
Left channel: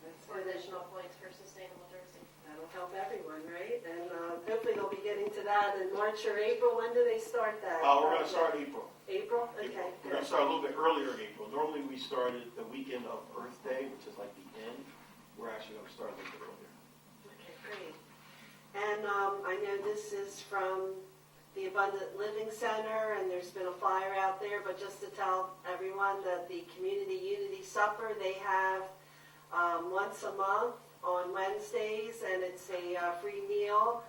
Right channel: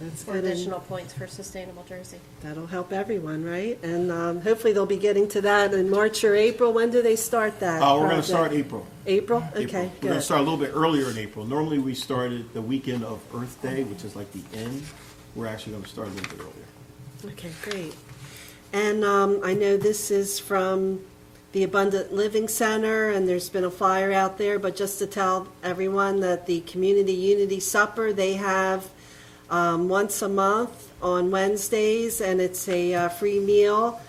That's for good. And additional points for sustainable Jersey. that'll help everyone, right? And hopefully they'll be getting to that in March or April. When do they start that? We're going to project? start April. April? April. Okay, We're going good. to start a little bit earlier in April. Normally we started the weekend of Earth Day, which is like the end. We're actually going to start a little bit earlier. Okay, great. And I know this is from the Abundant Living Center, and there's been a flyer out there, but just to tell everyone that the Community Unity Supper, they have once a month on Wednesdays, and it's a free meal,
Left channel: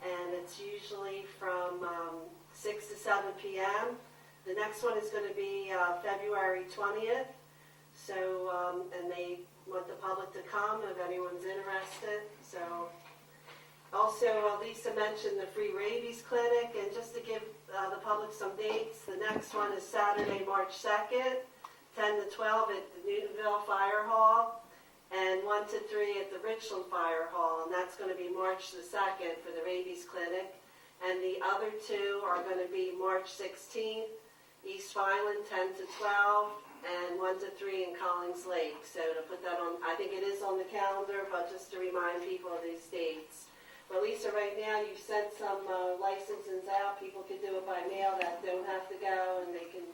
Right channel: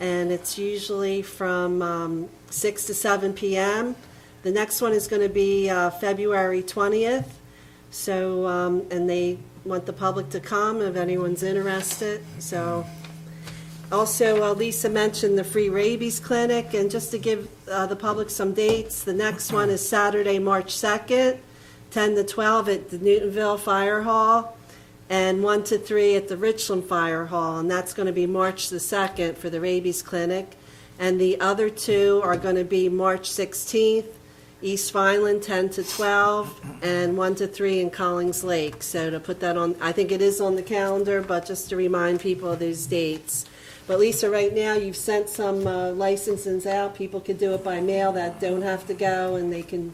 and it's usually from 6 to 7 p.m. The next one is going to be February 20th, so, and they want the public to come if anyone's interested, so. Also, Lisa mentioned the free rabies clinic, and just to give the public some dates, the next one is Saturday, March 2nd, 10 to 12 at the Newtonville Fire Hall, and 1 to 3 at the Richland Fire Hall, and that's going to be March the 2nd for the rabies clinic. And the other two are going to be March 16th, East Vineland, 10 to 12, and 1 to 3 in Collings Lake. So to put that on, I think it is on the calendar, but just to remind people of those dates. But Lisa, right now, you've sent some licenses out. People could do it by mail that don't have to go, and they can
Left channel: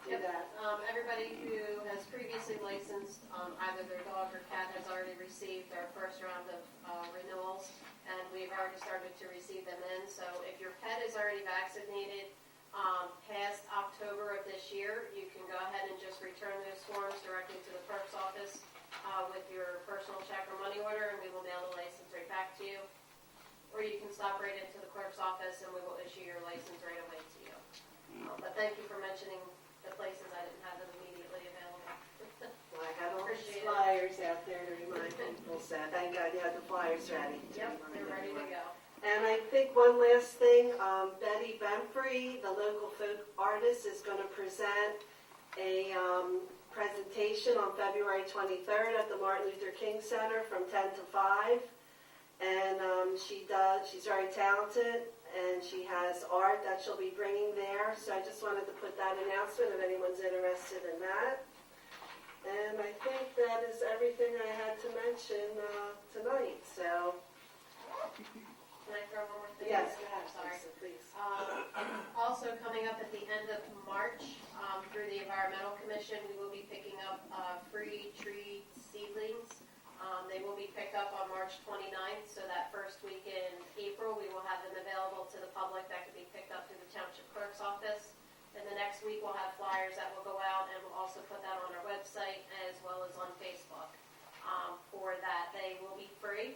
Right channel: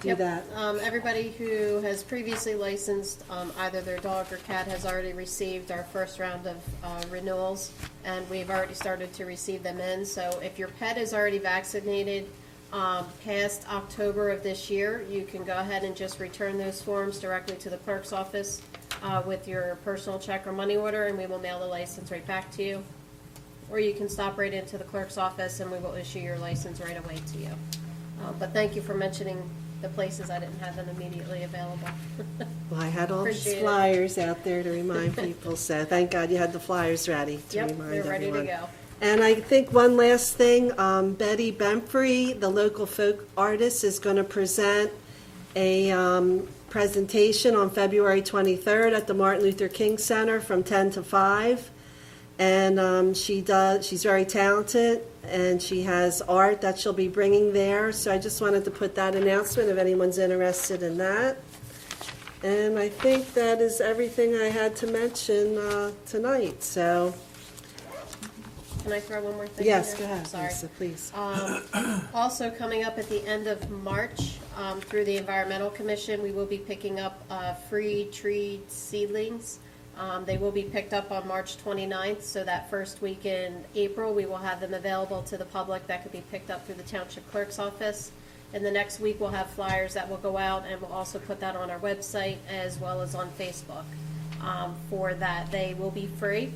do Yep. that. Everybody who has previously licensed either their dog or cat has already received our first round of renewals, and we've already started to receive them in. So if your pet is already vaccinated past October of this year, you can go ahead and just return those forms directly to the clerk's office with your personal check or money order, and we will mail the license right back to you. Or you can stop right into the clerk's office and we will issue your license right away to you. But thank you for mentioning the places. I didn't have them immediately available. Well, I had all these Appreciate it. flyers out there to remind people, so thank God you had the flyers ready to Yep, remind they're everyone. ready to go. And I think one last thing, Betty Bemfrey, the local folk artist, is going to present a presentation on February 23rd at the Martin Luther King Center from 10 to 5. And she's very talented, and she has art that she'll be bringing there. So I just wanted to put that announcement if anyone's interested in that. And I think that is everything I had to mention tonight, so. Can I throw one more thing? Yes, in go there? ahead, Sorry. Lisa, please. Also coming up at the end of March, through the Environmental Commission, we will be picking up free tree seedlings. They will be picked up on March 29th, so that first week in April, we will have them available to the public that could be picked up through the Township Clerk's office. And the next week, we'll have flyers that will go out, and we'll also put that on our website as well as on Facebook. For that, they will be free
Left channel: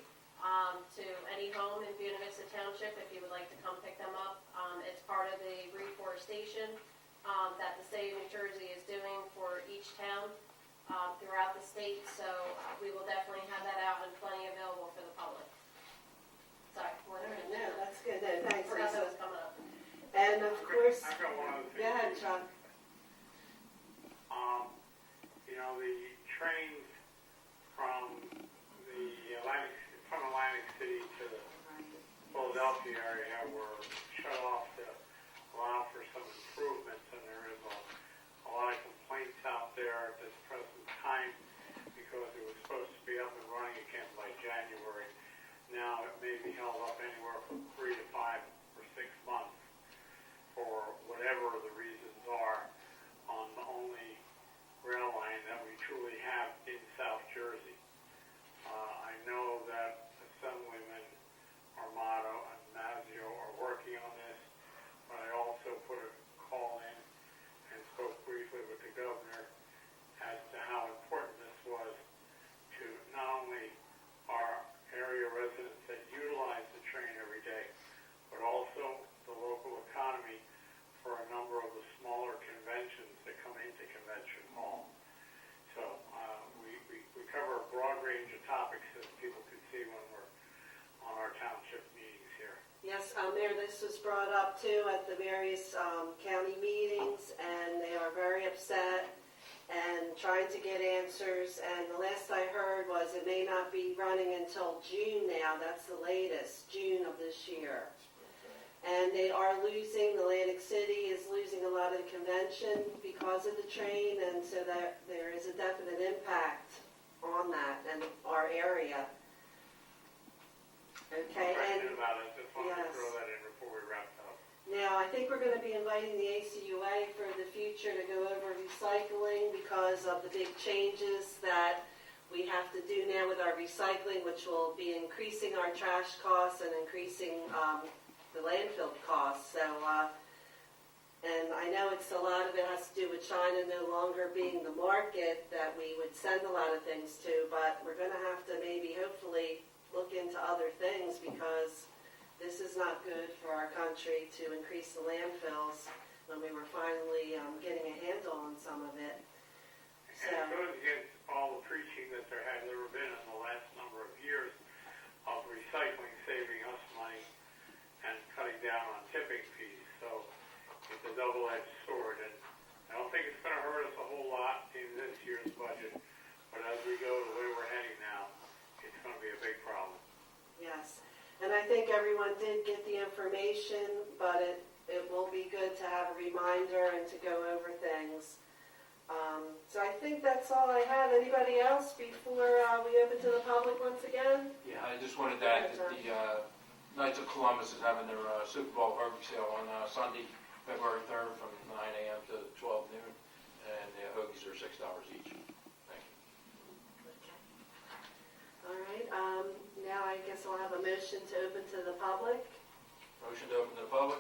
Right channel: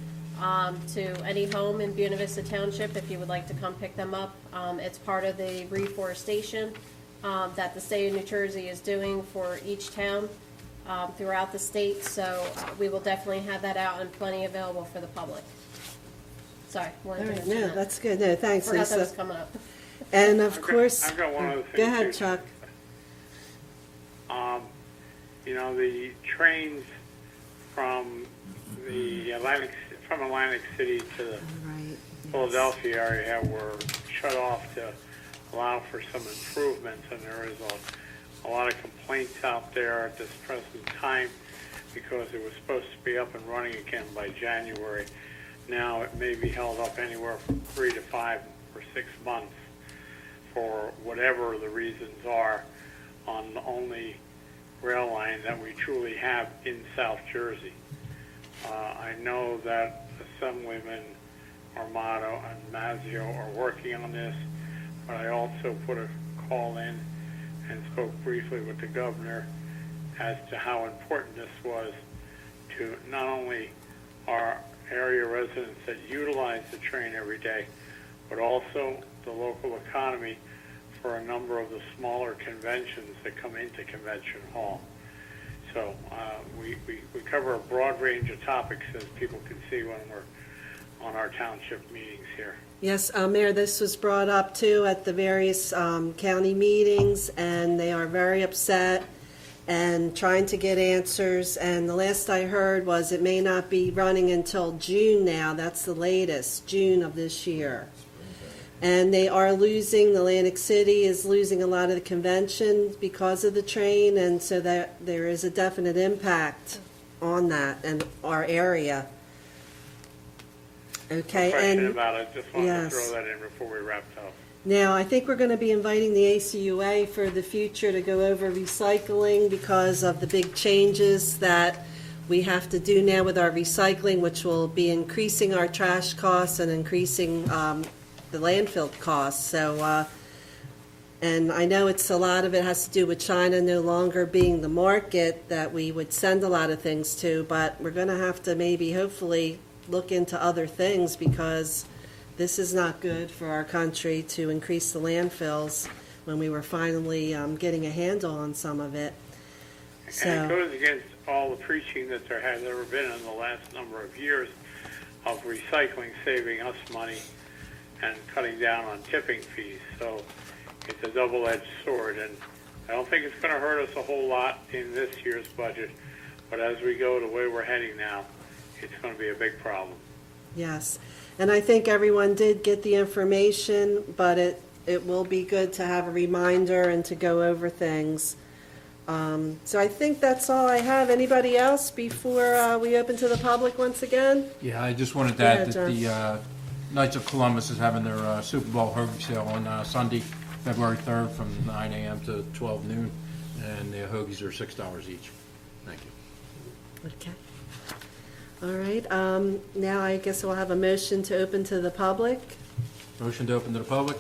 to any home in Buena Vista Township if you would like to come pick them up. It's part of the reforestation that the state of New Jersey is doing for each town throughout the state, so we will definitely have that out and plenty available for the public. Sorry, All wanted to right, mention no, that. that's good. No, thanks, Forgot that was Lisa. coming up. And of course, I've got one other thing. go ahead, too. Chuck. You know, the trains from Atlantic City to the Philadelphia area were shut off to allow for some improvements, and there is a lot of complaints out there at this present time because it was supposed to be up and running again by January. Now it may be held up anywhere from 3 to 5 or 6 months for whatever the reasons are on the only rail line that we truly have in South Jersey. I know that Assemblyman Armato and Mazzio are working on this, but I also put a call in and spoke briefly with the governor as to how important this was to not only our area residents that utilize the train every day, but also the local economy for a number of the smaller conventions that come into Convention Hall. So we cover a broad range of topics, as people can see when we're on our township meetings here. Yes, Mayor, this was brought up too at the various county meetings, and they are very upset and trying to get answers. And the last I heard was it may not be running until June now. That's the latest, June of this year. And they are losing, Atlantic City is losing a lot of the convention because of the train, and so that there is a definite impact on that and our area. Okay, No question and about it. Just wanted yes. to throw that in before we wrapped up. Now, I think we're going to be inviting the ACUA for the future to go over recycling because of the big changes that we have to do now with our recycling, which will be increasing our trash costs and increasing the landfill costs. So, and I know it's a lot of it has to do with China no longer being the market that we would send a lot of things to, but we're going to have to maybe, hopefully, look into other things because this is not good for our country to increase the landfills when we were finally getting a handle on some of it. And it goes against all the preaching that there has ever been in the last number of years of recycling saving us money and cutting down on tipping fees. So it's a double-edged sword, and I don't think it's going to hurt us a whole lot in this year's budget, but as we go the way we're heading now, it's going to be a big problem. Yes, and I think everyone did get the information, but it will be good to have a reminder and to go over things. So I think that's all I have. Anybody else before we open to the public once again? Yeah, I just wanted to Go add ahead, that John. the Knights of Columbus is having their Super Bowl hoagie sale on Sunday, February 3rd from 9 a.m. to 12 noon, and the hoagies are $6 each. Thank you. Okay. All right, now I guess we'll have a motion to open to the public. Motion to open to the public?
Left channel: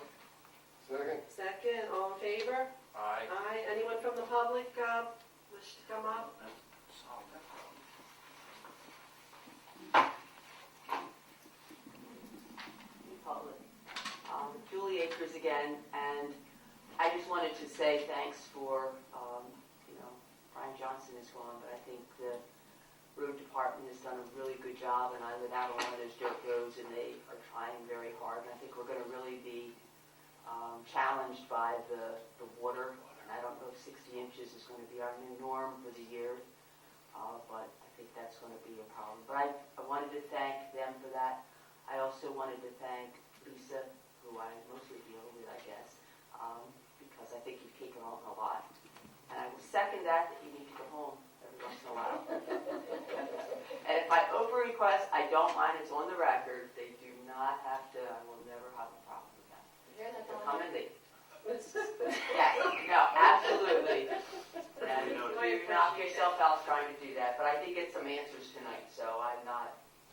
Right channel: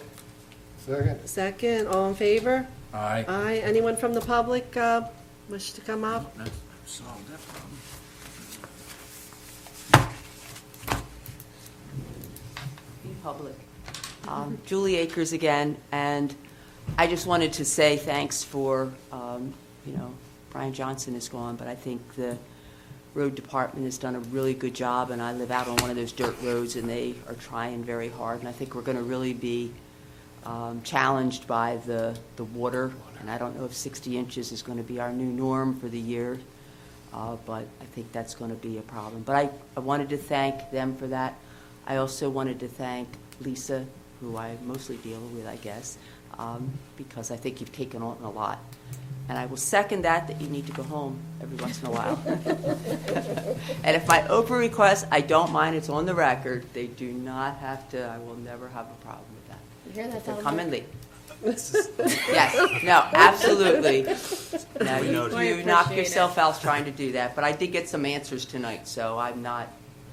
Second? Second, all in favor? Aye. Aye. Anyone from the public wish to come up? That's solved that problem. Public. Julie Akers again, and I just wanted to say thanks for, Brian Johnson is gone, but I think the road department has done a really good job, and I live out on one of those dirt roads, and they are trying very hard, and I think we're going to really be challenged by the water, and I don't know if 60 inches is going to be our new norm for the year, but I think that's going to be a problem. But I wanted to thank them for that. I also wanted to thank Lisa, who I mostly deal with, I guess, because I think you've taken on a lot. And I will second that you need to go home every once in a while. And if I over-request, I don't mind, it's on the record. They do not have to, I will never have a problem with that. You hear that, If they Delmar? come and leave. Yes, no, absolutely. No, I you knock appreciate yourself out trying to do that, but I did get some answers tonight, so I'm not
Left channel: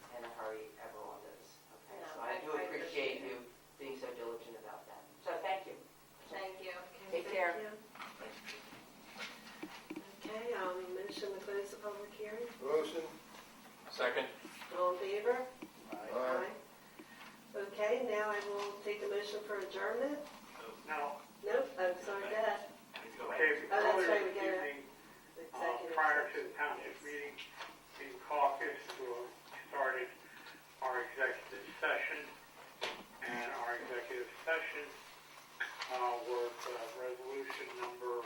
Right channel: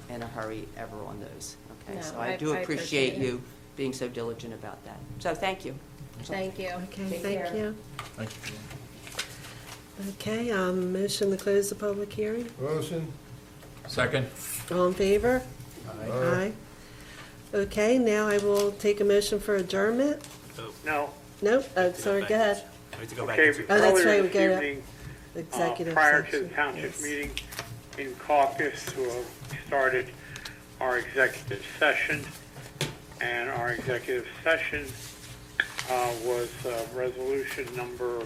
in a hurry ever on those. Okay, No, so I I do appreciate appreciate it. you being so diligent about that. So thank you. Thank you. Okay, Take thank care. you. Thank you. Okay, motion to close the public hearing. Motion? Second? All in favor? Aye. Okay, now I will take a motion for adjournment. No. Nope, sorry, go ahead. Okay, Oh, that's right, earlier we this go to evening, Executive prior to session. the township Yes. meeting in caucus, we started our executive session, and our executive session was resolution number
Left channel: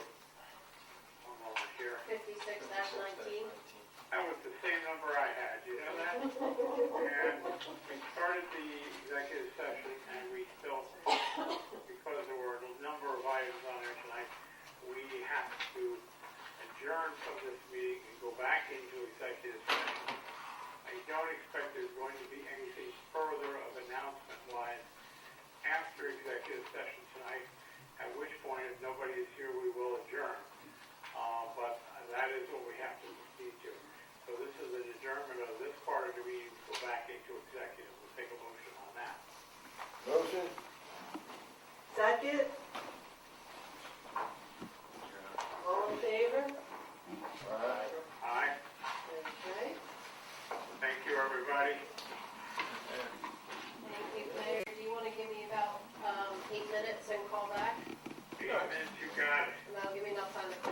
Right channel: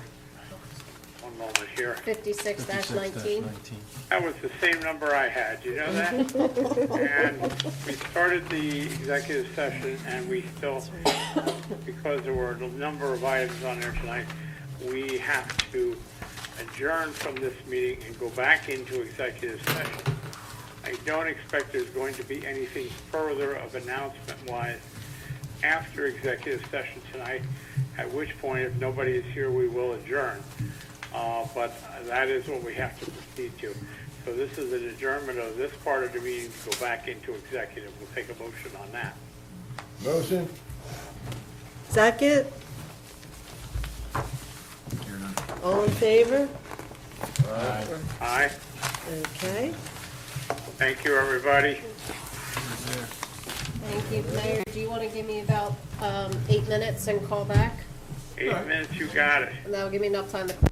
1 One moment here. 56-19. That was the same number I had, you know that? And we started the executive session, and we still, because there were a number of items on there tonight, we have to adjourn from this meeting and go back into executive session. I don't expect there's going to be anything further of announcement-wise after executive session tonight, at which point, if nobody is here, we will adjourn. But that is what we have to proceed to. So this is an adjournment of this part of the meeting to go back into executive. We'll take a motion on that. Motion? Second? All in favor? Aye. Okay. Thank you, everybody. Thank you. Mayor, do you want to give me about 8 minutes and call back? 8 minutes, you got it. And that'll give me enough time to close